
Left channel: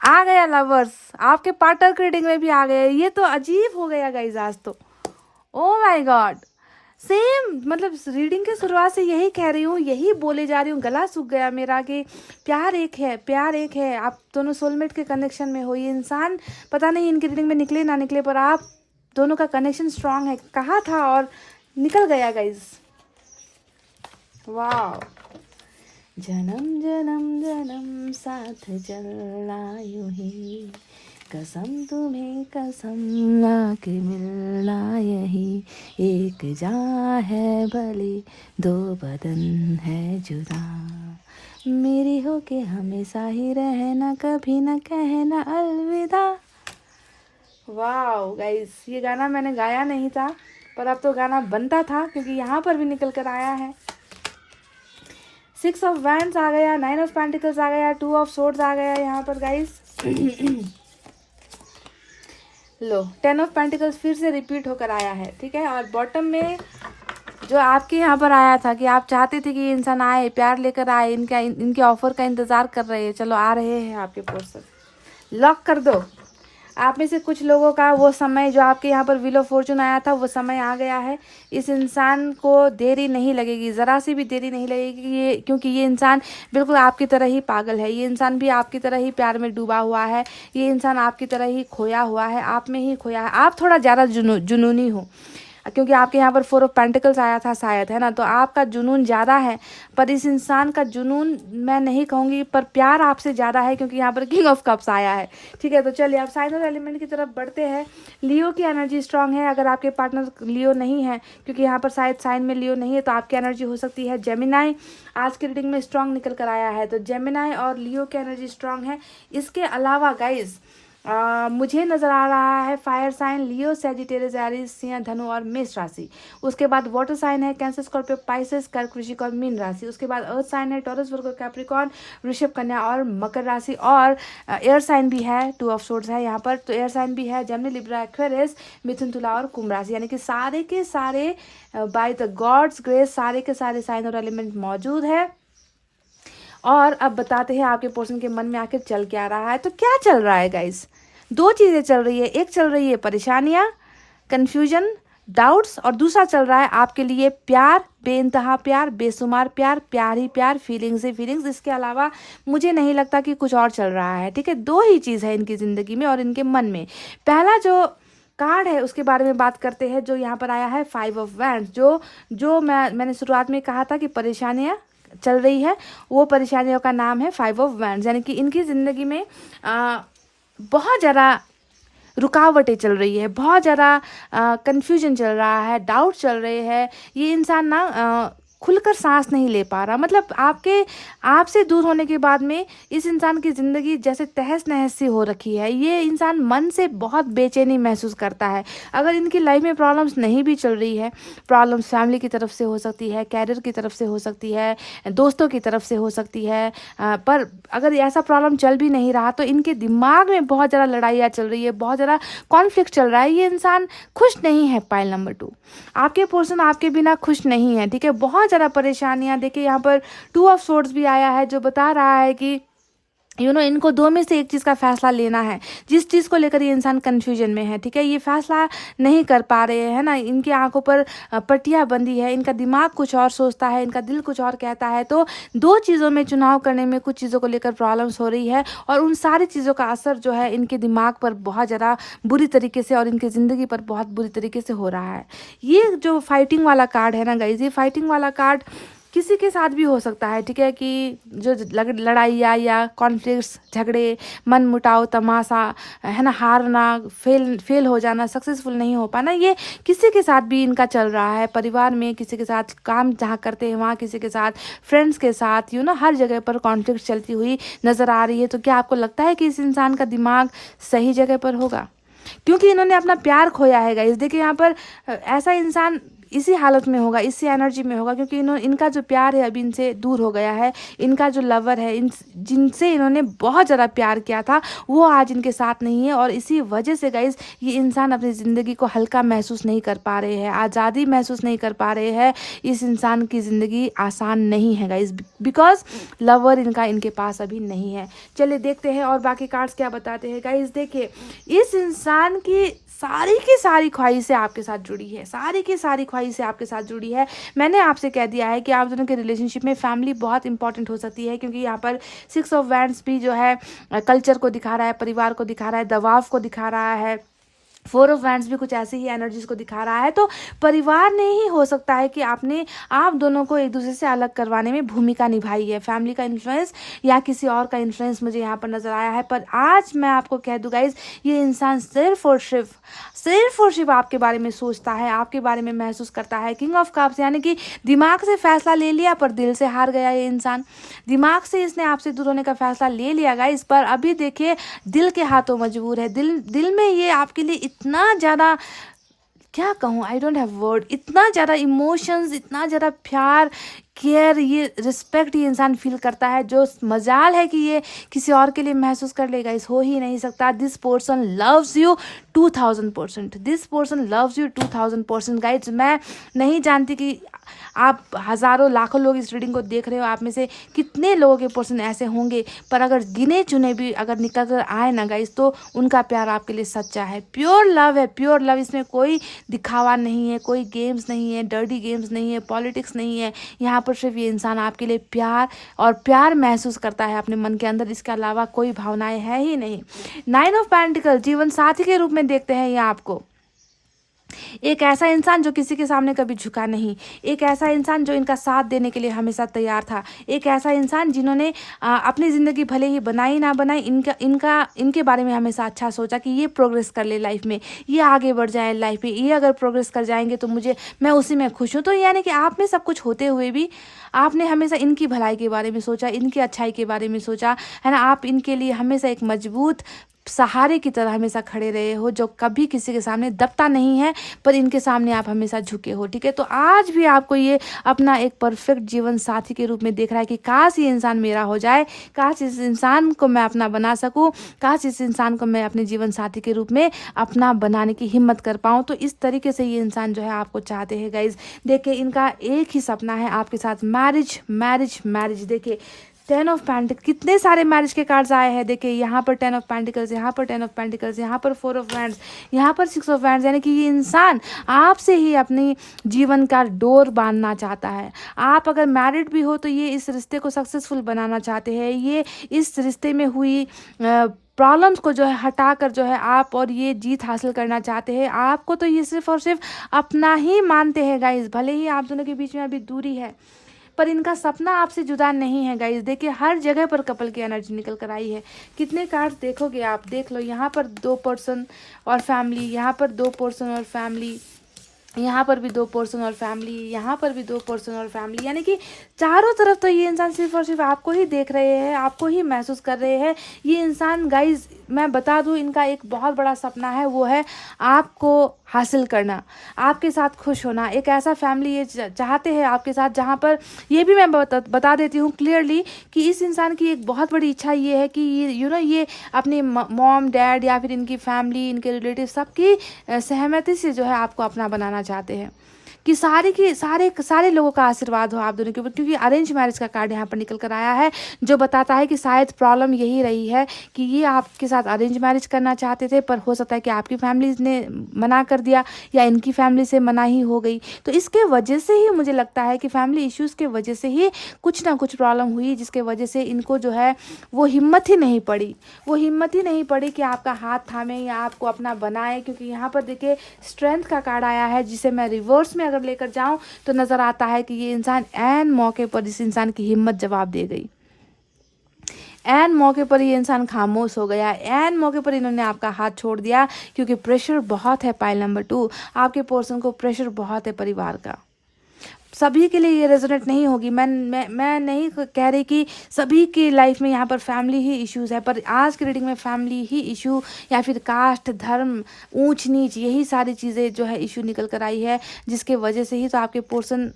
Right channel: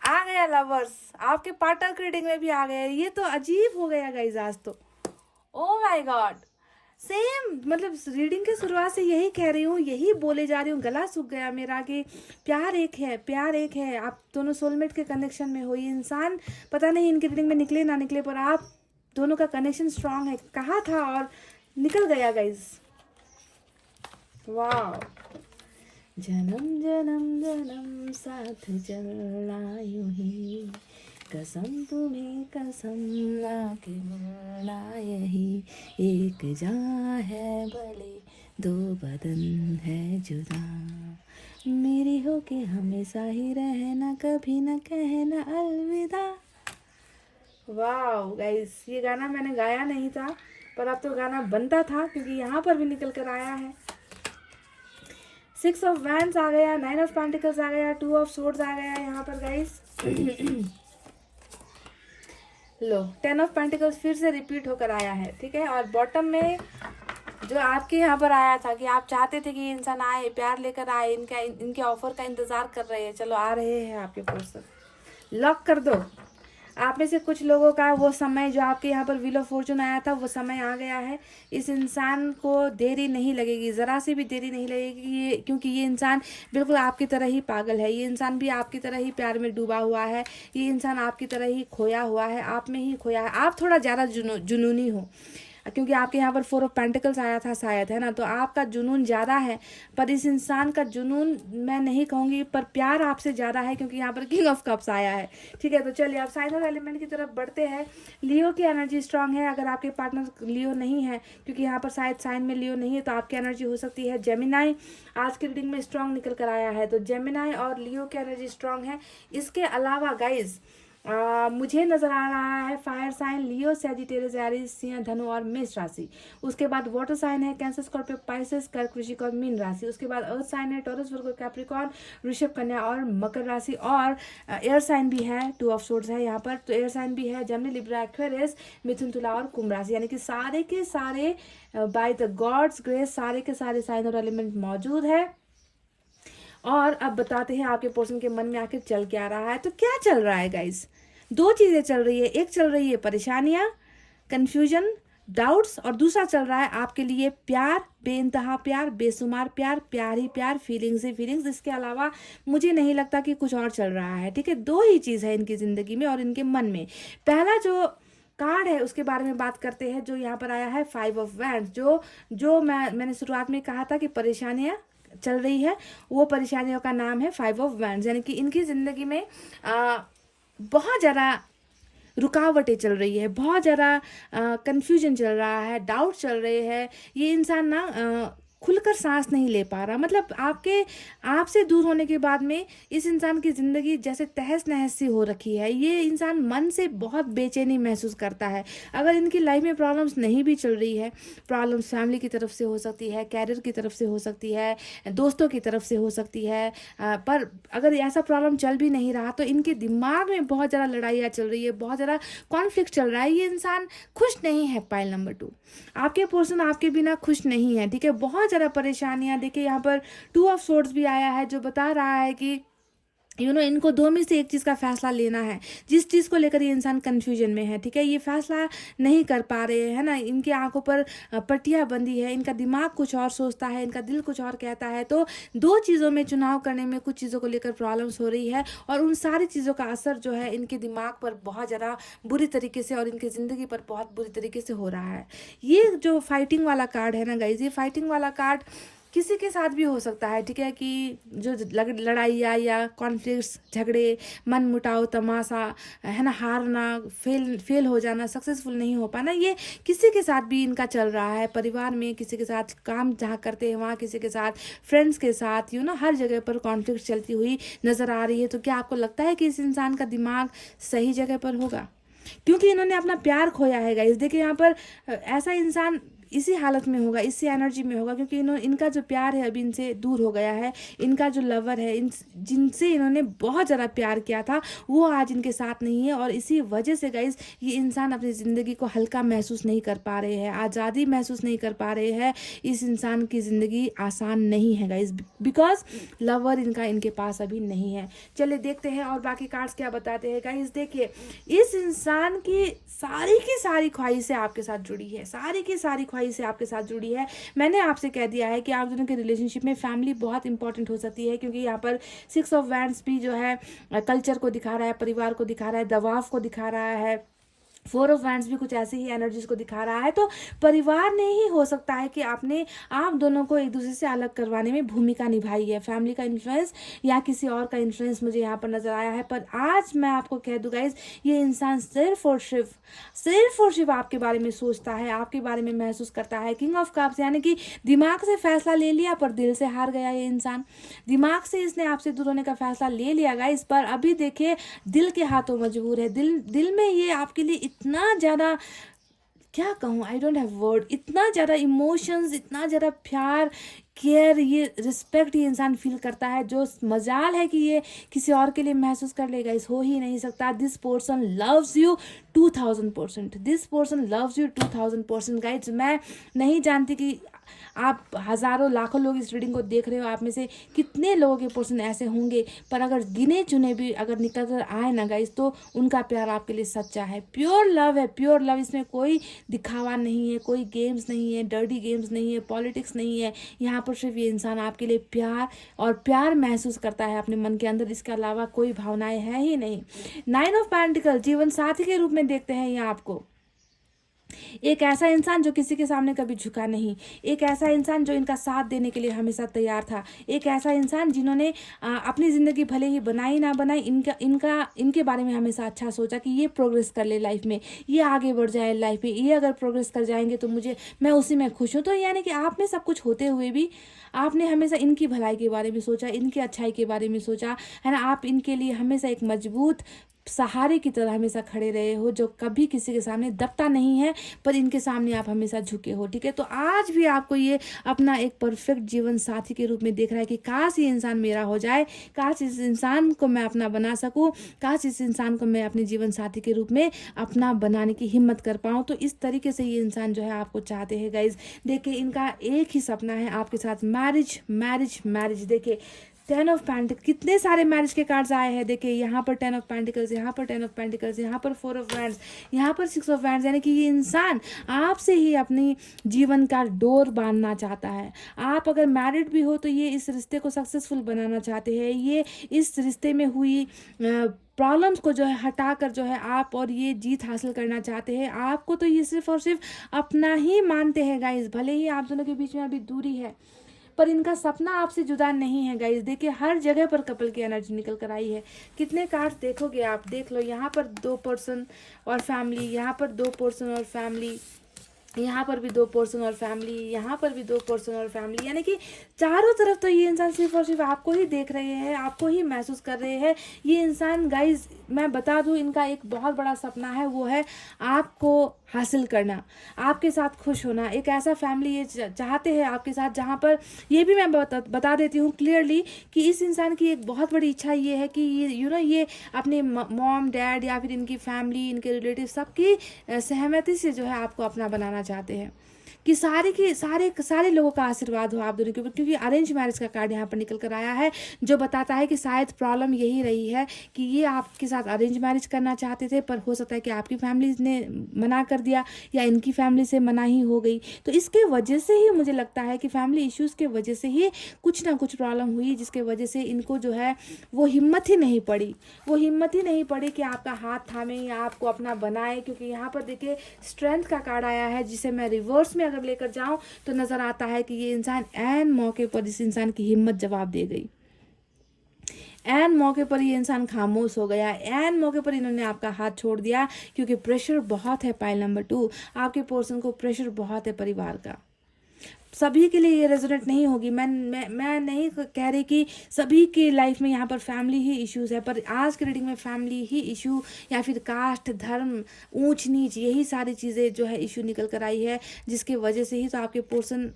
आ गया लवर्स, आपके पार्टनर की रीडिंग में भी आ गया। ये तो अजीब हो गया गाइस आज तो। ओ माय गॉड, सेम मतलब रीडिंग की शुरुआत से यही कह रही हूँ, यही बोले जा रही हूँ, गला सूख गया मेरा कि प्यार एक है, प्यार एक है। आप दोनों सोलमेट के कनेक्शन में हो। ये इंसान पता नहीं इनकी रीडिंग में निकले ना निकले, पर आप दोनों का कनेक्शन स्ट्रांग है। कहा था और निकल गया गाइस। वाह, जन्म जन्म जन्म साथ चलना यूं ही, कसम तुम्हें कसम आके मिलना यही, एक जान है भले दो बदन है जुदा, मेरी हो के हमेशा ही रहना, कभी न कहना अलविदा। वाह गाइस, ये गाना मैंने गाया नहीं था, पर अब तो गाना बनता था क्योंकि यहाँ पर भी निकल कर आया है। 6 ऑफ वैंड्स आ गया, 9 ऑफ पेंटिकल्स आ गया, 2 ऑफ सोर्ड्स आ गया यहाँ पर गाइस। लो 10 ऑफ पेंटिकल्स फिर से रिपीट होकर आया है, ठीक है। और बॉटम में जो आपके यहाँ पर आया था कि आप चाहते थे कि ये इंसान आए, प्यार लेकर आए, इनके ऑफर का इंतजार कर रहे हैं। चलो आ रहे हैं आपके पर्सन। लॉक कर दो। आप में से कुछ लोगों का वो समय जो आपके यहाँ पर व्हील ऑफ फॉर्चून आया था, वो समय आ गया है। इस इंसान को देरी नहीं लगेगी, ज़रा सी भी देरी नहीं लगेगी ये, क्योंकि ये इंसान बिल्कुल आपकी तरह ही पागल है। ये इंसान भी आपकी तरह ही प्यार में डूबा हुआ है। ये इंसान आपकी तरह ही खोया हुआ है, आप में ही खोया है। आप थोड़ा ज़्यादा जुनूनी हो, क्योंकि आपके यहाँ पर 4 ऑफ पेंटिकल्स आया था शायद, है ना। तो आपका जुनून ज़्यादा है, पर इस इंसान का जुनून मैं नहीं कहूँगी, पर प्यार आपसे ज़्यादा है, क्योंकि यहाँ पर किंग ऑफ कप्स आया है, ठीक है। तो चलिए आप साइन और एलिमेंट की तरफ बढ़ते हैं। लियो की एनर्जी स्ट्रांग है। अगर आपके पार्टनर लियो नहीं है, क्योंकि यहाँ पर शायद साइन में लियो नहीं है, तो आपकी एनर्जी हो सकती है जेमिनाई। आज की रीडिंग में स्ट्रांग निकल कर आया है, तो जेमिनाई और लियो की एनर्जी स्ट्रांग है। इसके अलावा गाइज मुझे नज़र आ रहा है फायर साइन लियो, सैजिटेरियस, एरीज, सिंह, धनु और मेष राशि। उसके बाद वाटर साइन है कैंसर, स्कॉर्पियो, पाइसेस, कर्क, वृश्चिक और मीन राशि। उसके बाद अर्थ साइन है टॉरस, वर्गो, कैप्रिकॉर्न, वृषभ, कन्या और मकर राशि। और एयर साइन भी है, 2 ऑफ सोर्ड्स है यहाँ पर। तो एयर साइन भी है जेमिनी, लिब्रा, एक्वेरियस, मिथुन, तुला और कुंभ राशि। यानी कि सारे के सारे बाय द गॉड्स ग्रेस सारे के सारे साइन और एलिमेंट मौजूद है। और अब बताते हैं आपके पर्सन के मन में आखिर चल क्या रहा है। तो क्या चल रहा है गाइस? 2 चीज़ें चल रही है। एक चल रही है परेशानियाँ, कन्फ्यूजन, डाउट्स, और दूसरा चल रहा है आपके लिए प्यार, बेइंतहा प्यार, बेशुमार प्यार, प्यार ही प्यार, फीलिंग्स ही फीलिंग्स। इसके अलावा मुझे नहीं लगता कि कुछ और चल रहा है, ठीक है। 2 ही चीज़ है इनकी ज़िंदगी में और इनके मन में। पहला जो कार्ड है उसके बारे में बात करते हैं, जो यहाँ पर आया है 5 ऑफ वैंड्स। जो मैंने शुरुआत में कहा था कि परेशानियाँ चल रही है, वो परेशानियों का नाम है 5 ऑफ वैंड्स। यानी कि इनकी ज़िंदगी में बहुत ज़्यादा रुकावटें चल रही है, बहुत ज़्यादा कन्फ्यूजन चल रहा है, डाउट चल रहे हैं। ये इंसान ना खुलकर सांस नहीं ले पा रहा। मतलब आपसे दूर होने के बाद में इस इंसान की ज़िंदगी जैसे तहस नहस सी हो रखी है। ये इंसान मन से बहुत बेचैनी महसूस करता है। अगर इनकी लाइफ में प्रॉब्लम्स नहीं भी चल रही है, प्रॉब्लम्स फैमिली की तरफ से हो सकती है, कैरियर की तरफ से हो सकती है, दोस्तों की तरफ से हो सकती है, पर अगर ऐसा प्रॉब्लम चल भी नहीं रहा तो इनके दिमाग में बहुत ज़्यादा लड़ाइयाँ चल रही है, बहुत ज़्यादा कॉन्फ्लिक्ट चल रहा है। ये इंसान खुश नहीं है। पाइल नंबर 2, आपके पर्सन आपके बिना खुश नहीं है, ठीक है। बहुत ज़्यादा परेशानियां। देखिए यहाँ पर 2 ऑफ सोर्ड्स भी आया है, जो बता रहा है कि इनको 2 में से एक चीज़ का फैसला लेना है। जिस चीज़ को लेकर ये इंसान कन्फ्यूजन में है, ठीक है। ये फैसला नहीं कर पा रहे हैं ना, इनकी आंखों पर पट्टियाँ बंधी है, इनका दिमाग कुछ और सोचता है, इनका दिल कुछ और कहता है। तो 2 चीज़ों में चुनाव करने में कुछ चीज़ों को लेकर प्रॉब्लम्स हो रही है, और उन सारी चीज़ों का असर जो है इनके दिमाग पर बहुत ज़्यादा बुरी तरीके से और इनकी ज़िंदगी पर बहुत बुरी तरीके से हो रहा है। ये जो फाइटिंग वाला कार्ड है ना गाइज, ये फाइटिंग वाला कार्ड किसी के साथ भी हो सकता है, ठीक है, कि जो लड़ाइयाँ या कॉन्फ्लिक्ट्स, झगड़े, मन मुटाव, तमाशा, है ना, हारना, फेल हो जाना, सक्सेसफुल नहीं हो पाना, ये किसी के साथ भी इनका चल रहा है। परिवार में किसी के साथ, काम जहाँ करते हैं वहाँ किसी के साथ, फ्रेंड्स के साथ, हर जगह पर कॉन्फ्लिक्ट चलती हुई नज़र आ रही है। तो क्या आपको लगता है कि इस इंसान का दिमाग सही जगह पर होगा? क्योंकि इन्होंने अपना प्यार खोया है गाइस। देखिए यहाँ पर ऐसा इंसान इसी हालत में होगा, इसी एनर्जी में होगा, क्योंकि इनका जो प्यार है अभी इनसे दूर हो गया है। इनका जो लवर है, जिनसे इन्होंने बहुत ज़्यादा प्यार किया था, वो आज इनके साथ नहीं है। और इसी वजह से गाइस ये इंसान अपनी ज़िंदगी को हल्का महसूस नहीं कर पा रहे हैं, आज़ादी महसूस नहीं कर पा रहे हैं। इस इंसान की ज़िंदगी आसान नहीं है गाइस, बिकॉज लवर इनके पास अभी नहीं है। चलिए देखते हैं और बाकी कार्ड्स क्या बताते हैं गाइस। देखिए इस इंसान की सारी ख्वाहिशें आपके साथ जुड़ी है, सारी की सारी ख्वाहिशें आपके साथ जुड़ी है। मैंने आपसे कह दिया है कि आप दोनों के रिलेशनशिप में फैमिली बहुत इंपॉर्टेंट हो सकती है, क्योंकि यहाँ पर 6 ऑफ वैंड्स भी जो है कल्चर को दिखा रहा है, परिवार को दिखा रहा है, दबाव को दिखा रहा है। 4 ऑफ वैंड्स भी कुछ ऐसी ही एनर्जीज को दिखा रहा है। तो परिवार ने ही हो सकता है कि आप दोनों को एक दूसरे से अलग करवाने में भूमिका निभाई है। फैमिली का इन्फ्लुएंस या किसी और का इन्फ्लुएंस मुझे यहाँ पर नजर आया है। पर आज मैं आपको कह दूँ गाइज, ये इंसान सिर्फ और सिर्फ आपके बारे में सोचता है, आपके बारे में महसूस करता है। किंग ऑफ कप्स, यानी कि दिमाग से फैसला ले लिया पर दिल से हार गया ये इंसान। दिमाग से इसने आपसे दूर होने का फैसला ले लिया गाइज, पर अभी देखिए दिल के हाथों मजबूर है। दिल में ये आपके लिए इतना ज़्यादा, क्या कहूँ, आई डोंट हैव वर्ड, इतना ज़्यादा इमोशंस, इतना ज़्यादा प्यार, केयर, ये रिस्पेक्ट ये इंसान फील करता है, जो मजाल है कि ये किसी और के लिए महसूस कर लेगा, इस हो ही नहीं सकता। This person loves you 2000%, this person loves you 2000% guys. मैं नहीं जानती कि आप हज़ारों लाखों लोग इस रीडिंग को देख रहे हो, आप में से कितने लोगों के पर्सन ऐसे होंगे, पर अगर गिने चुने भी अगर निकल कर आए ना गाइज, तो उनका प्यार आपके लिए सच्चा है, प्योर लव है, प्योर लव। इसमें कोई दिखावा नहीं है, कोई गेम्स नहीं है, डर्टी गेम्स नहीं है, पॉलिटिक्स नहीं है। यहाँ पर सिर्फ ये इंसान आपके लिए प्यार महसूस करता है अपने मन के अंदर, इसके अलावा कोई भावनाएं है ही नहीं। 9 ऑफ पेंटिकल, जीवन साथी के रूप में देखते हैं ये आपको। एक ऐसा इंसान जो किसी के सामने कभी झुका नहीं, एक ऐसा इंसान जो इनका साथ देने के लिए हमेशा तैयार था, एक ऐसा इंसान जिन्होंने अपनी ज़िंदगी भले ही बनाई ना बनाई, इनके बारे में हमेशा अच्छा सोचा कि ये प्रोग्रेस कर ले लाइफ में, ये आगे बढ़ जाए लाइफ में, ये अगर प्रोग्रेस कर जाएंगे तो मैं उसी में खुश हूँ। तो यानी कि आप में सब कुछ होते हुए भी आपने हमेशा इनकी भलाई के बारे में सोचा, इनकी अच्छाई के बारे में सोचा, है ना। आप इनके लिए हमेशा एक मजबूत सहारे की तरह हमेशा खड़े रहे हो, जो कभी किसी के सामने दबता नहीं है, पर इनके सामने आप हमेशा झुके हो, ठीक है। तो आज भी आपको ये अपना एक परफेक्ट जीवन साथी के रूप में देख रहा है कि काश ये इंसान मेरा हो जाए, काश इस इंसान को मैं अपना बना सकूं, काश इस इंसान को मैं अपने जीवन साथी के रूप में अपना बनाने की हिम्मत कर पाऊँ। तो इस तरीके से ये इंसान जो है आपको चाहते हैं गाइज। देखिए इनका एक ही सपना है आपके साथ, मैरिज मैरिज मैरिज। देखिए 10 ऑफ पेंटिकल्स, कितने सारे मैरिज के कार्ड्स आए हैं। देखिए यहाँ पर 10 ऑफ पेंटिकल्स, यहाँ पर 10 ऑफ पेंटिकल्स, यहाँ पर 4 ऑफ वैंड्स, यहाँ पर 6 ऑफ वैंड्स। यानी कि ये इंसान आपसे ही अपनी जीवन का डोर बांधना चाहता है। आप अगर मैरिड भी हो तो ये इस रिश्ते को सक्सेसफुल बनाना चाहते हैं। ये इस रिश्ते में हुई प्रॉब्लम्स को जो है हटा कर जो है आप और ये जीत हासिल करना चाहते हैं। आपको तो ये सिर्फ और सिर्फ अपना ही मानते हैं गाइज, भले ही आप दोनों के बीच में अभी दूरी है, पर इनका सपना आपसे जुदा नहीं है गाइज। देखिए हर जगह पर कपल की एनर्जी निकल कर आई है। कितने कार्ड्स देखोगे आप, देख लो, यहाँ पर 2 पर्सन और फैमिली, यहाँ पर 2 पर्सन और फैमिली, यहाँ पर भी 2 पर्सन और फैमिली, यहाँ पर भी 2 पर्सन और फैमिली। यानी कि चारों तरफ तो ये इंसान सिर्फ और सिर्फ आपको ही देख रहे हैं, आपको ही महसूस कर रहे हैं। ये इंसान गाइज मैं बता दूँ, इनका एक बहुत बड़ा सपना है, वो है आपको हासिल करना, आपके साथ खुश होना। एक ऐसा फैमिली ये चाहते हैं आपके साथ, जहाँ पर ये भी मैं बता देती हूँ क्लियरली कि इस इंसान की एक बहुत बड़ी इच्छा ये है कि ये ये अपने मॉम डैड या फिर इनकी फैमिली, इनके रिलेटिव सबकी सहमति से जो है आपको अपना बनाना चाहते हैं, कि सारे लोगों का आशीर्वाद हो आप दोनों के ऊपर। क्योंकि अरेंज मैरिज का कार्ड यहाँ पर निकल कर आया है, जो बताता है कि शायद प्रॉब्लम यही रही है कि ये आपके साथ अरेंज मैरिज करना चाहते थे, पर हो सकता है कि आपकी फैमिली ने मना कर दिया या इनकी फैमिली से मना ही हो गई। तो इसके वजह से ही मुझे लगता है कि फैमिली इश्यूज़ के वजह से ही कुछ ना कुछ प्रॉब्लम हुई, जिसके वजह से इनको जो है वो हिम्मत ही नहीं पड़ी कि आपका हाथ थामे या आपको अपना बनाए। क्योंकि यहाँ पर देखिए स्ट्रेंथ का कार्ड आया है, जिसे मैं रिवर्स में अगर लेकर जाऊं तो नज़र आता है कि ये इंसान ऐन मौके पर इस इंसान की हिम्मत जवाब दे गई, ऐन मौके पर ये इंसान खामोश हो गया, ऐन मौके पर इन्होंने आपका हाथ छोड़ दिया, क्योंकि प्रेशर बहुत है। पाइल नंबर 2, आपके पर्सन को प्रेशर बहुत है परिवार का। सभी के लिए ये रेजोनेट नहीं होगी। मैं नहीं कह रही कि सभी की लाइफ में यहाँ पर फैमिली ही इश्यूज़ है, पर आज की रीडिंग में फैमिली ही इशू या फिर कास्ट, धर्म, ऊंच नीच, यही सारी चीज़ें जो है इशू निकल कर आई है, जिसके वजह से ही तो आपके पर्सन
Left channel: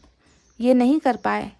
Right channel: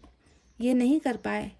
ये नहीं कर पाए,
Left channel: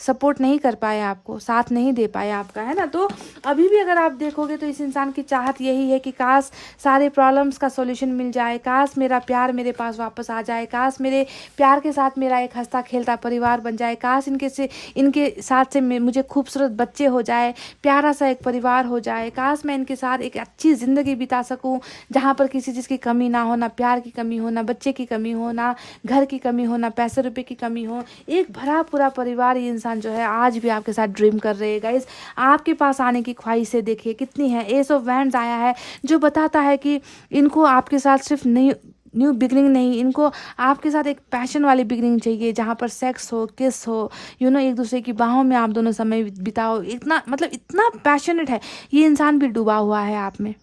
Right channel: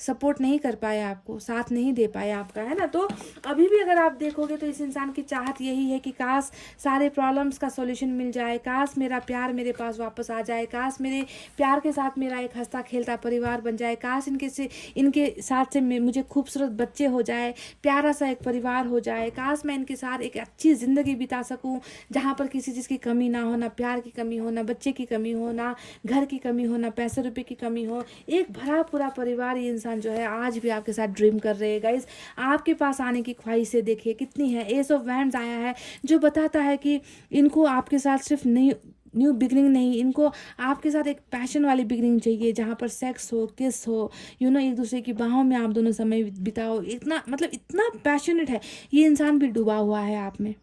सपोर्ट नहीं कर पाए, आपको साथ नहीं दे पाए आपका, है ना। तो अभी भी अगर आप देखोगे तो इस इंसान की चाहत यही है कि काश सारे प्रॉब्लम्स का सॉल्यूशन मिल जाए, काश मेरा प्यार मेरे पास वापस आ जाए, काश मेरे प्यार के साथ मेरा एक हंसता खेलता परिवार बन जाए, काश इनके साथ से मुझे खूबसूरत बच्चे हो जाए, प्यारा सा एक परिवार हो जाए, काश मैं इनके साथ एक अच्छी ज़िंदगी बिता सकूँ जहाँ पर किसी चीज़ की कमी ना हो, ना प्यार की कमी हो, ना बच्चे की कमी हो, ना घर की कमी हो, ना पैसे रुपये की कमी हो, एक भरा पूरा परिवार ये जो है आज भी आपके साथ ड्रीम कर रहे हैं। गाइस, आपके पास आने की ख्वाहिशें देखिए कितनी है। एस ऑफ वैंड्स आया है जो बताता है कि इनको आपके साथ सिर्फ न्यू बिगनिंग नहीं, इनको आपके साथ एक पैशन वाली बिगनिंग चाहिए, जहाँ पर सेक्स हो, किस हो, एक दूसरे की बाहों में आप दोनों समय बिताओ। इतना मतलब इतना पैशनेट है ये इंसान भी डूबा हुआ है आप में।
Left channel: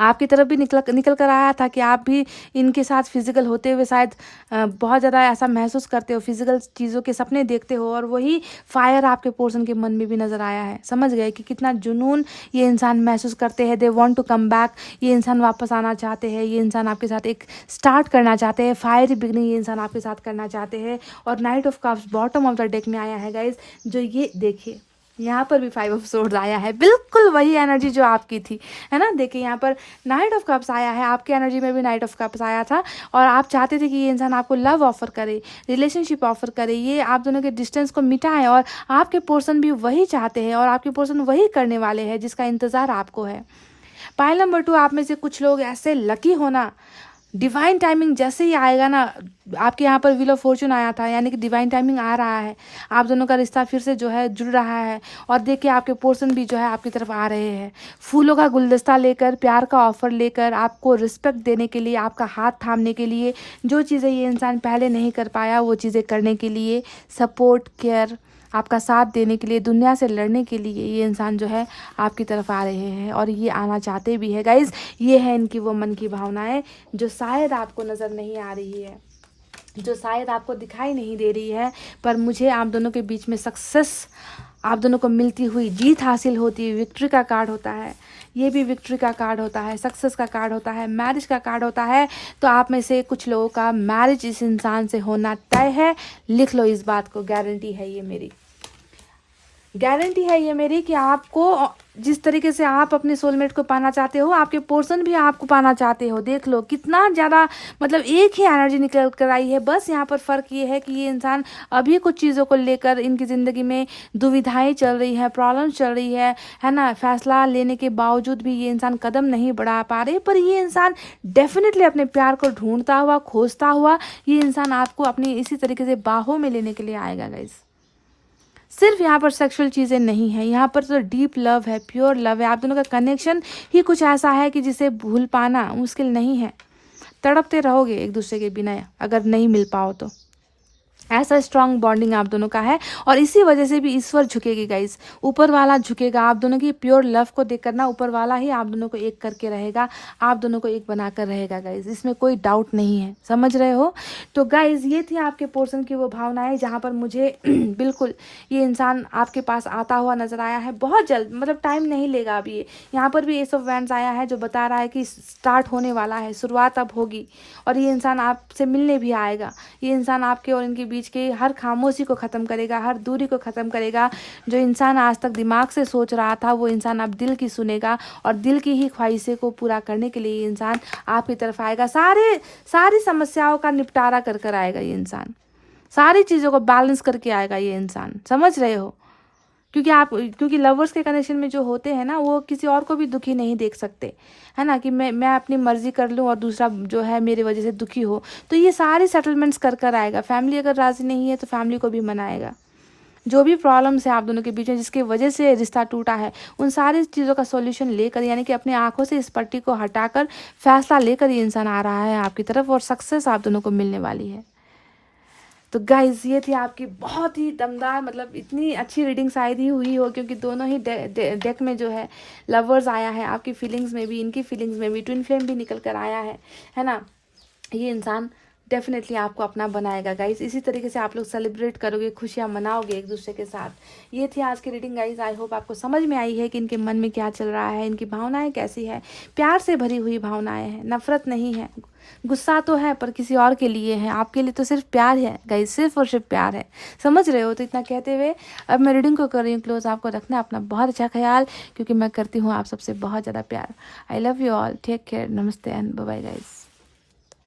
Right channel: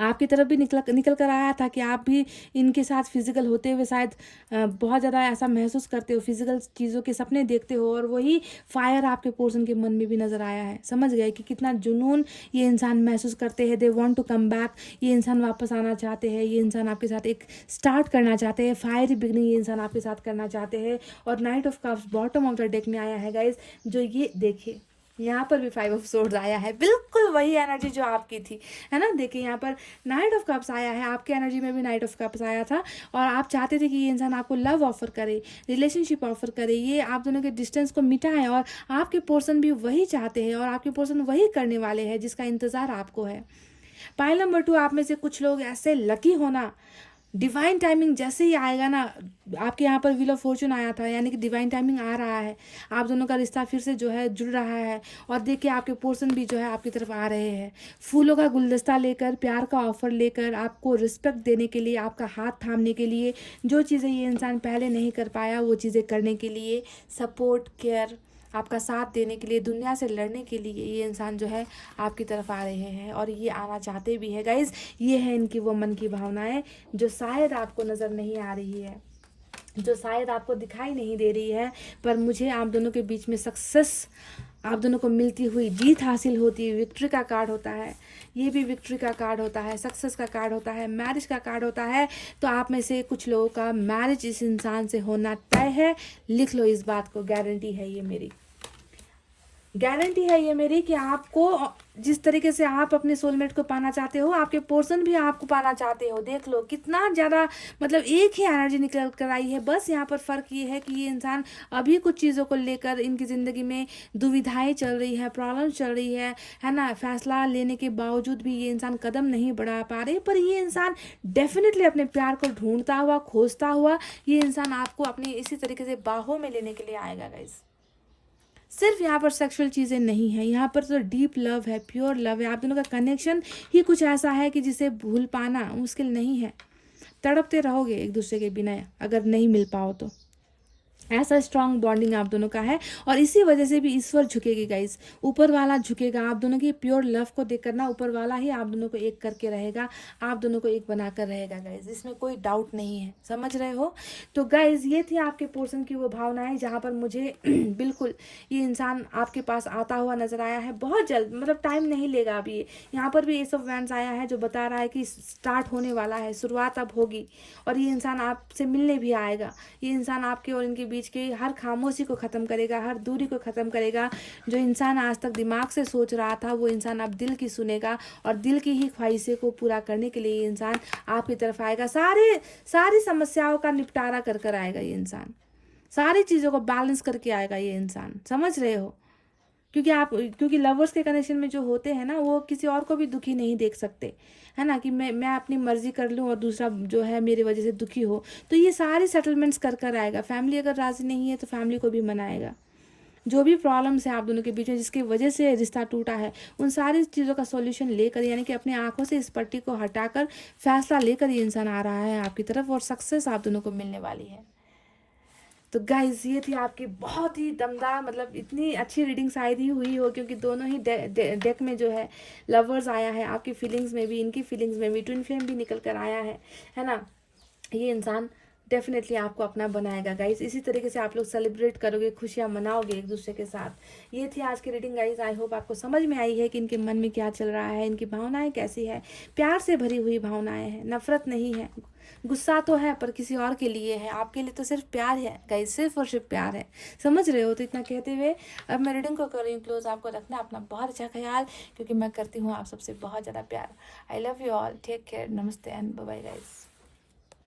आपकी तरफ भी निकल कर आया था कि आप भी इनके साथ फिजिकल होते हुए शायद बहुत ज़्यादा ऐसा महसूस करते हो, फिजिकल चीज़ों के सपने देखते हो, और वही फायर आपके पर्सन के मन में भी नज़र आया है। समझ गए कि कितना जुनून ये इंसान महसूस करते हैं। They want to come back, ये इंसान वापस आना चाहते हैं, ये इंसान आपके साथ एक स्टार्ट करना चाहते हैं, फायर बिगनिंग ये इंसान आपके साथ करना चाहते हैं। और night of cups bottom of the deck में आया है गाइज, जो ये देखिए यहाँ पर भी 5 ऑफ सोर्ड्स आया है, बिल्कुल वही एनर्जी जो आपकी थी, है ना। देखिए यहाँ पर नाइट ऑफ कप्स आया है, आपकी एनर्जी में भी नाइट ऑफ कप्स आया था, और आप चाहते थे कि ये इंसान आपको लव ऑफर करे, रिलेशनशिप ऑफर करे, ये आप दोनों के डिस्टेंस को मिटाए, और आपके पर्सन भी वही चाहते हैं, और आपके पर्सन वही करने वाले हैं जिसका इंतज़ार आपको है। पाइल नंबर 2, आप में से कुछ लोग ऐसे लकी होना, डिवाइन टाइमिंग जैसे ही आएगा ना, आपके यहाँ पर व्हील ऑफ फॉर्चून आया था, यानी कि डिवाइन टाइमिंग आ रहा है, आप दोनों का रिश्ता फिर से जो है जुड़ रहा है। और देखिए आपके पर्सन भी जो है आपकी तरफ आ रहे हैं, फूलों का गुलदस्ता लेकर, प्यार का ऑफर लेकर, आपको रिस्पेक्ट देने के लिए, आपका हाथ थामने के लिए, जो चीज़ें ये इंसान पहले नहीं कर पाया वो चीज़ें करने के लिए, सपोर्ट, केयर, आपका साथ देने के लिए, दुनिया से लड़ने के लिए ये इंसान जो है आपकी तरफ आ रहे हैं, और ये आना चाहते भी है। गाइज, ये है इनकी वो मन की भावनाएं जो शायद आपको नज़र नहीं आ रही है, जो शायद आपको दिखाई नहीं दे रही है, पर मुझे आप दोनों के बीच में सक्सेस, आप दोनों को मिलती हुई जीत हासिल होती है। विक्ट्री का कार्ड होता है, ये भी विक्ट्री का कार्ड होता है, सक्सेस का कार्ड होता है, मैरिज का कार्ड होता है। तो आप में से कुछ लोगों का मैरिज इस इंसान से होना तय है। लिख लो इस बात को, गारंटी है ये मेरी, गारंटी है ये मेरी कि आपको जिस तरीके से आप अपने सोलमेट को पाना चाहते हो, आपके पर्सन भी आपको पाना चाहते हो। देख लो कितना ज़्यादा मतलब एक ही एनर्जी निकल कर आई है। बस यहाँ पर फ़र्क ये है कि ये इंसान अभी कुछ चीज़ों को लेकर इनकी ज़िंदगी में दुविधाएं चल रही है, प्रॉब्लम्स चल रही है ना। फैसला लेने के बावजूद भी ये इंसान कदम नहीं बढ़ा पा रहे, पर ये इंसान डेफिनेटली अपने प्यार को ढूंढता हुआ, खोजता हुआ ये इंसान आपको अपनी इसी तरीके से बाहों में लेने के लिए आएगा। गाइस, सिर्फ यहाँ पर सेक्सुअल चीज़ें नहीं है, यहाँ पर तो डीप लव है, प्योर लव है। आप दोनों का कनेक्शन ही कुछ ऐसा है कि जिसे भूल पाना मुश्किल नहीं है। तड़पते रहोगे एक दूसरे के बिना अगर नहीं मिल पाओ तो। ऐसा स्ट्रॉन्ग बॉन्डिंग आप दोनों का है, और इसी वजह से भी ईश्वर झुकेगी गाइस, ऊपर वाला झुकेगा। आप दोनों की प्योर लव को देख करना ऊपर वाला ही आप दोनों को एक करके रहेगा, आप दोनों को एक बनाकर रहेगा गाइस, इसमें कोई डाउट नहीं है। समझ रहे हो? तो गाइस, ये थी आपके पोर्शन की वो भावनाएं जहाँ पर मुझे बिल्कुल ये इंसान आपके पास आता हुआ नजर आया है बहुत जल्द, मतलब टाइम नहीं लेगा अभी। यहाँ पर भी एस ऑफ वैंड्स आया है जो बता रहा है कि स्टार्ट होने वाला है, शुरुआत अब होगी, और ये इंसान आपसे मिलने भी आएगा। ये इंसान आपके और इनके बीच की हर खामोशी को ख़त्म करेगा, हर दूरी को ख़त्म करेगा। जो इंसान आज तक दिमाग से सोच रहा था वो इंसान अब दिल की सुनेगा, और दिल की ही ख्वाहिशें को पूरा करने के लिए ये इंसान आपकी तरफ आएगा। सारी समस्याओं का निपटारा कर कर आएगा ये इंसान, सारी चीज़ों को बैलेंस करके आएगा ये इंसान। समझ रहे हो? क्योंकि लवर्स के कनेक्शन में जो होते हैं ना, वो किसी और को भी दुखी नहीं देख सकते, है ना, कि मैं अपनी मर्जी कर लूँ और दूसरा जो है मेरी वजह से दुखी हो। तो ये सारे सेटलमेंट्स कर कर आएगा। फैमिली अगर राज़ी नहीं है तो फैमिली को भी मनाएगा, जो भी प्रॉब्लम्स है आप दोनों के बीच में, जिसकी वजह से रिश्ता टूटा है, उन सारी चीज़ों का सॉल्यूशन लेकर, यानी कि अपनी आंखों से इस पट्टी को हटाकर फैसला लेकर ये इंसान आ रहा है आपकी तरफ, और सक्सेस आप दोनों को मिलने वाली है। तो गाइज ये थी आपकी बहुत ही दमदार, मतलब इतनी अच्छी रीडिंग शायद ही हुई हो, क्योंकि दोनों ही डेक में जो है लवर्स आया है, आपकी फीलिंग्स में भी, इनकी फीलिंग्स में भी ट्विन फ्लेम भी निकल कर आया है ना। ये इंसान डेफिनेटली आपको अपना बनाएगा गाइस। इसी तरीके से आप लोग सेलिब्रेट करोगे, खुशियाँ मनाओगे एक दूसरे के साथ। ये थी आज की रीडिंग गाइस। आई होप आपको समझ में आई है कि इनके मन में क्या चल रहा है, इनकी भावनाएं कैसी है। प्यार से भरी हुई भावनाएं हैं, नफरत नहीं है, गुस्सा तो है पर किसी और के लिए है, आपके लिए तो सिर्फ प्यार है गाइस, सिर्फ और सिर्फ प्यार है। समझ रहे हो? तो इतना कहते हुए अब मैं रीडिंग को कर रही हूँ क्लोज। आपको रखना है अपना बहुत अच्छा ख्याल, क्योंकि मैं करती हूँ आप सबसे बहुत ज़्यादा प्यार। I love you all, take care, नमस्ते एंड बाय बाय गाइस।